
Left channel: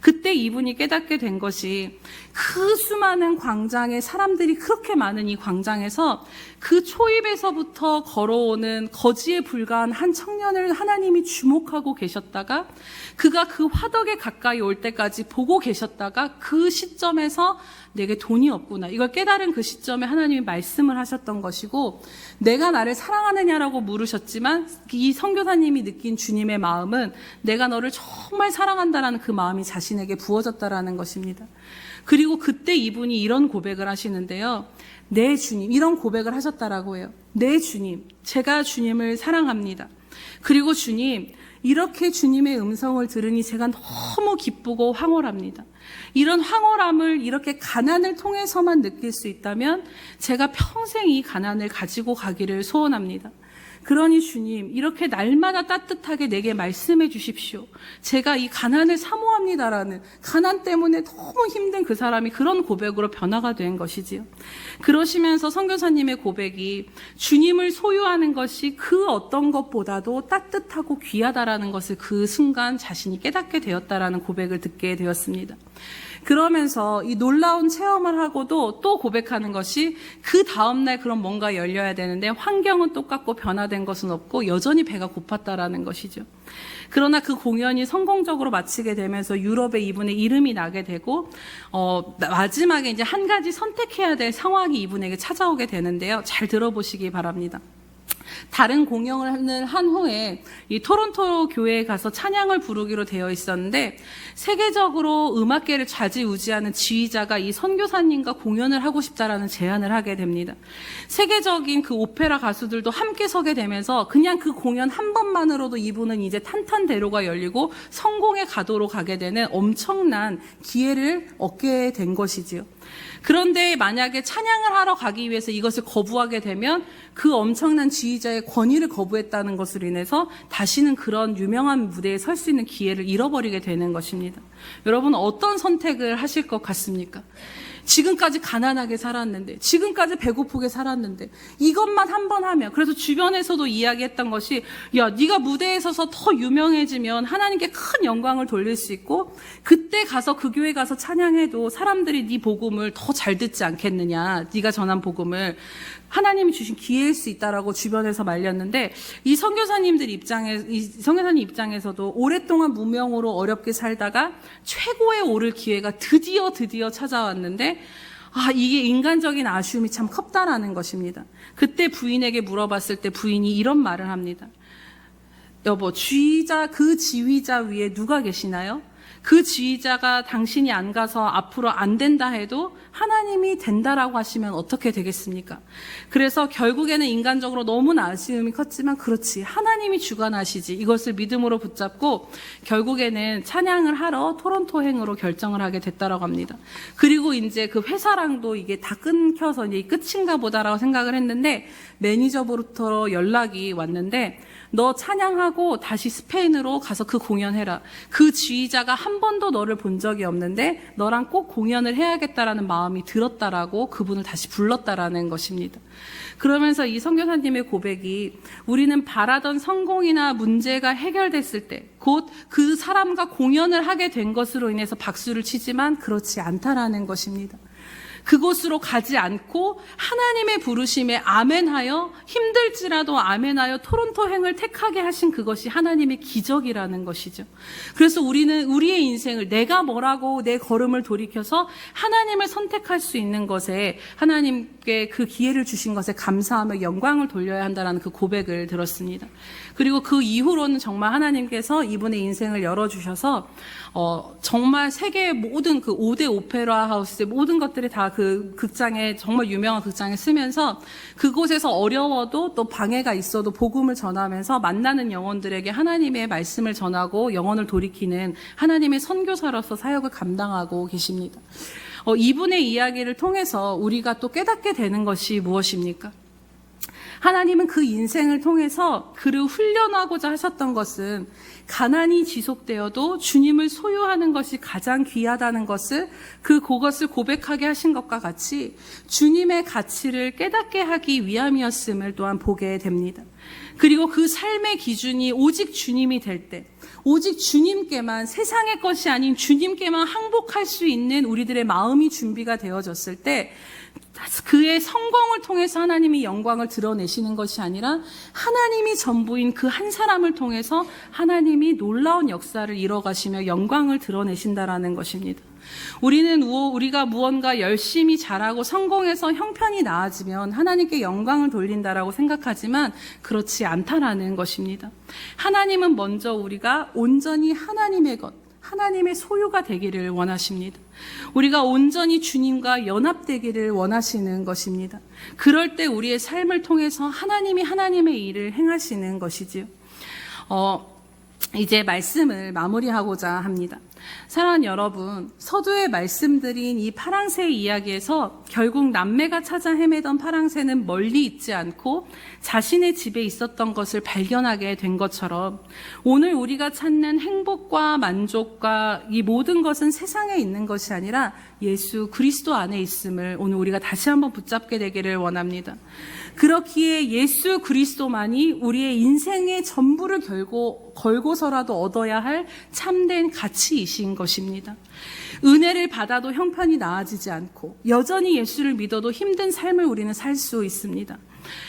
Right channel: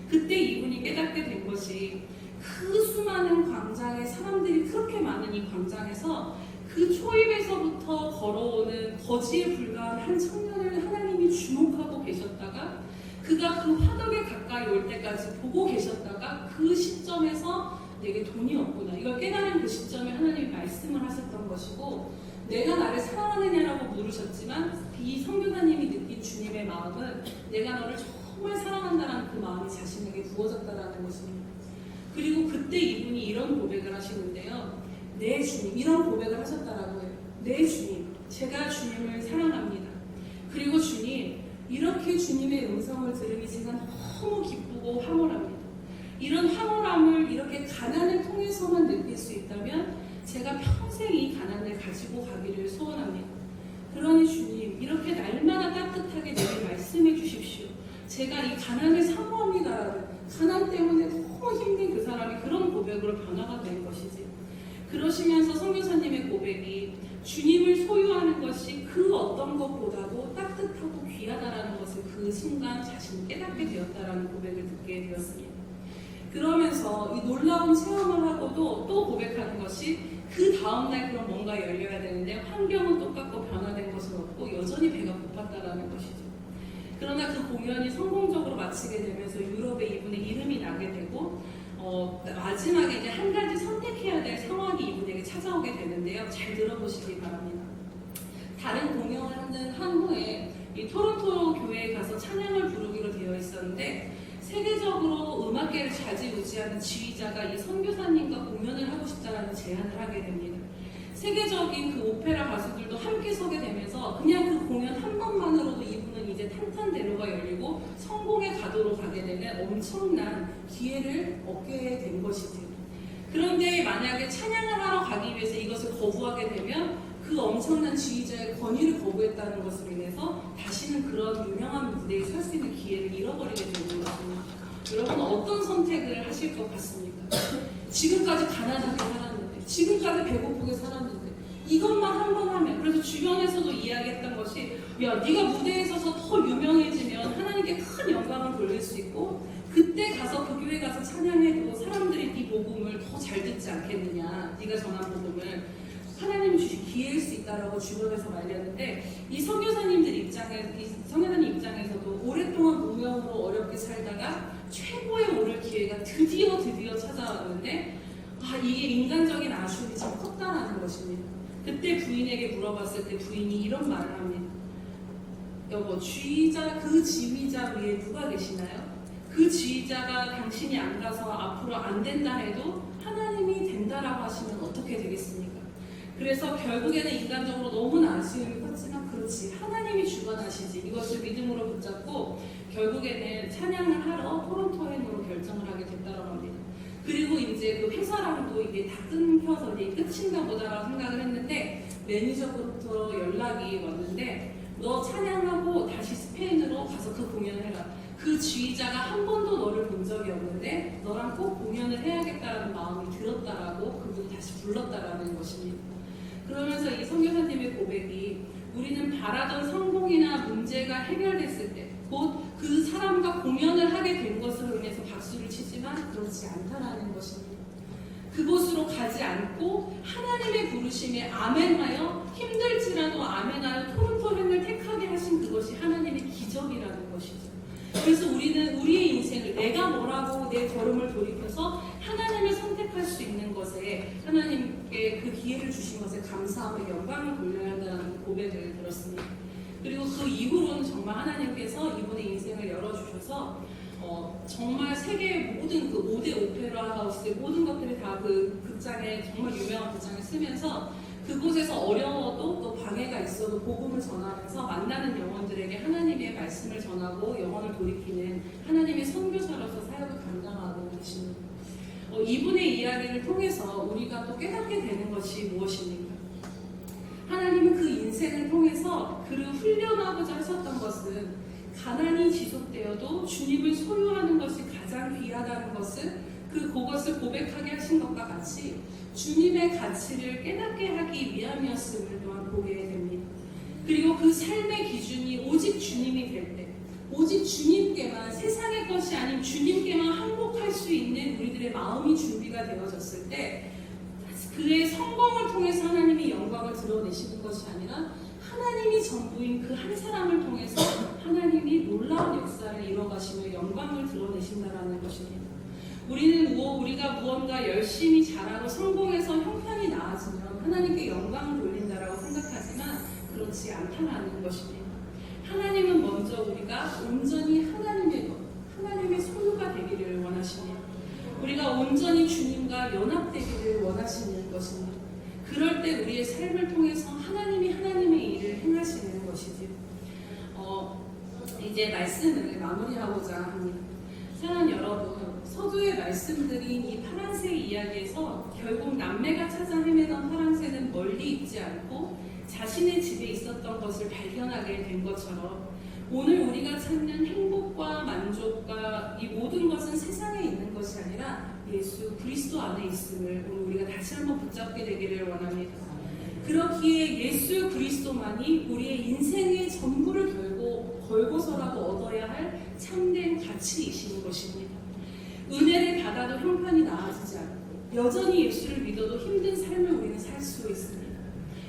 그때 이분이 깨닫게 된 것이 그 수많은 광장에 사람들이 그렇게 많은 이 광장에서 그 초입에서부터 걸어오는 거지에 불과한 한 청년을 하나님이 주목하고 계셨다가 그가 그 화덕에 가까이 올 때까지 보고 계셨다가 그 시점에서 내게 돈이 없구나 이걸 깨달은 그 시점에 하나님이 말씀을 하셨던 것이고 내가 나를 사랑하느냐라고 물으셨지만 이 선교사님이 느낀 주님의 마음은 내가 너를 정말 사랑한다라는 그 마음이 자신에게 부어졌다라는 것입니다. 그리고 그때 이분이 이런 고백을 하시는데요. 네 주님, 이런 고백을 하셨다라고 해요. 네 주님, 제가 주님을 사랑합니다. 그리고 주님, 이렇게 주님의 음성을 들으니 제가 너무 기쁘고 황홀합니다. 이런 황홀함을 이렇게 가난을 통해서만 느낄 수 있다면 제가 평생 이 가난을 가지고 가기를 소원합니다. 그러니 주님, 이렇게 날마다 따뜻하게 내게 말씀해 주십시오. 제가 이 가난을 사모합니다라는, 가난 때문에 너무 힘든 그 사람이 그런 고백으로 변화가 된 것이지요. 그러시면서 선교사님의 고백이 주님을 소유하는 것이 그 어떤 것보다도 따뜻하고 귀하다라는 것을 그 순간 자신이 깨닫게 되었다라는 고백을 듣게 되었습니다. 그러면서 이 놀라운 체험을 하고도 또 고백하는 것이 그 다음날 그럼 뭔가 열려야 되는데 환경은 똑같고 변화된 것은 없고 여전히 배가 고팠다라는 것이죠. 그러나 그 공연이 성공적으로 마치게 되면서 유럽에 이분의 이름이 나게 되고 마지막에 이제 한 가지 선택해야 될 상황이 이분에게 찾아오게 되는데요. 잘 들어보시기 바랍니다. 다른 공연을 한 후에 이 토론토 교회에 가서 찬양을 부르기로 되어 있었는데, 세계적으로 음악계를 좌지우지하는 지휘자가 이 선교사님과 공연을 하고 싶다라는 제안을 하게 됩니다. 세계적인 그 오페라 가수들도 함께 서게 되면서 그냥 그 공연 한 번만으로도 이분은 이제 탄탄대로가 열리고 성공의 가도로 가게 되는 엄청난 기회를 얻게 된 것이지요. 그런데 만약에 찬양을 하러 가기 위해서 이것을 거부하게 되면 그 엄청난 지휘자의 권위를 거부했다는 것으로 인해서 다시는 그런 유명한 무대에 설 수 있는 기회를 잃어버리게 되는 것입니다. 여러분, 어떤 선택을 하실 것 같습니까? 지금까지 가난하게 살았는데, 지금까지 배고프게 살았는데, 이것만 한 번 하면, 그래서 주변에서도 이야기했던 것이, 야, 네가 무대에 서서 더 유명해지면 하나님께 큰 영광을 돌릴 수 있고, 그때 가서 그 교회 가서 찬양해도 사람들이 네 복음을 더 잘 듣지 않겠느냐, 네가 전한 복음을. 하나님이 주신 기회일 수 있다라고 주변에서 말렸는데, 이 선교사님 입장에서도 오랫동안 무명으로 어렵게 살다가 최고에 오를 기회가 드디어 찾아왔는데, 이게 인간적인 아쉬움이 참 컸다라는 것입니다. 그때 부인에게 물어봤을 때 부인이 이런 말을 합니다. 여보, 그 지휘자 위에 누가 계시나요? 그 지휘자가 당신이 안 가서 앞으로 안 된다 해도 하나님이 된다라고 하시면 어떻게 되겠습니까? 그래서 결국에는 인간적으로 너무나 아쉬움이 컸지만, 그렇지, 하나님이 주관하시지, 이것을 믿음으로 붙잡고 결국에는 찬양을 하러 토론토행으로 결정을 하게 됐다라고 합니다. 그리고 이제 그 회사랑도 이게 다 끊겨서 이제 끝인가 보다라고 생각을 했는데, 매니저부터 연락이 왔는데, 너 찬양하고 다시 스페인으로 가서 그 공연해라. 그 지휘자가 한 번도 너를 본 적이 없는데 너랑 꼭 공연을 해야겠다라는 마음이 들었다라고 그분을 다시 불렀다라는 것입니다. 그러면서 이 선교사님의 고백이, 우리는 바라던 성공이나 문제가 해결됐을 때 곧 그 사람과 공연을 하게 된 것으로 인해서 박수를 치지만 그렇지 않다라는 것입니다. 그곳으로 가지 않고 하나님의 부르심에 아멘하여, 힘들지라도 아멘하여 토론토행을 택하게 하신 그것이 하나님의 기적이라는 것이죠. 그래서 우리는 우리의 인생을, 내가 뭐라고 내 걸음을 돌이켜서 하나님을 선택할 수 있는 것에, 하나님께 그 기회를 주신 것에 감사하며 영광을 돌려야 한다는 그 고백을 들었습니다. 그리고 그 이후로는 정말 하나님께서 이분의 인생을 열어주셔서 정말 세계의 모든 그 5대 오페라 하우스의 모든 것들이 다 그 극장에, 정말 유명한 극장에 쓰면서 그곳에서 어려워도 또 방해가 있어도 복음을 전하면서 만나는 영혼들에게 하나님의 말씀을 전하고 영혼을 돌이키는 하나님의 선교사로서 사역을 감당하고 계십니다. 이분의 이야기를 통해서 우리가 또 깨닫게 되는 것이 무엇입니까? 하나님은 그 인생을 통해서 그를 훈련하고자 하셨던 것은, 가난이 지속되어도 주님을 소유하는 것이 가장 귀하다는 것을, 그것을 고백하게 하신 것과 같이 주님의 가치를 깨닫게 하기 위함이었음을 또한 보게 됩니다. 그리고 그 삶의 기준이 오직 주님이 될 때, 오직 주님께만, 세상의 것이 아닌 주님께만 항복할 수 있는 우리들의 마음이 준비가 되어졌을 때, 그의 성공을 통해서 하나님이 영광을 드러내시는 것이 아니라 하나님이 전부인 그 한 사람을 통해서 하나님이 놀라운 역사를 이뤄가시며 영광을 드러내신다라는 것입니다. 우리가 무언가 열심히 잘하고 성공해서 형편이 나아지면 하나님께 영광을 돌린다라고 생각하지만 그렇지 않다라는 것입니다. 하나님은 먼저 우리가 온전히 하나님의 것, 하나님의 소유가 되기를 원하십니다. 우리가 온전히 주님과 연합되기를 원하시는 것입니다. 그럴 때 우리의 삶을 통해서 하나님이 하나님의 일을 행하시는 것이지요. 이제 말씀을 마무리하고자 합니다. 사랑하는 여러분, 서두에 말씀드린 이 파랑새 이야기에서 결국 남매가 찾아 헤매던 파랑새는 멀리 있지 않고 자신의 집에 있었던 것을 발견하게 된 것처럼, 오늘 우리가 찾는 행복과 만족과 이 모든 것은 세상에 있는 것이 아니라 예수 그리스도 안에 있음을 오늘 우리가 다시 한번 붙잡게 되기를 원합니다. 그렇기에 예수 그리스도만이 우리의 인생의 전부를 걸고서라도 얻어야 할 참된 가치이신 것입니다. 은혜를 받아도 형편이 나아지지 않고 여전히 예수를 믿어도 힘든 삶을 우리는 살 수 있습니다.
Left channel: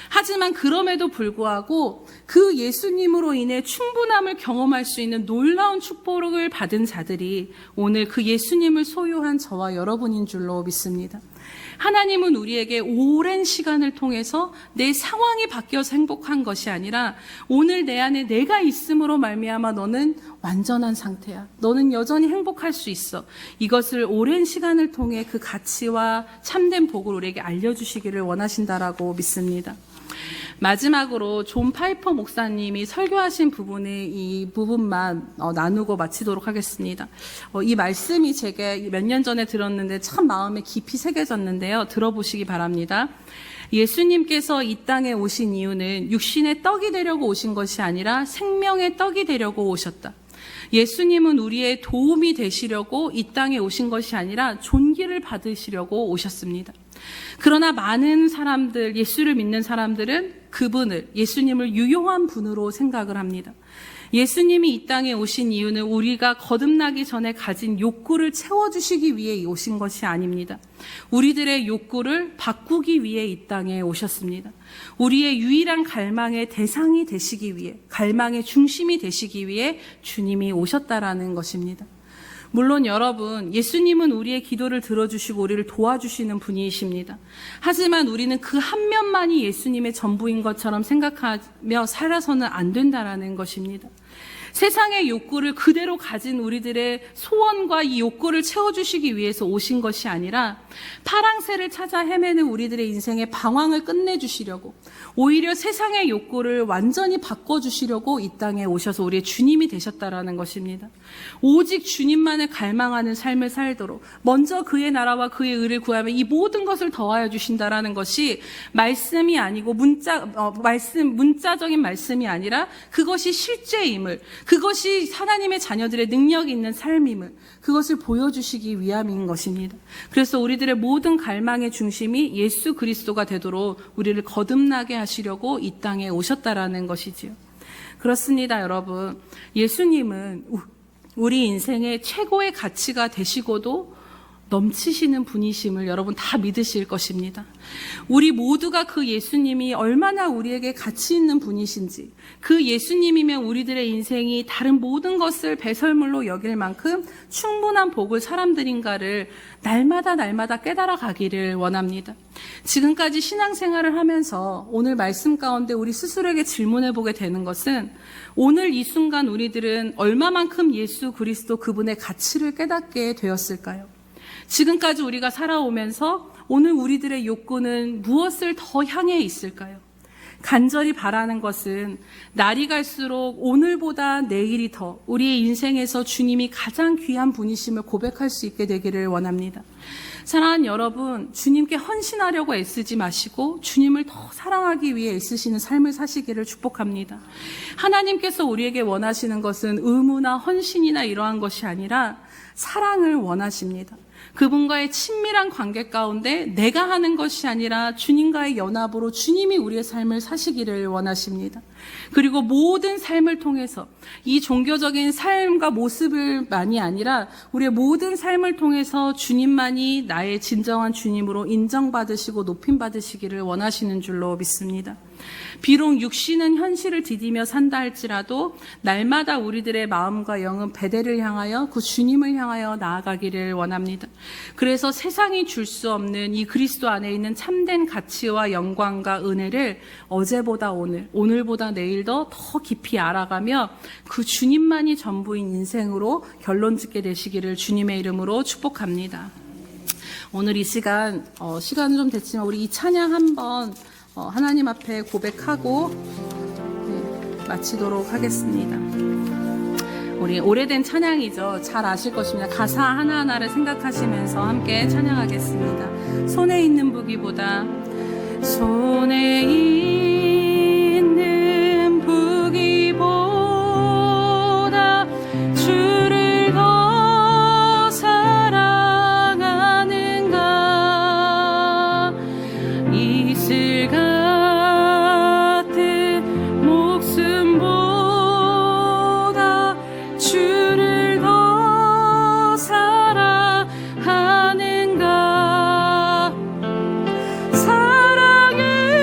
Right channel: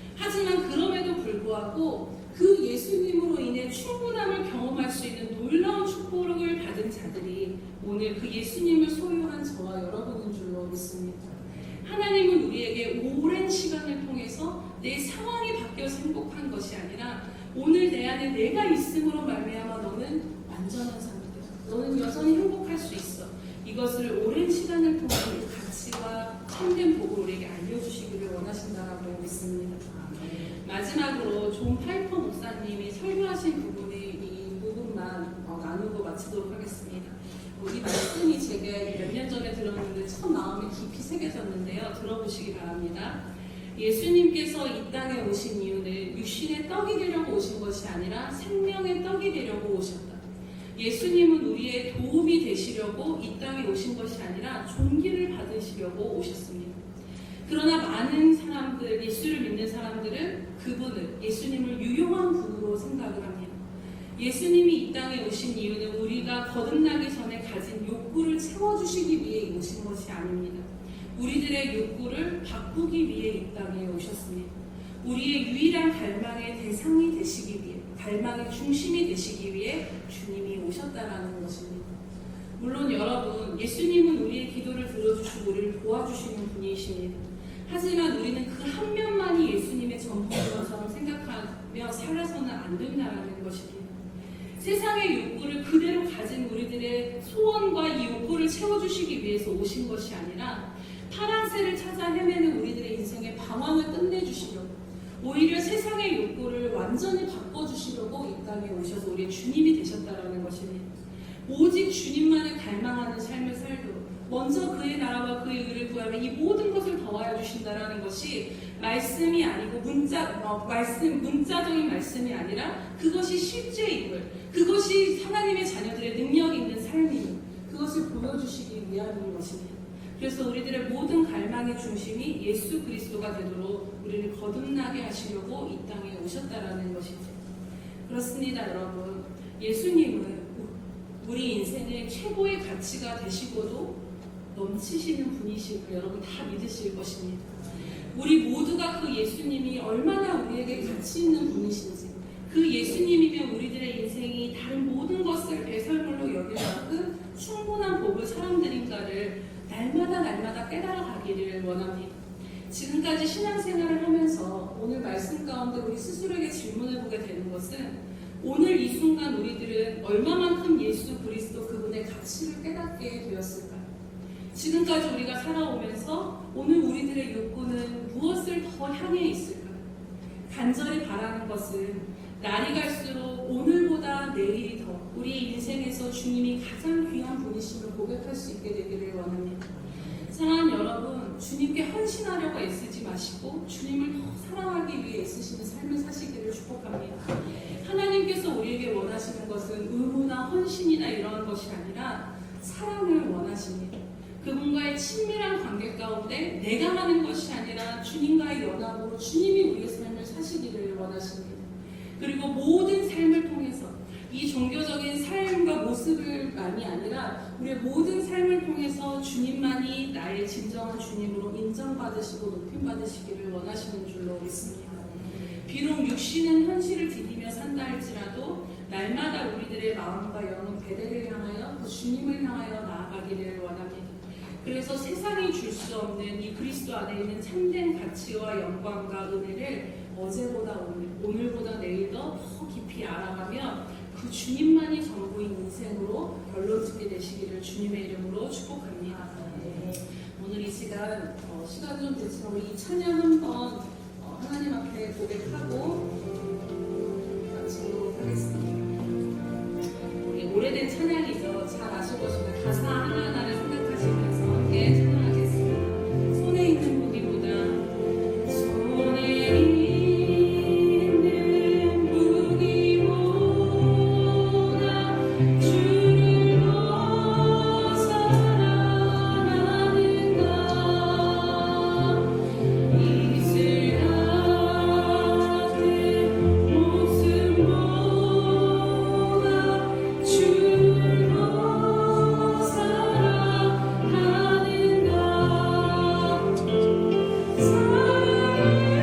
하지만 그럼에도 불구하고 그 예수님으로 인해 충분함을 경험할 수 있는 놀라운 축복을 받은 자들이 오늘 그 예수님을 소유한 저와 여러분인 줄로 믿습니다. 하나님은 우리에게 오랜 시간을 통해서 내 상황이 바뀌어서 행복한 것이 아니라 오늘 내 안에 내가 있음으로 말미암아 너는 완전한 상태야. 너는 여전히 행복할 수 있어. 이것을 오랜 시간을 통해 그 가치와 참된 복을 우리에게 알려주시기를 원하신다라고 믿습니다. 마지막으로 존 파이퍼 목사님이 설교하신 부분의 이 부분만 나누고 마치도록 하겠습니다. 이 말씀이 제가 몇 년 전에 들었는데 참 마음에 깊이 새겨졌는데요. 들어보시기 바랍니다. 예수님께서 이 땅에 오신 이유는 육신의 떡이 되려고 오신 것이 아니라 생명의 떡이 되려고 오셨다. 예수님은 우리의 도움이 되시려고 이 땅에 오신 것이 아니라 존귀를 받으시려고 오셨습니다. 그러나 많은 사람들, 예수를 믿는 사람들은 그분을, 예수님을 유용한 분으로 생각을 합니다. 예수님이 이 땅에 오신 이유는 우리가 거듭나기 전에 가진 욕구를 채워주시기 위해 오신 것이 아닙니다. 우리들의 욕구를 바꾸기 위해 이 땅에 오셨습니다. 우리의 유일한 갈망의 대상이 되시기 위해, 갈망의 중심이 되시기 위해 주님이 오셨다라는 것입니다. 물론 여러분, 예수님은 우리의 기도를 들어주시고 우리를 도와주시는 분이십니다. 하지만 우리는 그 한 면만이 예수님의 전부인 것처럼 생각하며 살아서는 안 된다는 것입니다. 세상의 욕구를 그대로 가진 우리들의 소원과 이 욕구를 채워주시기 위해서 오신 것이 아니라 파랑새를 찾아 헤매는 우리들의 인생의 방황을 끝내주시려고, 오히려 세상의 욕구를 완전히 바꿔주시려고 이 땅에 오셔서 우리의 주님이 되셨다라는 것입니다. 오직 주님만을 갈망하는 삶을 살도록 먼저 그의 나라와 그의 의를 구하면 이 모든 것을 더하여 주신다라는 것이 말씀이 아니고 문자적인 말씀이 아니라 그것이 실제임을, 그것이 하나님의 자녀들의 능력이 있는 삶임을, 그것을 보여주시기 위함인 것입니다. 그래서 우리들의 모든 갈망의 중심이 예수 그리스도가 되도록 우리를 거듭나게 하시려고 이 땅에 오셨다라는 것이지요. 그렇습니다, 여러분. 예수님은 우리 인생의 최고의 가치가 되시고도 넘치시는 분이심을 여러분 다 믿으실 것입니다. 우리 모두가 그 예수님이 얼마나 우리에게 가치 있는 분이신지, 그 예수님이면 우리들의 인생이 다른 모든 것을 배설물로 여길 만큼 충분한 복을 사람들인가를 날마다 깨달아 가기를 원합니다. 지금까지 신앙생활을 하면서 오늘 말씀 가운데 우리 스스로에게 질문해 보게 되는 것은, 오늘 이 순간 우리들은 얼마만큼 예수 그리스도 그분의 가치를 깨닫게 되었을까요? 지금까지 우리가 살아오면서 오늘 우리들의 욕구는 무엇을 더 향해 있을까요? 간절히 바라는 것은 날이 갈수록 오늘보다 내일이 더 우리의 인생에서 주님이 가장 귀한 분이심을 고백할 수 있게 되기를 원합니다. 사랑하는 여러분, 주님께 헌신하려고 애쓰지 마시고 주님을 더 사랑하기 위해 애쓰시는 삶을 사시기를 축복합니다. 하나님께서 우리에게 원하시는 것은 의무나 헌신이나 이러한 것이 아니라 사랑을 원하십니다. 그분과의 친밀한 관계 가운데 내가 하는 것이 아니라 주님과의 연합으로 주님이 우리의 삶을 사시기를 원하십니다. 그리고 모든 삶을 통해서 이 종교적인 삶과 모습을만이 아니라 우리의 모든 삶을 통해서 주님만이 나의 진정한 주님으로 인정받으시고 높임받으시기를 원하시는 줄로 믿습니다. 비록 육신은 현실을 디디며 산다 할지라도 날마다 우리들의 마음과 영은 베델을 향하여 그 주님을 향하여 나아가기를 원합니다. 그래서 세상이 줄 수 없는 이 그리스도 안에 있는 참된 가치와 영광과 은혜를 어제보다 오늘, 오늘보다 내일 더 깊이 알아가며 그 주님만이 전부인 인생으로 결론 짓게 되시기를 주님의 이름으로 축복합니다. 오늘 이 시간은 좀 됐지만 우리 이 찬양 한번 하나님 앞에 고백하고 마치도록 하겠습니다. 우리 오래된 찬양이죠. 잘 아실 것입니다. 가사 하나하나를 생각하시면서 함께 찬양하겠습니다. 손에 있는 무기보다 손에 있는 무기보다 주를 더 사랑하는가 이슬 같은 목숨보다 주를 더 사랑하는가 사랑을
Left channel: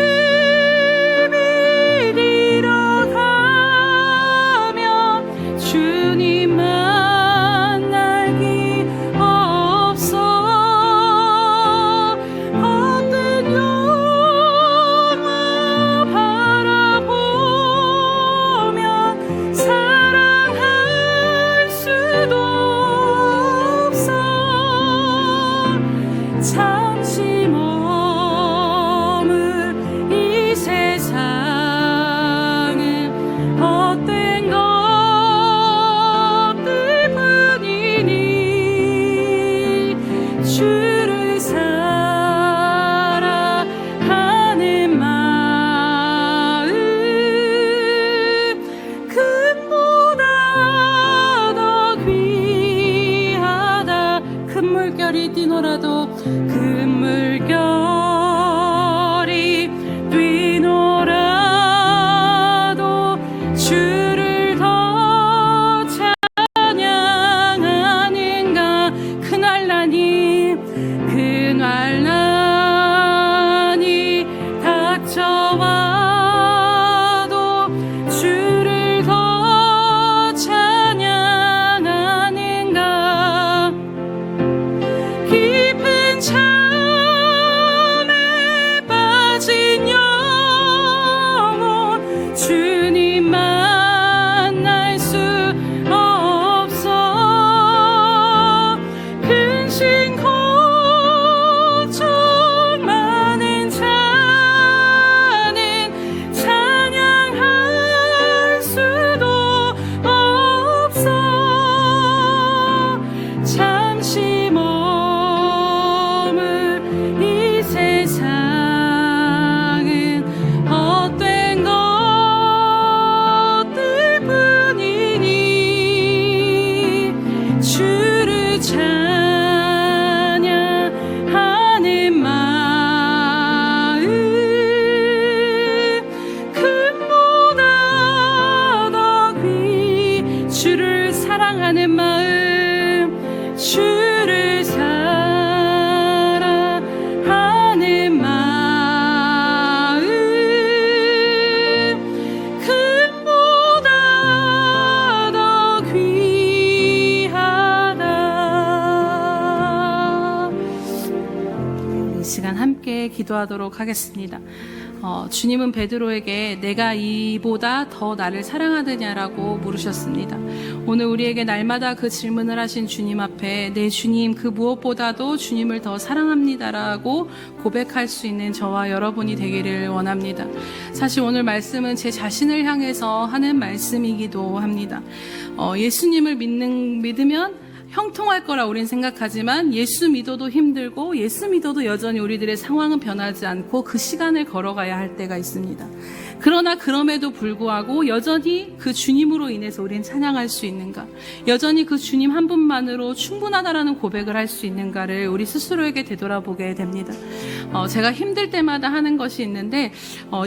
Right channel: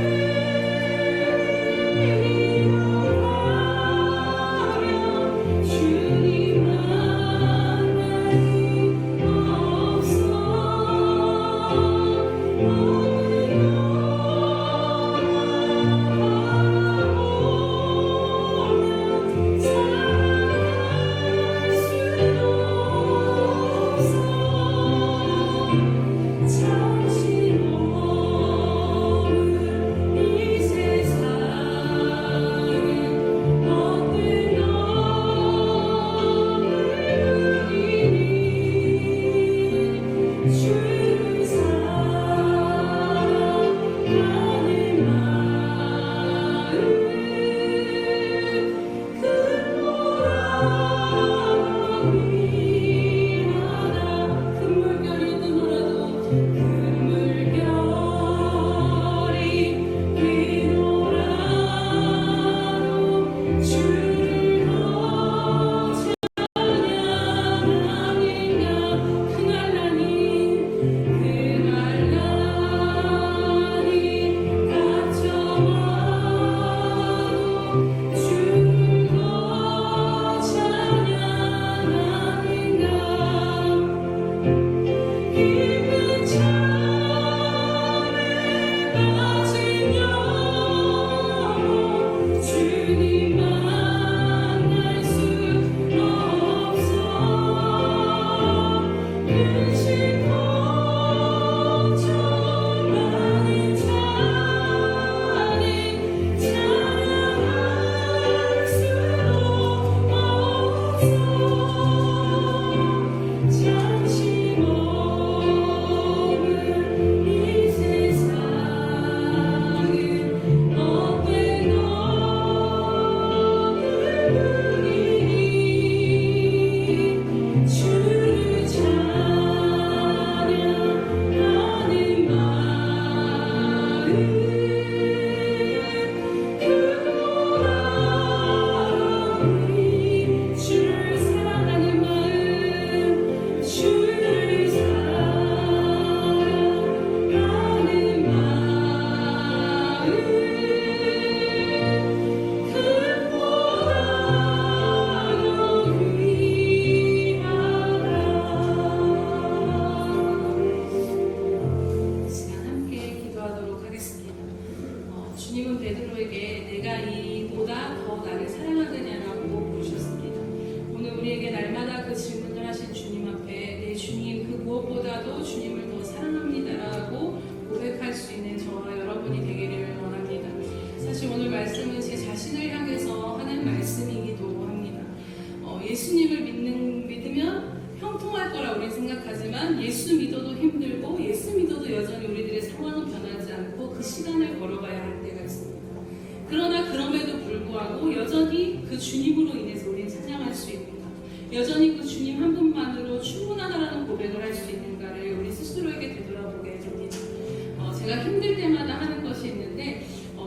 기도하도록 하겠습니다. 주님은 베드로에게 내가 이보다 더 나를 사랑하느냐라고 물으셨습니다. 오늘 우리에게 날마다 그 질문을 하신 주님 앞에 내 주님 그 무엇보다도 주님을 더 사랑합니다라고 고백할 수 있는 저와 여러분이 되기를 원합니다. 사실 오늘 말씀은 제 자신을 향해서 하는 말씀이기도 합니다. 예수님을 믿으면 형통할 거라 우린 생각하지만 예수 믿어도 힘들고 예수 믿어도 여전히 우리들의 상황은 변하지 않고 그 시간을 걸어가야 할 때가 있습니다. 그러나 그럼에도 불구하고 여전히 그 주님으로 인해서 우리는 찬양할 수 있는가, 여전히 그 주님 한 분만으로 충분하다라는 고백을 할 수 있는가를 우리 스스로에게 되돌아보게 됩니다. 제가 힘들 때마다 하는 것이 있는데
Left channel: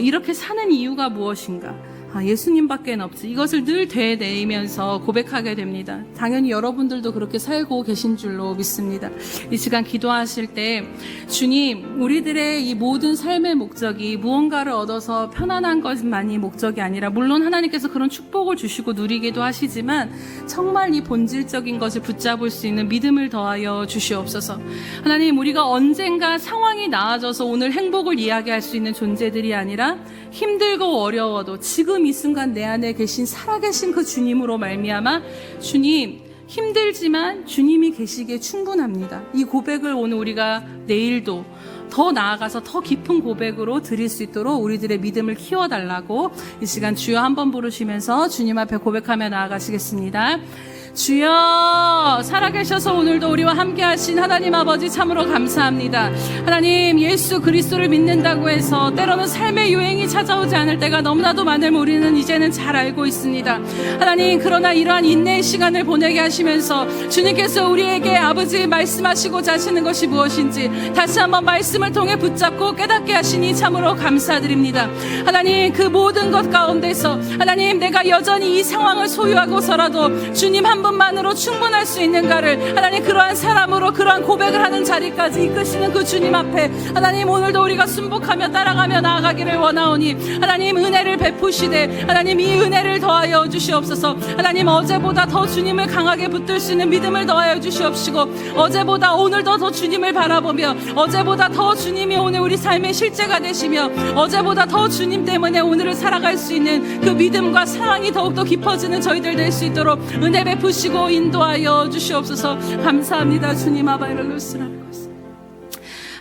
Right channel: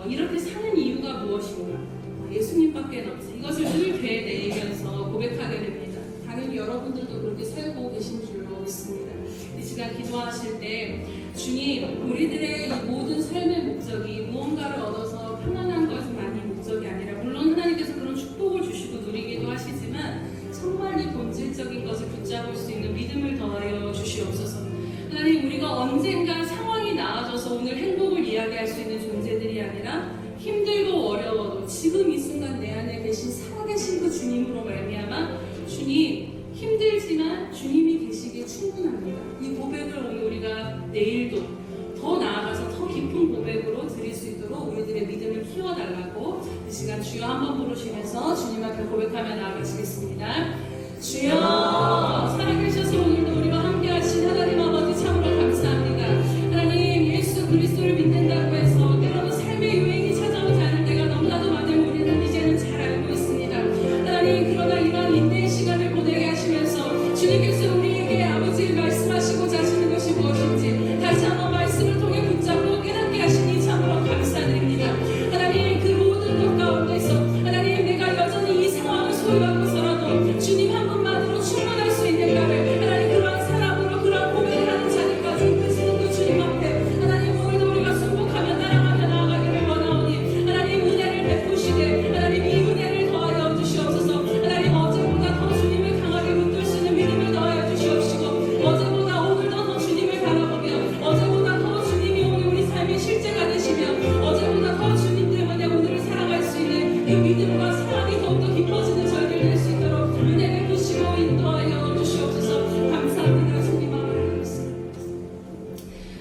이렇게 사는 이유가 무엇인가, 예수님밖에 없지, 이것을 늘 되뇌이면서 고백하게 됩니다. 당연히 여러분들도 그렇게 살고 계신 줄로 믿습니다. 이 시간 기도하실 때 주님, 우리들의 이 모든 삶의 목적이 무언가를 얻어서 편안한 것만이 목적이 아니라, 물론 하나님께서 그런 축복을 주시고 누리기도 하시지만 정말 이 본질적인 것을 붙잡을 수 있는 믿음을 더하여 주시옵소서. 하나님, 우리가 언젠가 상황이 나아져서 오늘 행복을 이야기할 수 있는 존재들이 아니라 힘들고 어려워도 지금 이 순간 내 안에 계신 살아계신 그 주님으로 말미암아 주님, 힘들지만 주님이 계시기에 충분합니다. 이 고백을 오늘 우리가 내일도 더 나아가서 더 깊은 고백으로 드릴 수 있도록 우리들의 믿음을 키워달라고 이 시간 주여 한번 부르시면서 주님 앞에 고백하며 나아가시겠습니다. 주여, 살아계셔서 오늘도 우리와 함께 하신 하나님 아버지 참으로 감사합니다. 하나님, 예수 그리스도를 믿는다고 해서 때로는 삶의 유행이 찾아오지 않을 때가 너무나도 많음을 우리는 이제는 잘 알고 있습니다. 하나님, 그러나 이러한 인내의 시간을 보내게 하시면서 주님께서 우리에게 아버지 말씀하시고자 하시는 것이 무엇인지 다시 한번 말씀을 통해 붙잡고 깨닫게 하시니 참으로 감사드립니다. 하나님, 그 모든 것 가운데서 하나님, 내가 여전히 이 상황을 소유하고서라도 주님 한 분만으로 충분할 수 있는가를 하나님, 그러한 사람으로 그러한 고백을 하는 자리까지 이끄시는 그 주님 앞에 하나님, 오늘도 우리가 순복하며 따라가며 나아가기를 원하오니 하나님, 은혜를 베푸시되 하나님, 이 은혜를 더하여 주시옵소서. 하나님, 어제보다 더 주님을 강하게 붙들 수 있는 믿음을 더하여 주시옵시고, 어제보다 오늘도 더 주님을 바라보며 어제보다 더 주님이 오늘 우리 삶의 실제가 되시며 어제보다 더 주님 때문에 오늘을 살아갈 수 있는 그 믿음과 사랑이 더욱더 깊어지는 저희들 될 수 있도록 은혜 베푸시고 인도하여 주시옵소서. 감사합니다. 주님 아바이럴로스라.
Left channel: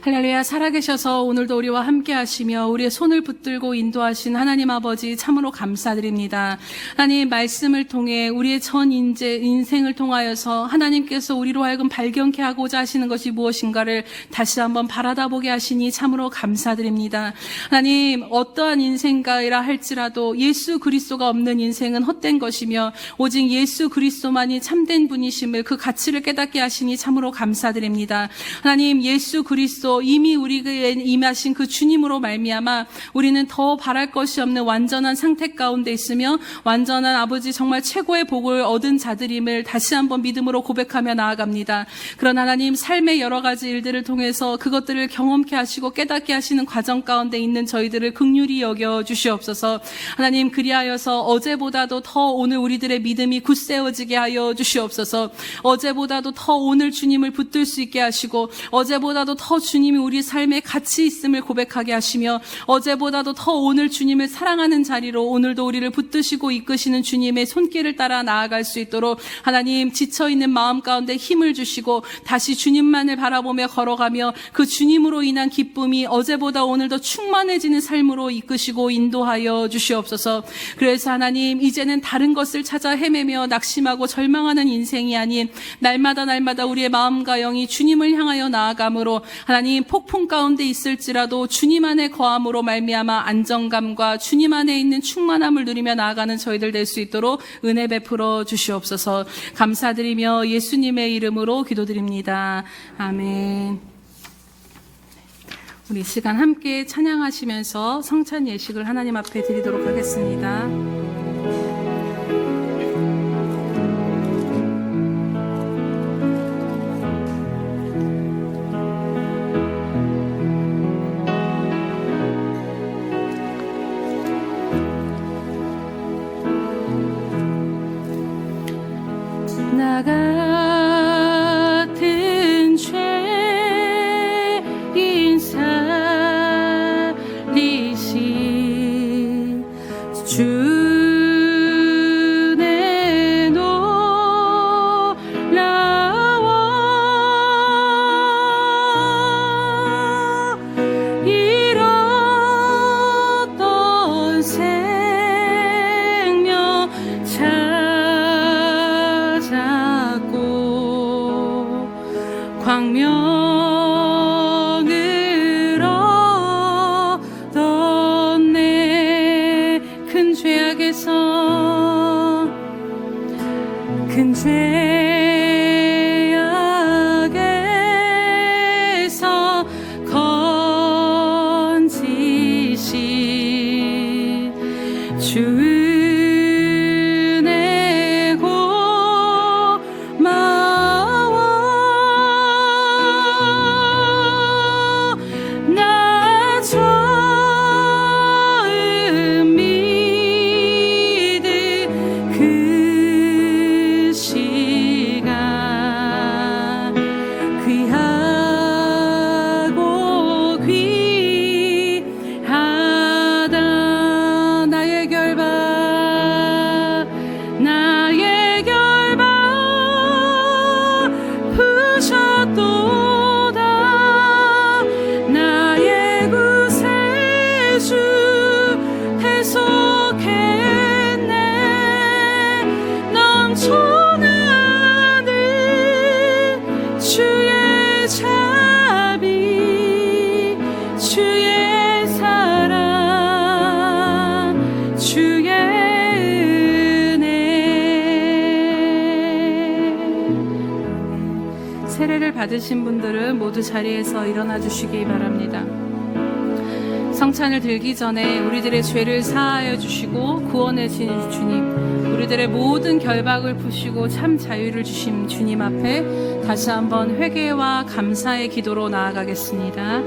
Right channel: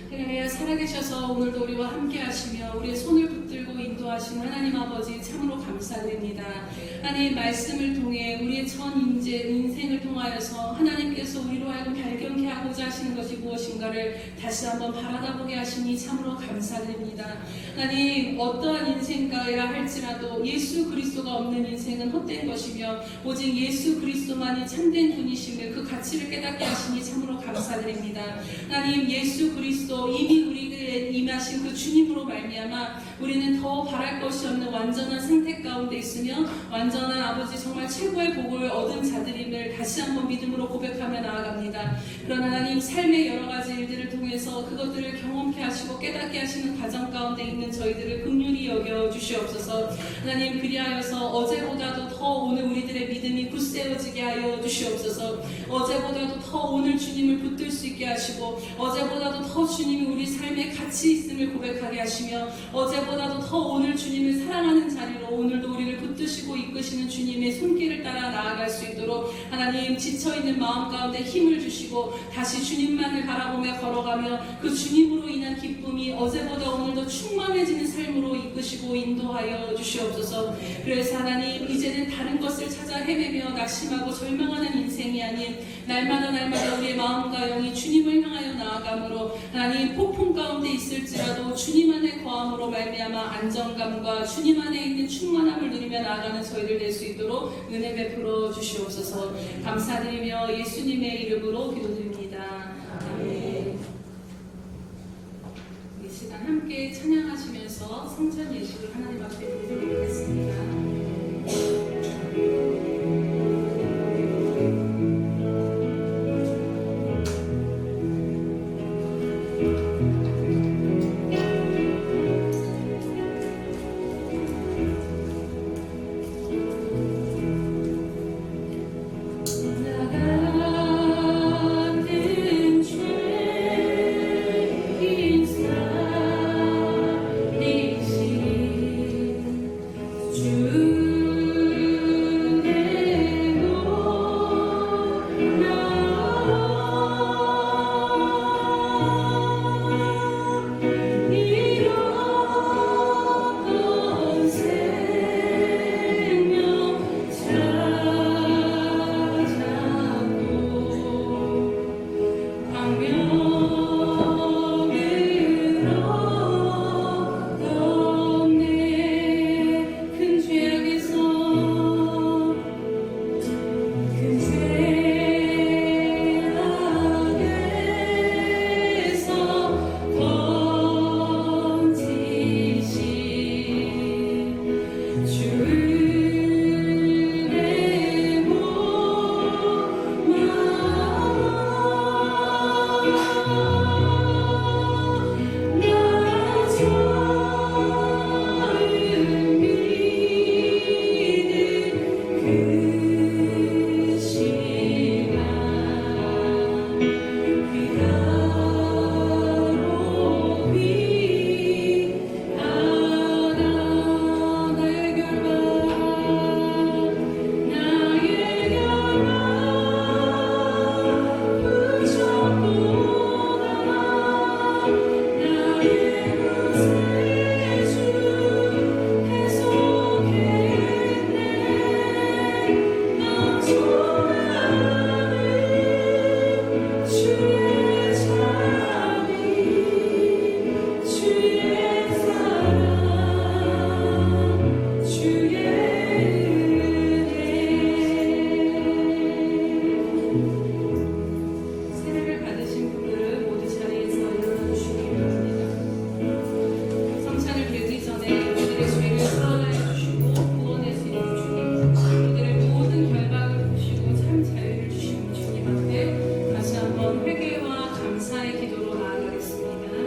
할렐루야. 살아계셔서 오늘도 우리와 함께 하시며 우리의 손을 붙들고 인도하신 하나님 아버지 참으로 감사드립니다. 하나님, 말씀을 통해 우리의 전 인생을 통하여서 하나님께서 우리로 하여금 발견케 하고자 하시는 것이 무엇인가를 다시 한번 바라다보게 하시니 참으로 감사드립니다. 하나님, 어떠한 인생가이라 할지라도 예수 그리스도가 없는 인생은 헛된 것이며 오직 예수 그리스도만이 참된 분이심을, 그 가치를 깨닫게 하시니 참으로 감사드립니다. 하나님, 예수 그리스도 이미 우리에게 임하신 그 주님으로 말미암아 우리는 더 바랄 것이 없는 완전한 상태 가운데 있으며 완전한 아버지 정말 최고의 복을 얻은 자들임을 다시 한번 믿음으로 고백하며 나아갑니다. 그런 하나님, 삶의 여러 가지 일들을 통해서 그것들을 경험케 하시고 깨닫게 하시는 과정 가운데 있는 저희들을 긍휼히 여겨 주시옵소서. 하나님, 그리하여서 어제보다도 더 오늘 우리들의 믿음이 굳세워지게 하여 주시옵소서. 어제보다도 더 오늘 주님을 붙들 수 있게 하시고 어제보다도 더 주님이 우리 삶에 가치 있음을 고백하게 하시며 어제보다도 더 오늘 주님을 사랑하는 자리로 오늘도 우리를 붙드시고 이끄시는 주님의 손길을 따라 나아갈 수 있도록 하나님, 지쳐있는 마음 가운데 힘을 주시고 다시 주님만을 바라보며 걸어가며 그 주님으로 인한 기쁨이 어제보다 오늘도 충만해지는 삶으로 이끄시고 인도하여 주시옵소서. 그래서 하나님, 이제는 다른 것을 찾아 헤매며 낙심하고 절망하는 인생이 아닌 날마다 우리의 마음과 영이 주님을 향하여 나아감으로 하나님, 폭풍 가운데 있을지라도 주님 안에 거함으로 말미암아 안정감과 주님 안에 있는 충만함을 누리며 나아가는 저희들 될 수 있도록 은혜 베풀어 주시옵소서. 감사드리며 예수님의 이름으로 기도드립니다. 아멘. 우리 이 시간 함께 찬양하시면서 성찬 예식을 하나님 앞에 드리도록 하겠습니다. 나 같은 죄인 사람 큰 죄악에서 건지신 주 은혜 고마워. 나 처음 믿은 그 시간 귀하고 귀하다. 나의 결박 푸셨도다. 나의 구세주 대속했네. 넘쳐나는 주의 자비, 주의 사랑, 주의 은혜. 세례를 받으신 분들은 모두 자리에서 일어나 주시기 바랍니다. 성찬을 들기 전에 우리들의 죄를 사하여 주시고 구원해 주신 주님, 우리들의 모든 결박을 푸시고 참 자유를 주신 주님 앞에 다시 한번 회개와 감사의 기도로 나아가겠습니다.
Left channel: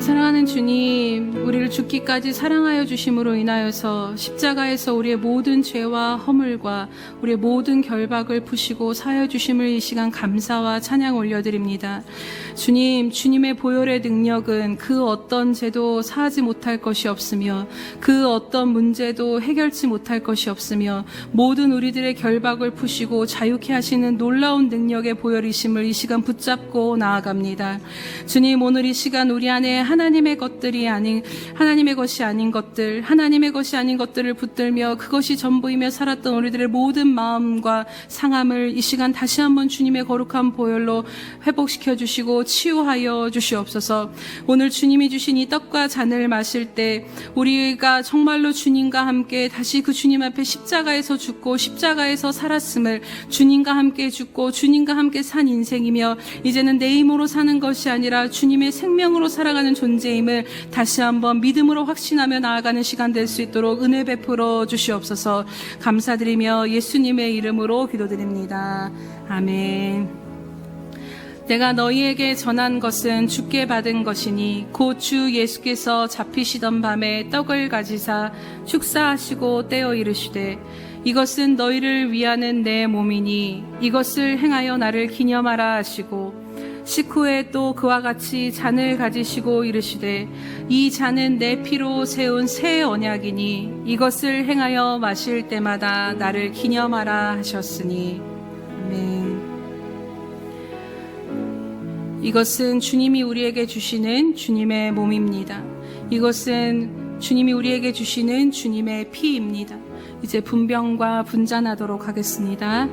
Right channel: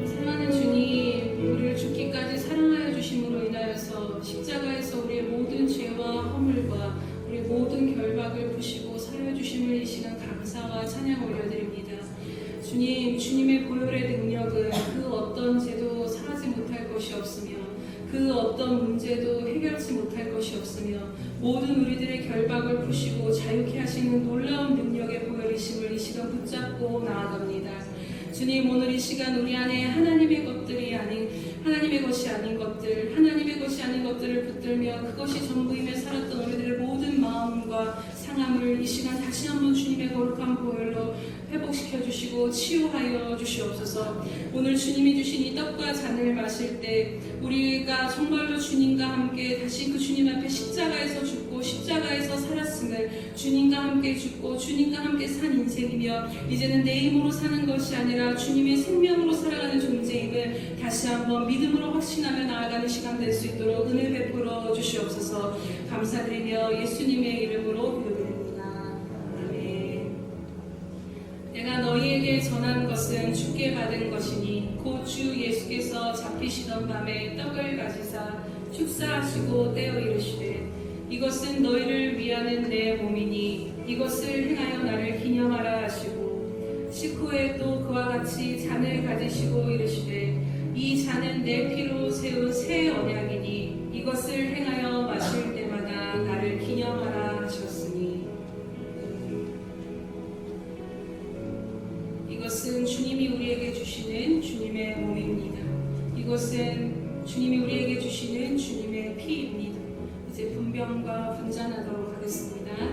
사랑하는 주님, 우리를 죽기까지 사랑하여 주심으로 인하여서 십자가에서 우리의 모든 죄와 허물과 우리의 모든 결박을 푸시고 사하여 주심을 이 시간 감사와 찬양 올려드립니다. 주님, 주님의 보혈의 능력은 그 어떤 죄도 사하지 못할 것이 없으며 그 어떤 문제도 해결치 못할 것이 없으며 모든 우리들의 결박을 푸시고 자유케 하시는 놀라운 능력의 보혈이심을 이 시간 붙잡고 나아갑니다. 주님, 오늘 이 시간 우리 안에 하나님의 것들이 아닌, 하나님의 것이 아닌 것들, 하나님의 것이 아닌 것들을 붙들며 그것이 전부이며 살았던 우리들의 모든 마음과 상함을 이 시간 다시 한번 주님의 거룩한 보혈로 회복시켜 주시고 치유하여 주시옵소서. 오늘 주님이 주신 이 떡과 잔을 마실 때 우리가 정말로 주님과 함께 다시 그 주님 앞에 십자가에서 죽고 십자가에서 살았음을, 주님과 함께 죽고 주님과 함께 산 인생이며 이제는 내 힘으로 사는 것이 아니라 주님의 생명으로 살아가는 존재임을 다시 한번 믿음으로 확신하며 나아가는 시간 될 수 있도록 은혜 베풀어 주시옵소서. 감사드리며 예수님의 이름으로 기도드립니다. 아멘. 내가 너희에게 전한 것은 주께 받은 것이니 곧 주 예수께서 잡히시던 밤에 떡을 가지사 축사하시고 떼어 이르시되 이것은 너희를 위하는 내 몸이니 이것을 행하여 나를 기념하라 하시고 식후에 또 그와 같이 잔을 가지시고 이르시되 이 잔은 내 피로 세운 새 언약이니 이것을 행하여 마실 때마다 나를 기념하라 하셨으니. 아멘. 이것은 주님이 우리에게 주시는 주님의 몸입니다. 이것은 주님이 우리에게 주시는 주님의 피입니다. 이제 분병과 분잔하도록 하겠습니다.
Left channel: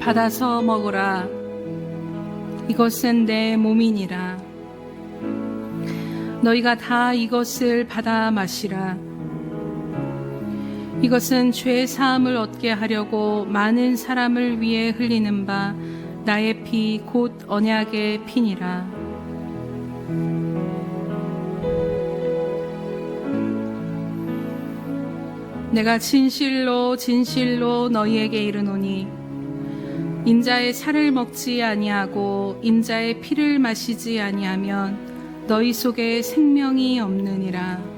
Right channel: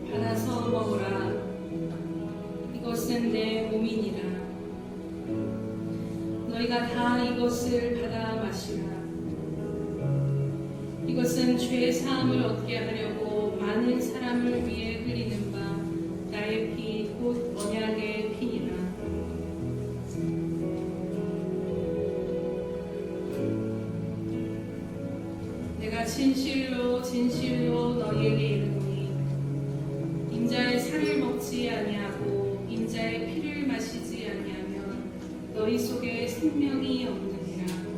받아서 먹으라. 이것은 내 몸이니라. 너희가 다 이것을 받아 마시라. 이것은 죄 사함을 얻게 하려고 많은 사람을 위해 흘리는 바 나의 피 곧 언약의 피니라. 내가 진실로 진실로 너희에게 이르노니 인자의 살을 먹지 아니하고 인자의 피를 마시지 아니하면 너희 속에 생명이 없느니라.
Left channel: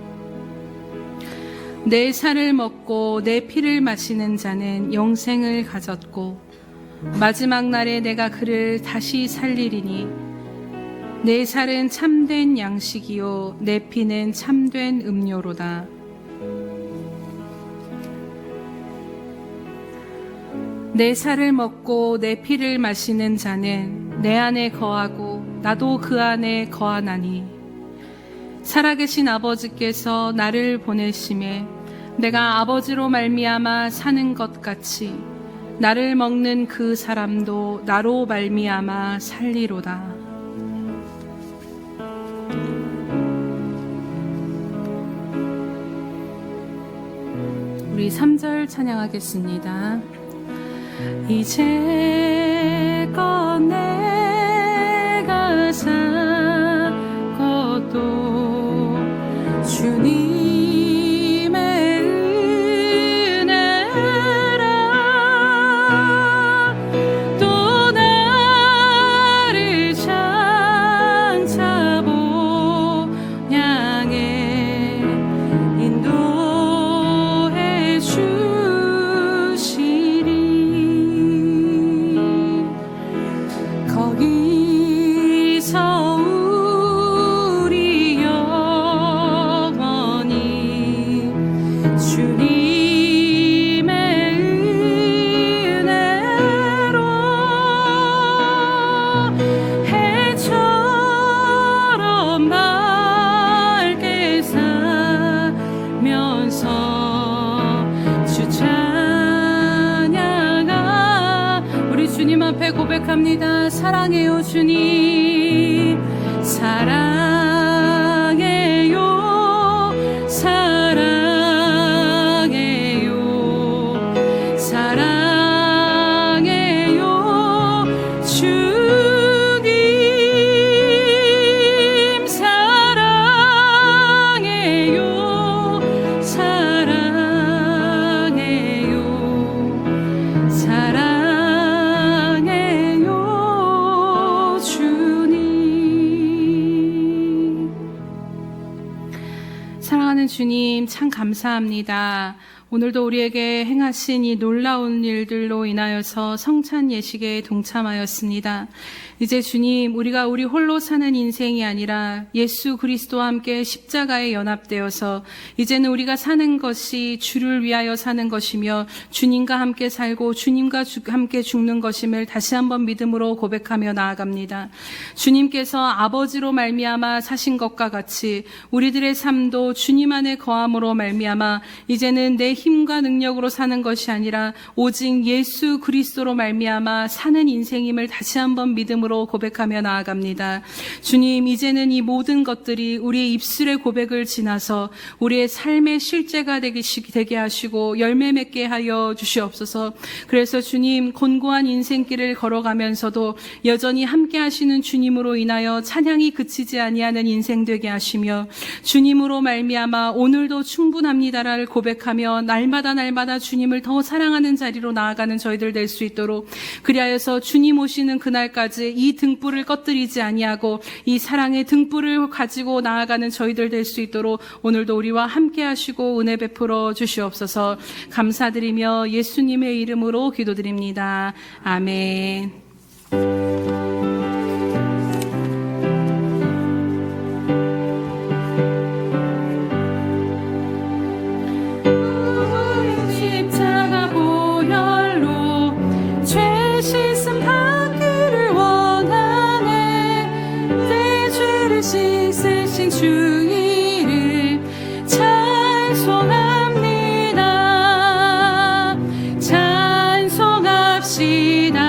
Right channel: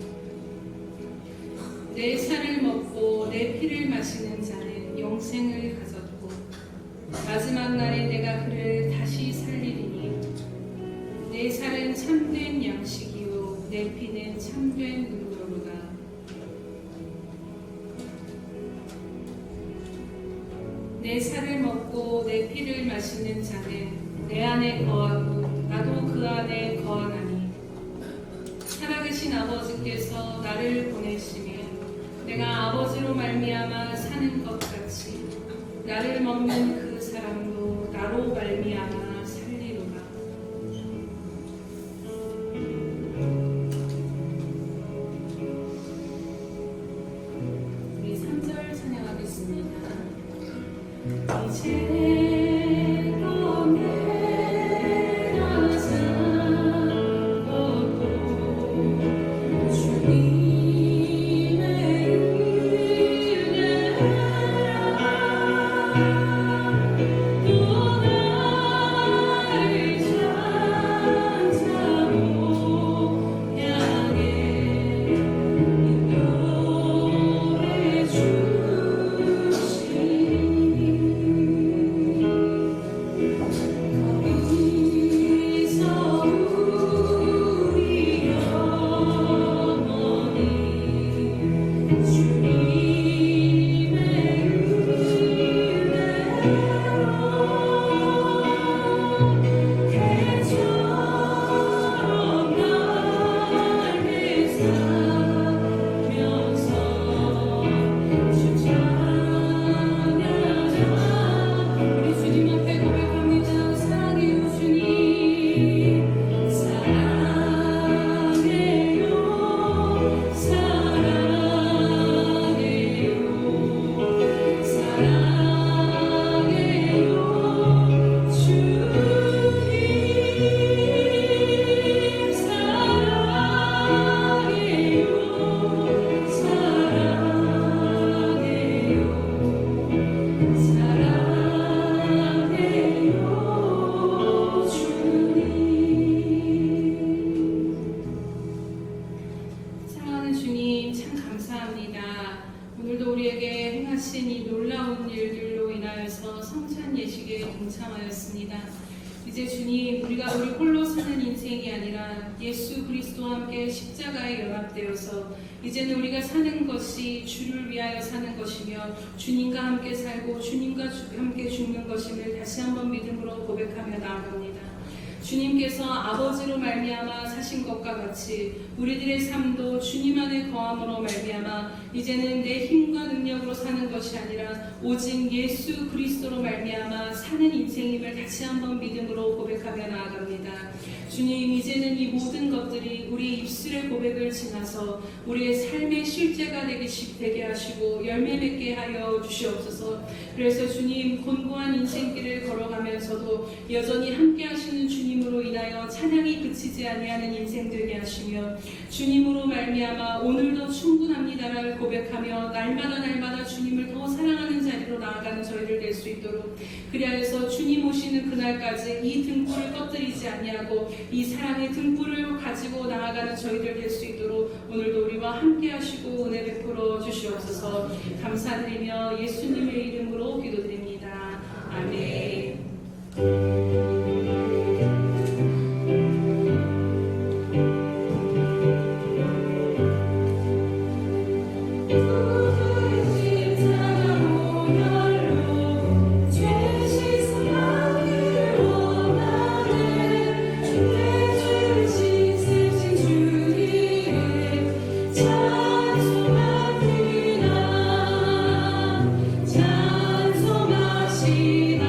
내 살을 먹고 내 피를 마시는 자는 영생을 가졌고 마지막 날에 내가 그를 다시 살리리니 내 살은 참된 양식이요 내 피는 참된 음료로다. 내 살을 먹고 내 피를 마시는 자는 내 안에 거하고 나도 그 안에 거하나니 살아계신 아버지께서 나를 보내심에 내가 아버지로 말미암아 사는 것 같이 나를 먹는 그 사람도 나로 말미암아 살리로다. 우리 3절 찬양하겠습니다. 이제껏 내가 산 것도 주님의 은혜라. 또 나를 장차 본향에 인도해 주시리. 거기서 우리 영원히 주님의 은혜로 해처럼 맑게 살면서 주 찬양하. 우리 주님 앞에 고백합니다. 사랑해요 주님, 사랑해요, 사랑해요, 사랑해요 주님, 사랑해요, 사랑해요, 사랑해요 주님. 사랑하는 주님, 참 감사합니다. 오늘도 우리에게 행하신 이 놀라운 일들로 인하여서 성찬 예식에 동참하였습니다. 이제 주님, 우리가 우리 홀로 사는 인생이 아니라 예수 그리스도와 함께 십자가에 연합되어서 이제는 우리가 사는 것이 주를 위하여 사는 것이며 주님과 함께 살고 주님과 함께 죽는 것임을 다시 한번 믿음으로 고백하며 나아갑니다. 주님께서 아버지로 말미암아 사신 것과 같이 우리들의 삶도 주님 안에 거함으로 말미암아 이제는 내 힘과 능력으로 사는 것이 아니라 오직 예수 그리스도로 말미암아 사는 인생임을 다시 한번 믿음으로 고백하며 나아갑니다. 주님, 이제는 이 모든 것들이 우리의 입술의 고백을 지나서 우리의 삶의 실제가 되게 하시고 열매 맺게 하여 주시옵소서. 그래서 주님, 곤고한 인생길을 걸어가면서도 여전히 함께 하시는 주님으로 인하여 찬양이 그치지 아니하는 인생 되게 하시며 주님으로 말미암아 오늘도 충분합니다를 고백하며 날마다 주님을 더 사랑하는 자리로 나아가는 저희들 될 수 있도록, 그리하여서 주님 오시는 그날까지 이 등불을 꺼뜨리지 아니하고 이 사랑의 등불을 가지고 나아가는 저희들 될 수 있도록 오늘도 우리와 함께 하시고 은혜 베풀어 주시옵소서. 감사드리며 예수님의 이름으로 기도드립니다. 아멘. 찬송합시다.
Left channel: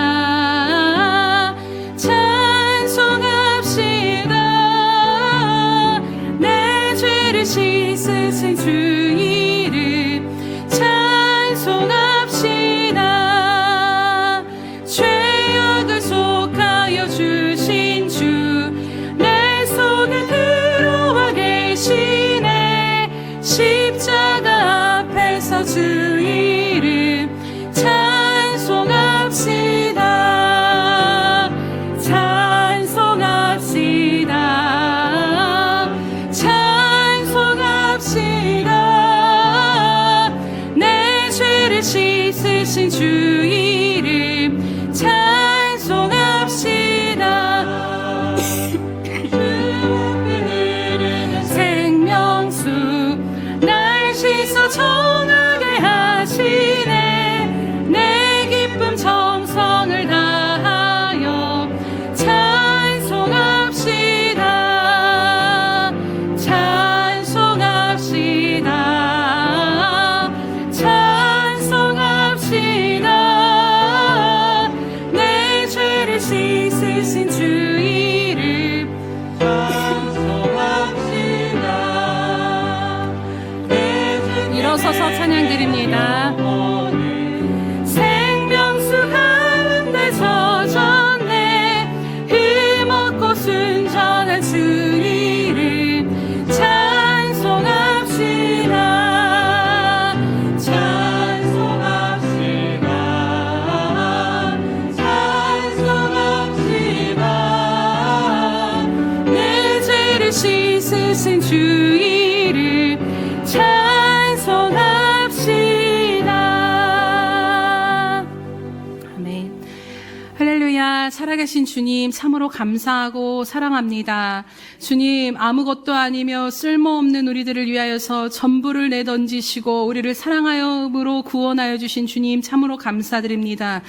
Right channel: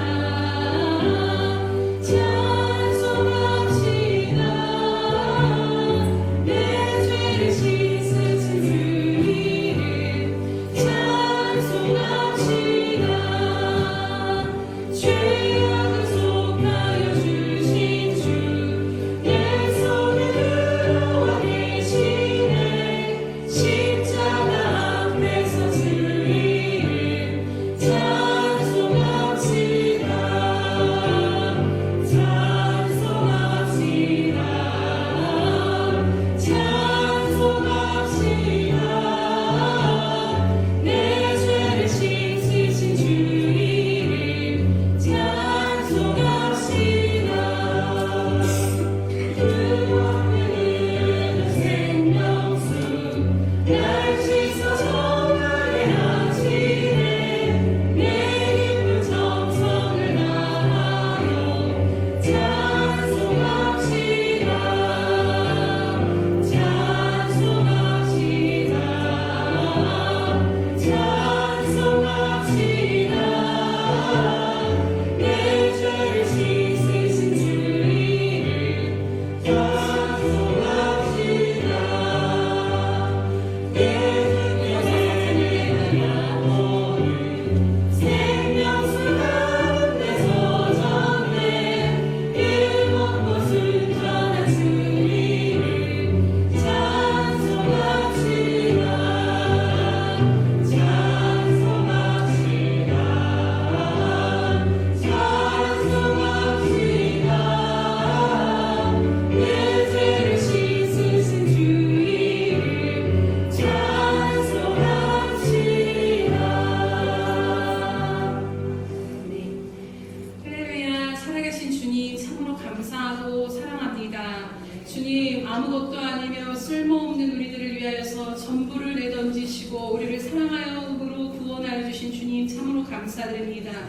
할렐루야, 살아계신 주님 참으로 감사하고 사랑합니다. 주님, 아무것도 아니며 쓸모없는 우리들을 위하여서 전부를 내던지시고 우리를 사랑하여으로 구원하여 주신 주님 참으로 감사드립니다.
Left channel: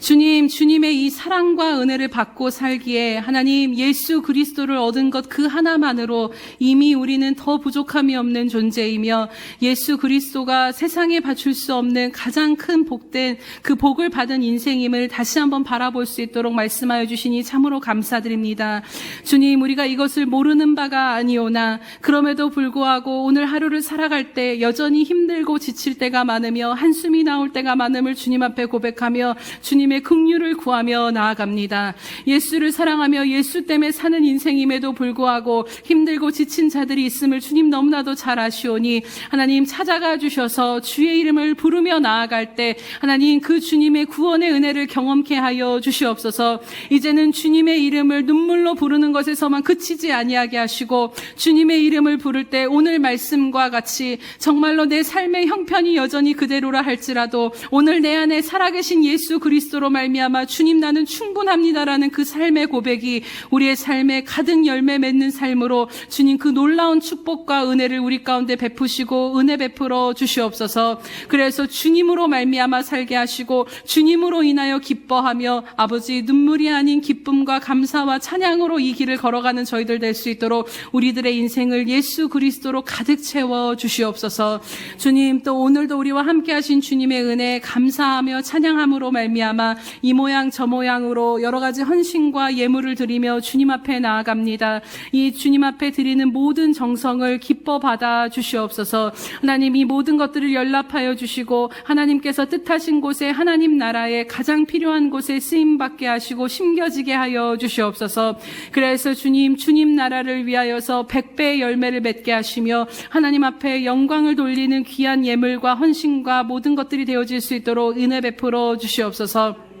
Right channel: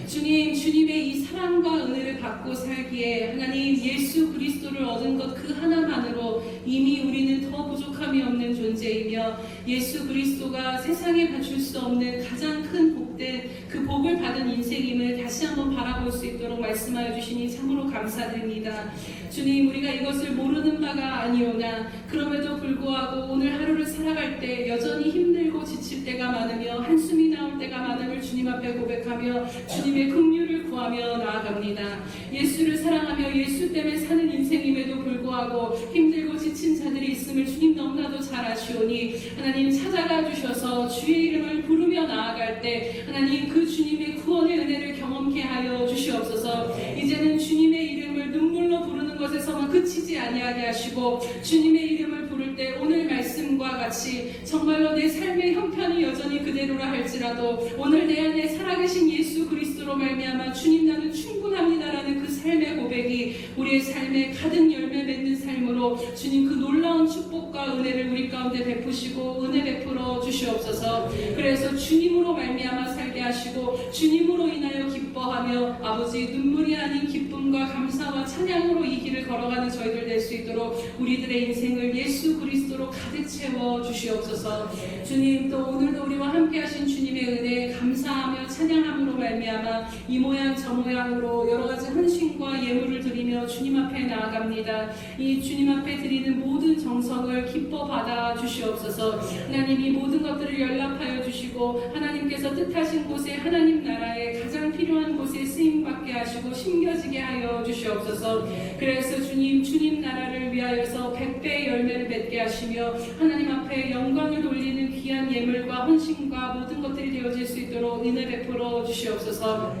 주님, 주님의 이 사랑과 은혜를 받고 살기에 하나님 예수 그리스도를 얻은 것 그 하나만으로 이미 우리는 더 부족함이 없는 존재이며 예수 그리스도가 세상에 바칠 수 없는 가장 큰 복된 그 복을 받은 인생임을 다시 한번 바라볼 수 있도록 말씀하여 주시니 참으로 감사드립니다. 주님, 우리가 이것을 모르는 바가 아니오나 그럼에도 불구하고 오늘 하루를 살아갈 때 여전히 힘들고 지칠 때가 많으며 한숨이 나올 때가 많음을 주님 앞에 고백하며 주님의 긍휼을 구하며 나아갑니다. 예수를 사랑하며 예수 때문에 사는 인생임에도 불구하고 힘들고 지친 자들이 있음을 주님 너무나도 잘 아시오니 하나님 찾아가 주셔서 주의 이름을 부르며 나아갈 때 하나님 그 주님의 구원의 은혜를 경험케 하여 주시옵소서. 이제는 주님의 이름을 눈물로 부르는 것에서만 그치지 아니하게 하시고 주님의 이름을 부를 때 오늘 말씀과 같이 정말로 내 삶의 형편이 여전히 그대로라 할지라도 오늘 내 안에 살아계신 예수 그리스도로 말미암아 주님 나는 충분합니다라는 그 삶의 고백이 우리의 삶에 가득 열매 맺는 삶으로 주님 그 놀라운 축복과 은혜를 우리 가운데 베푸시고 은혜 베풀어 주시옵소서. 그래서 주님으로 말미암아 살게 하시고 주님으로 인하여 기뻐하며 아버지 눈물이 아닌 기쁨과 감사와 찬양으로 이 길을 걸어가는 저희들 될 수 있도록 우리들의 인생을 예수 그리스도로 가득 채워 주시옵소서. 주님, 또 오늘도 우리와 함께 하신 주님의 은혜 감사하며 찬양함으로 말미암아 이 모양 저 모양으로 여러 가지 헌신과 예물을 드리며 주님 앞에 나아갑니다. 이 주님 앞에 드리는 모든 정성을 기뻐 받아 주시옵소서. 하나님, 이 모든 것들을 연락하여 주시고 하나님께서 뜻하신 곳에 하나님 나라에 가장 필요한 곳에 쓰임받게 하시고 심겨지게 하여 주시옵소서. 그래서 주님 나라를 위하여서 100배의 열매를 맺게 하시며 하나님 앞에 영광을 돌리는 귀한 예물과 헌신과 모든 것들이 되어질 수 있도록 은혜 베풀어 주시옵소서.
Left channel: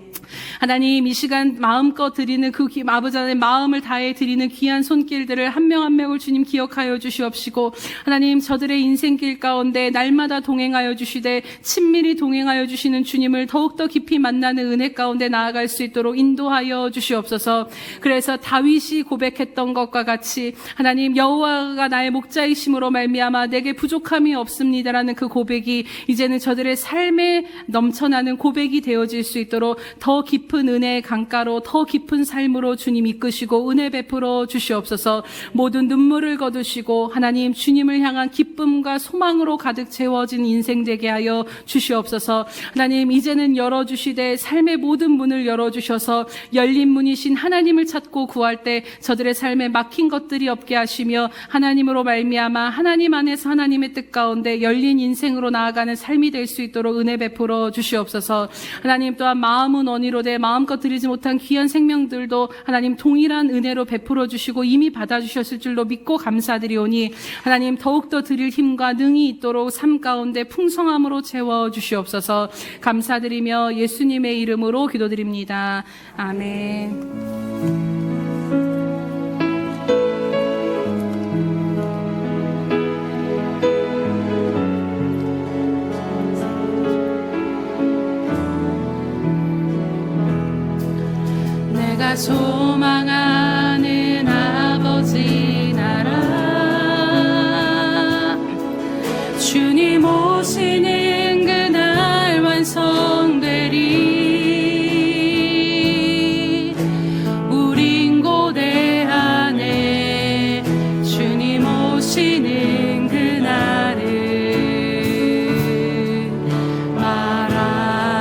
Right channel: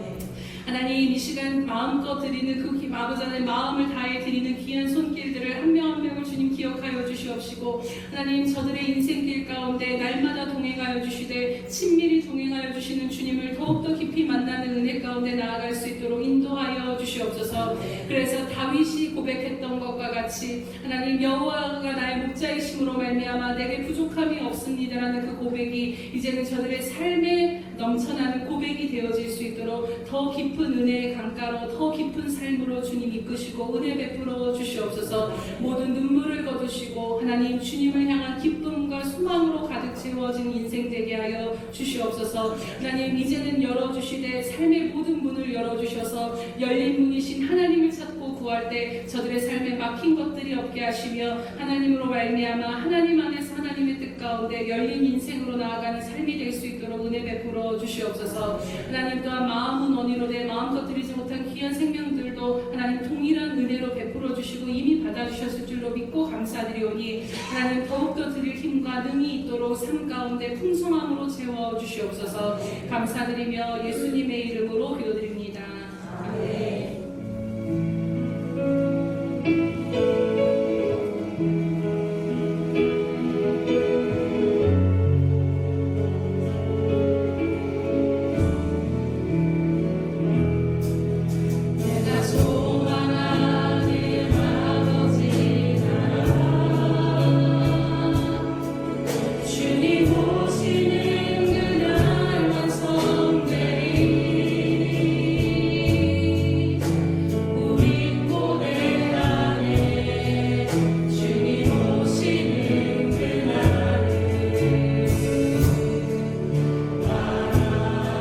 하나님, 이 시간 마음껏 드리는 그 아버지 하나님 마음을 다해 드리는 귀한 손길들을 한 명 한 명을 주님 기억하여 주시옵시고 하나님 저들의 인생길 가운데 날마다 동행하여 주시되 친밀히 동행하여 주시는 주님을 더욱더 깊이 만나는 은혜 가운데 나아갈 수 있도록 인도하여 주시옵소서. 그래서 다윗이 고백했던 것과 같이 하나님 여호와가 나의 목자이심으로 말미암아 내게 부족함이 없습니다라는 그 고백이 이제는 저들의 삶에 넘쳐나는 고백이 되어질 수 있도록 더 깊은 은혜의 강가로 더 깊은 삶으로 주님 이끄시고 은혜 베풀어 주시옵소서. 모든 눈물을 거두시고 하나님 주님을 향한 기쁨과 소망으로 가득 채워진 인생 되게 하여 주시옵소서. 하나님, 이제는 열어주시되 삶의 모든 문을 열어주셔서 열린 문이신 하나님을 찾고 구할 때 저들의 삶에 막힌 것들이 없게 하시며 하나님으로 말미암아 하나님 안에서 하나님의 뜻 가운데 열린 인생으로 나아가는 삶이 될 수 있도록 은혜 베풀어 주시옵소서. 하나님, 또한 마음은 언니로 돼 마음껏 드리지 못한 귀한 생명들도 하나님 동일한 은혜로 베풀어 주시고 이미 받아주셨을 줄로 믿고 감사드리오니 하나님 더욱더 드릴 힘과 능이 있도록 삶 가운데 풍성함으로 채워 주시옵소서. 감사드리며 예수님의 이름으로 기도드립니다. 아멘. 내가 소망하는 아버지 나라 주님 오시는 그날 완성되리. 우린 고대 안에 주님 오시는 그날을 마라나타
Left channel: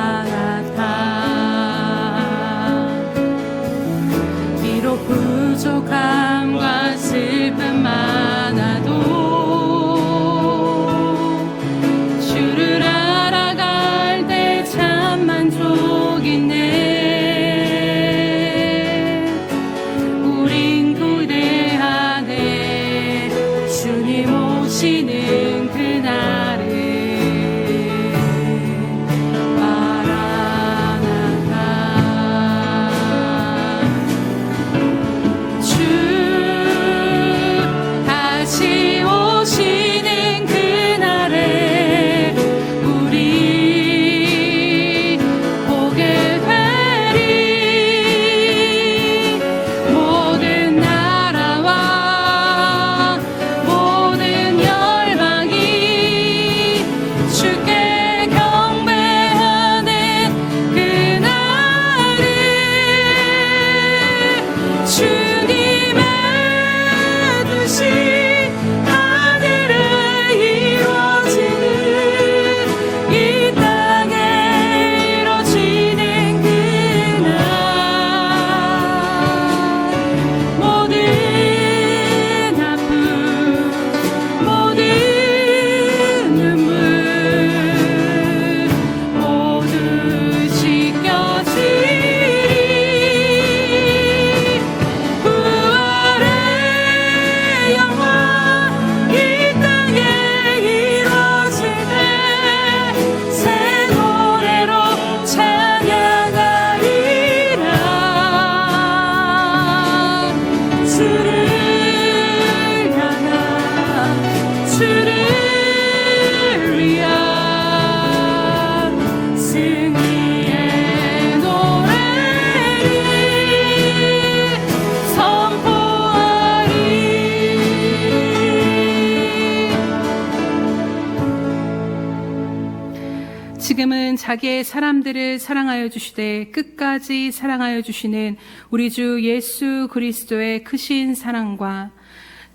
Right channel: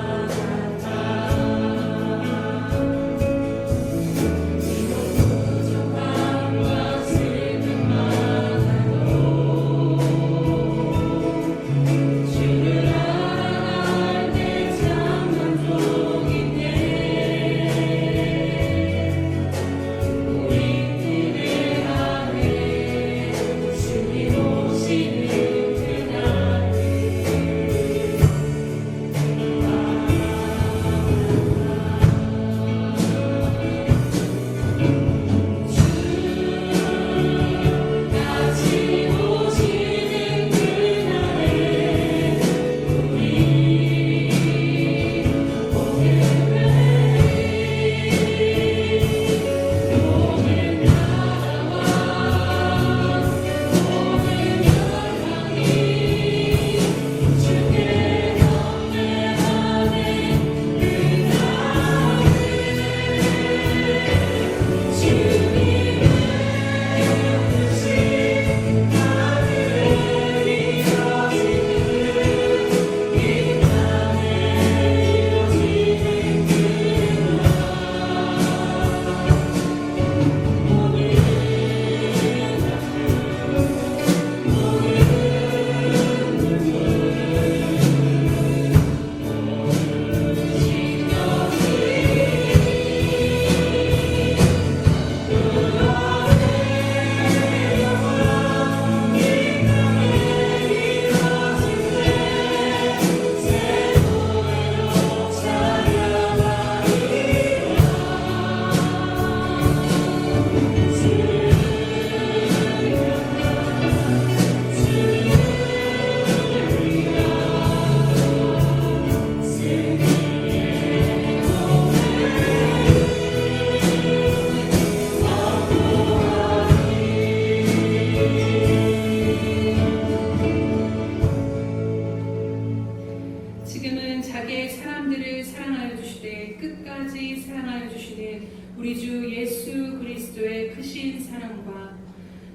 자기의 사람들을 사랑하여 주시되 끝까지 사랑하여 주시는 우리 주 예수 그리스도의 크신 사랑과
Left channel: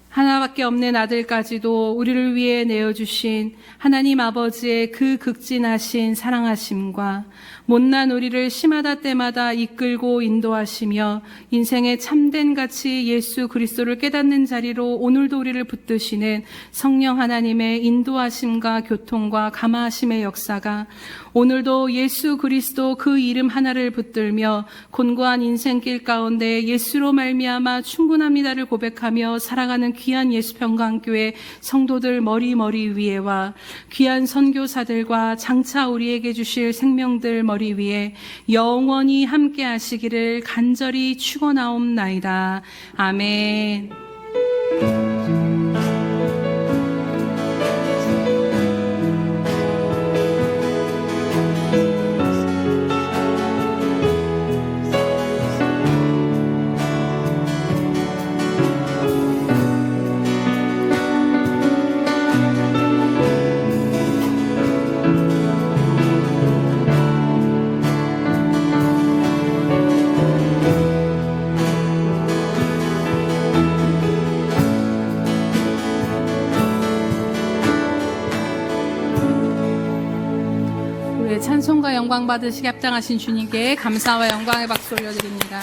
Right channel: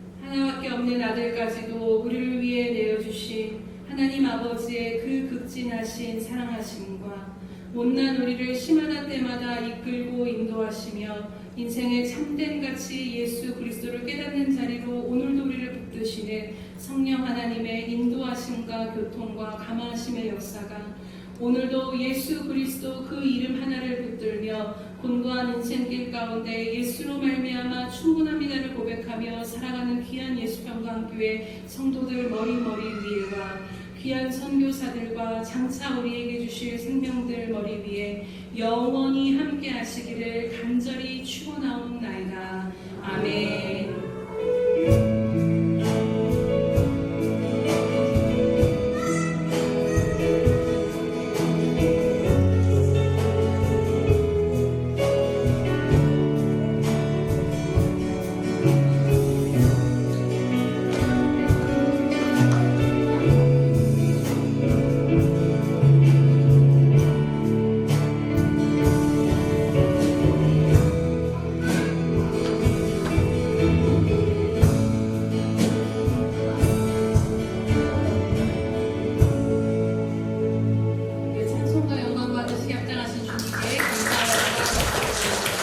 하나밖에 없는 아들까지도 우리를 위해 내어주신 하나님 아버지의 그 극진하신 사랑하심과 못난 우리를 시마다 때마다 이끌고 인도하시며 인생의 참된 가치 예수 그리스도를 깨닫는 자리로 오늘도 우리를 붙드시는 성령 하나님의 인도하심과 교통과 감화하심의 역사가 오늘도 예수 그리스도 그 이름 하나를 붙들며 곤고한 인생길 가운데 예수로 말미암아 충분합니다를 고백하며 살아가는 귀한 예수평강교회 성도들 머리 위에와 귀한 선교사들과 장차 우리에게 주실 생명들 머리 위에 영원히 함께 하시기를 간절히 축원하옵나이다. 아멘. 찬송과 영광 받으시게 합당하신 주님께 감사와 영광의 박수를 드립니다.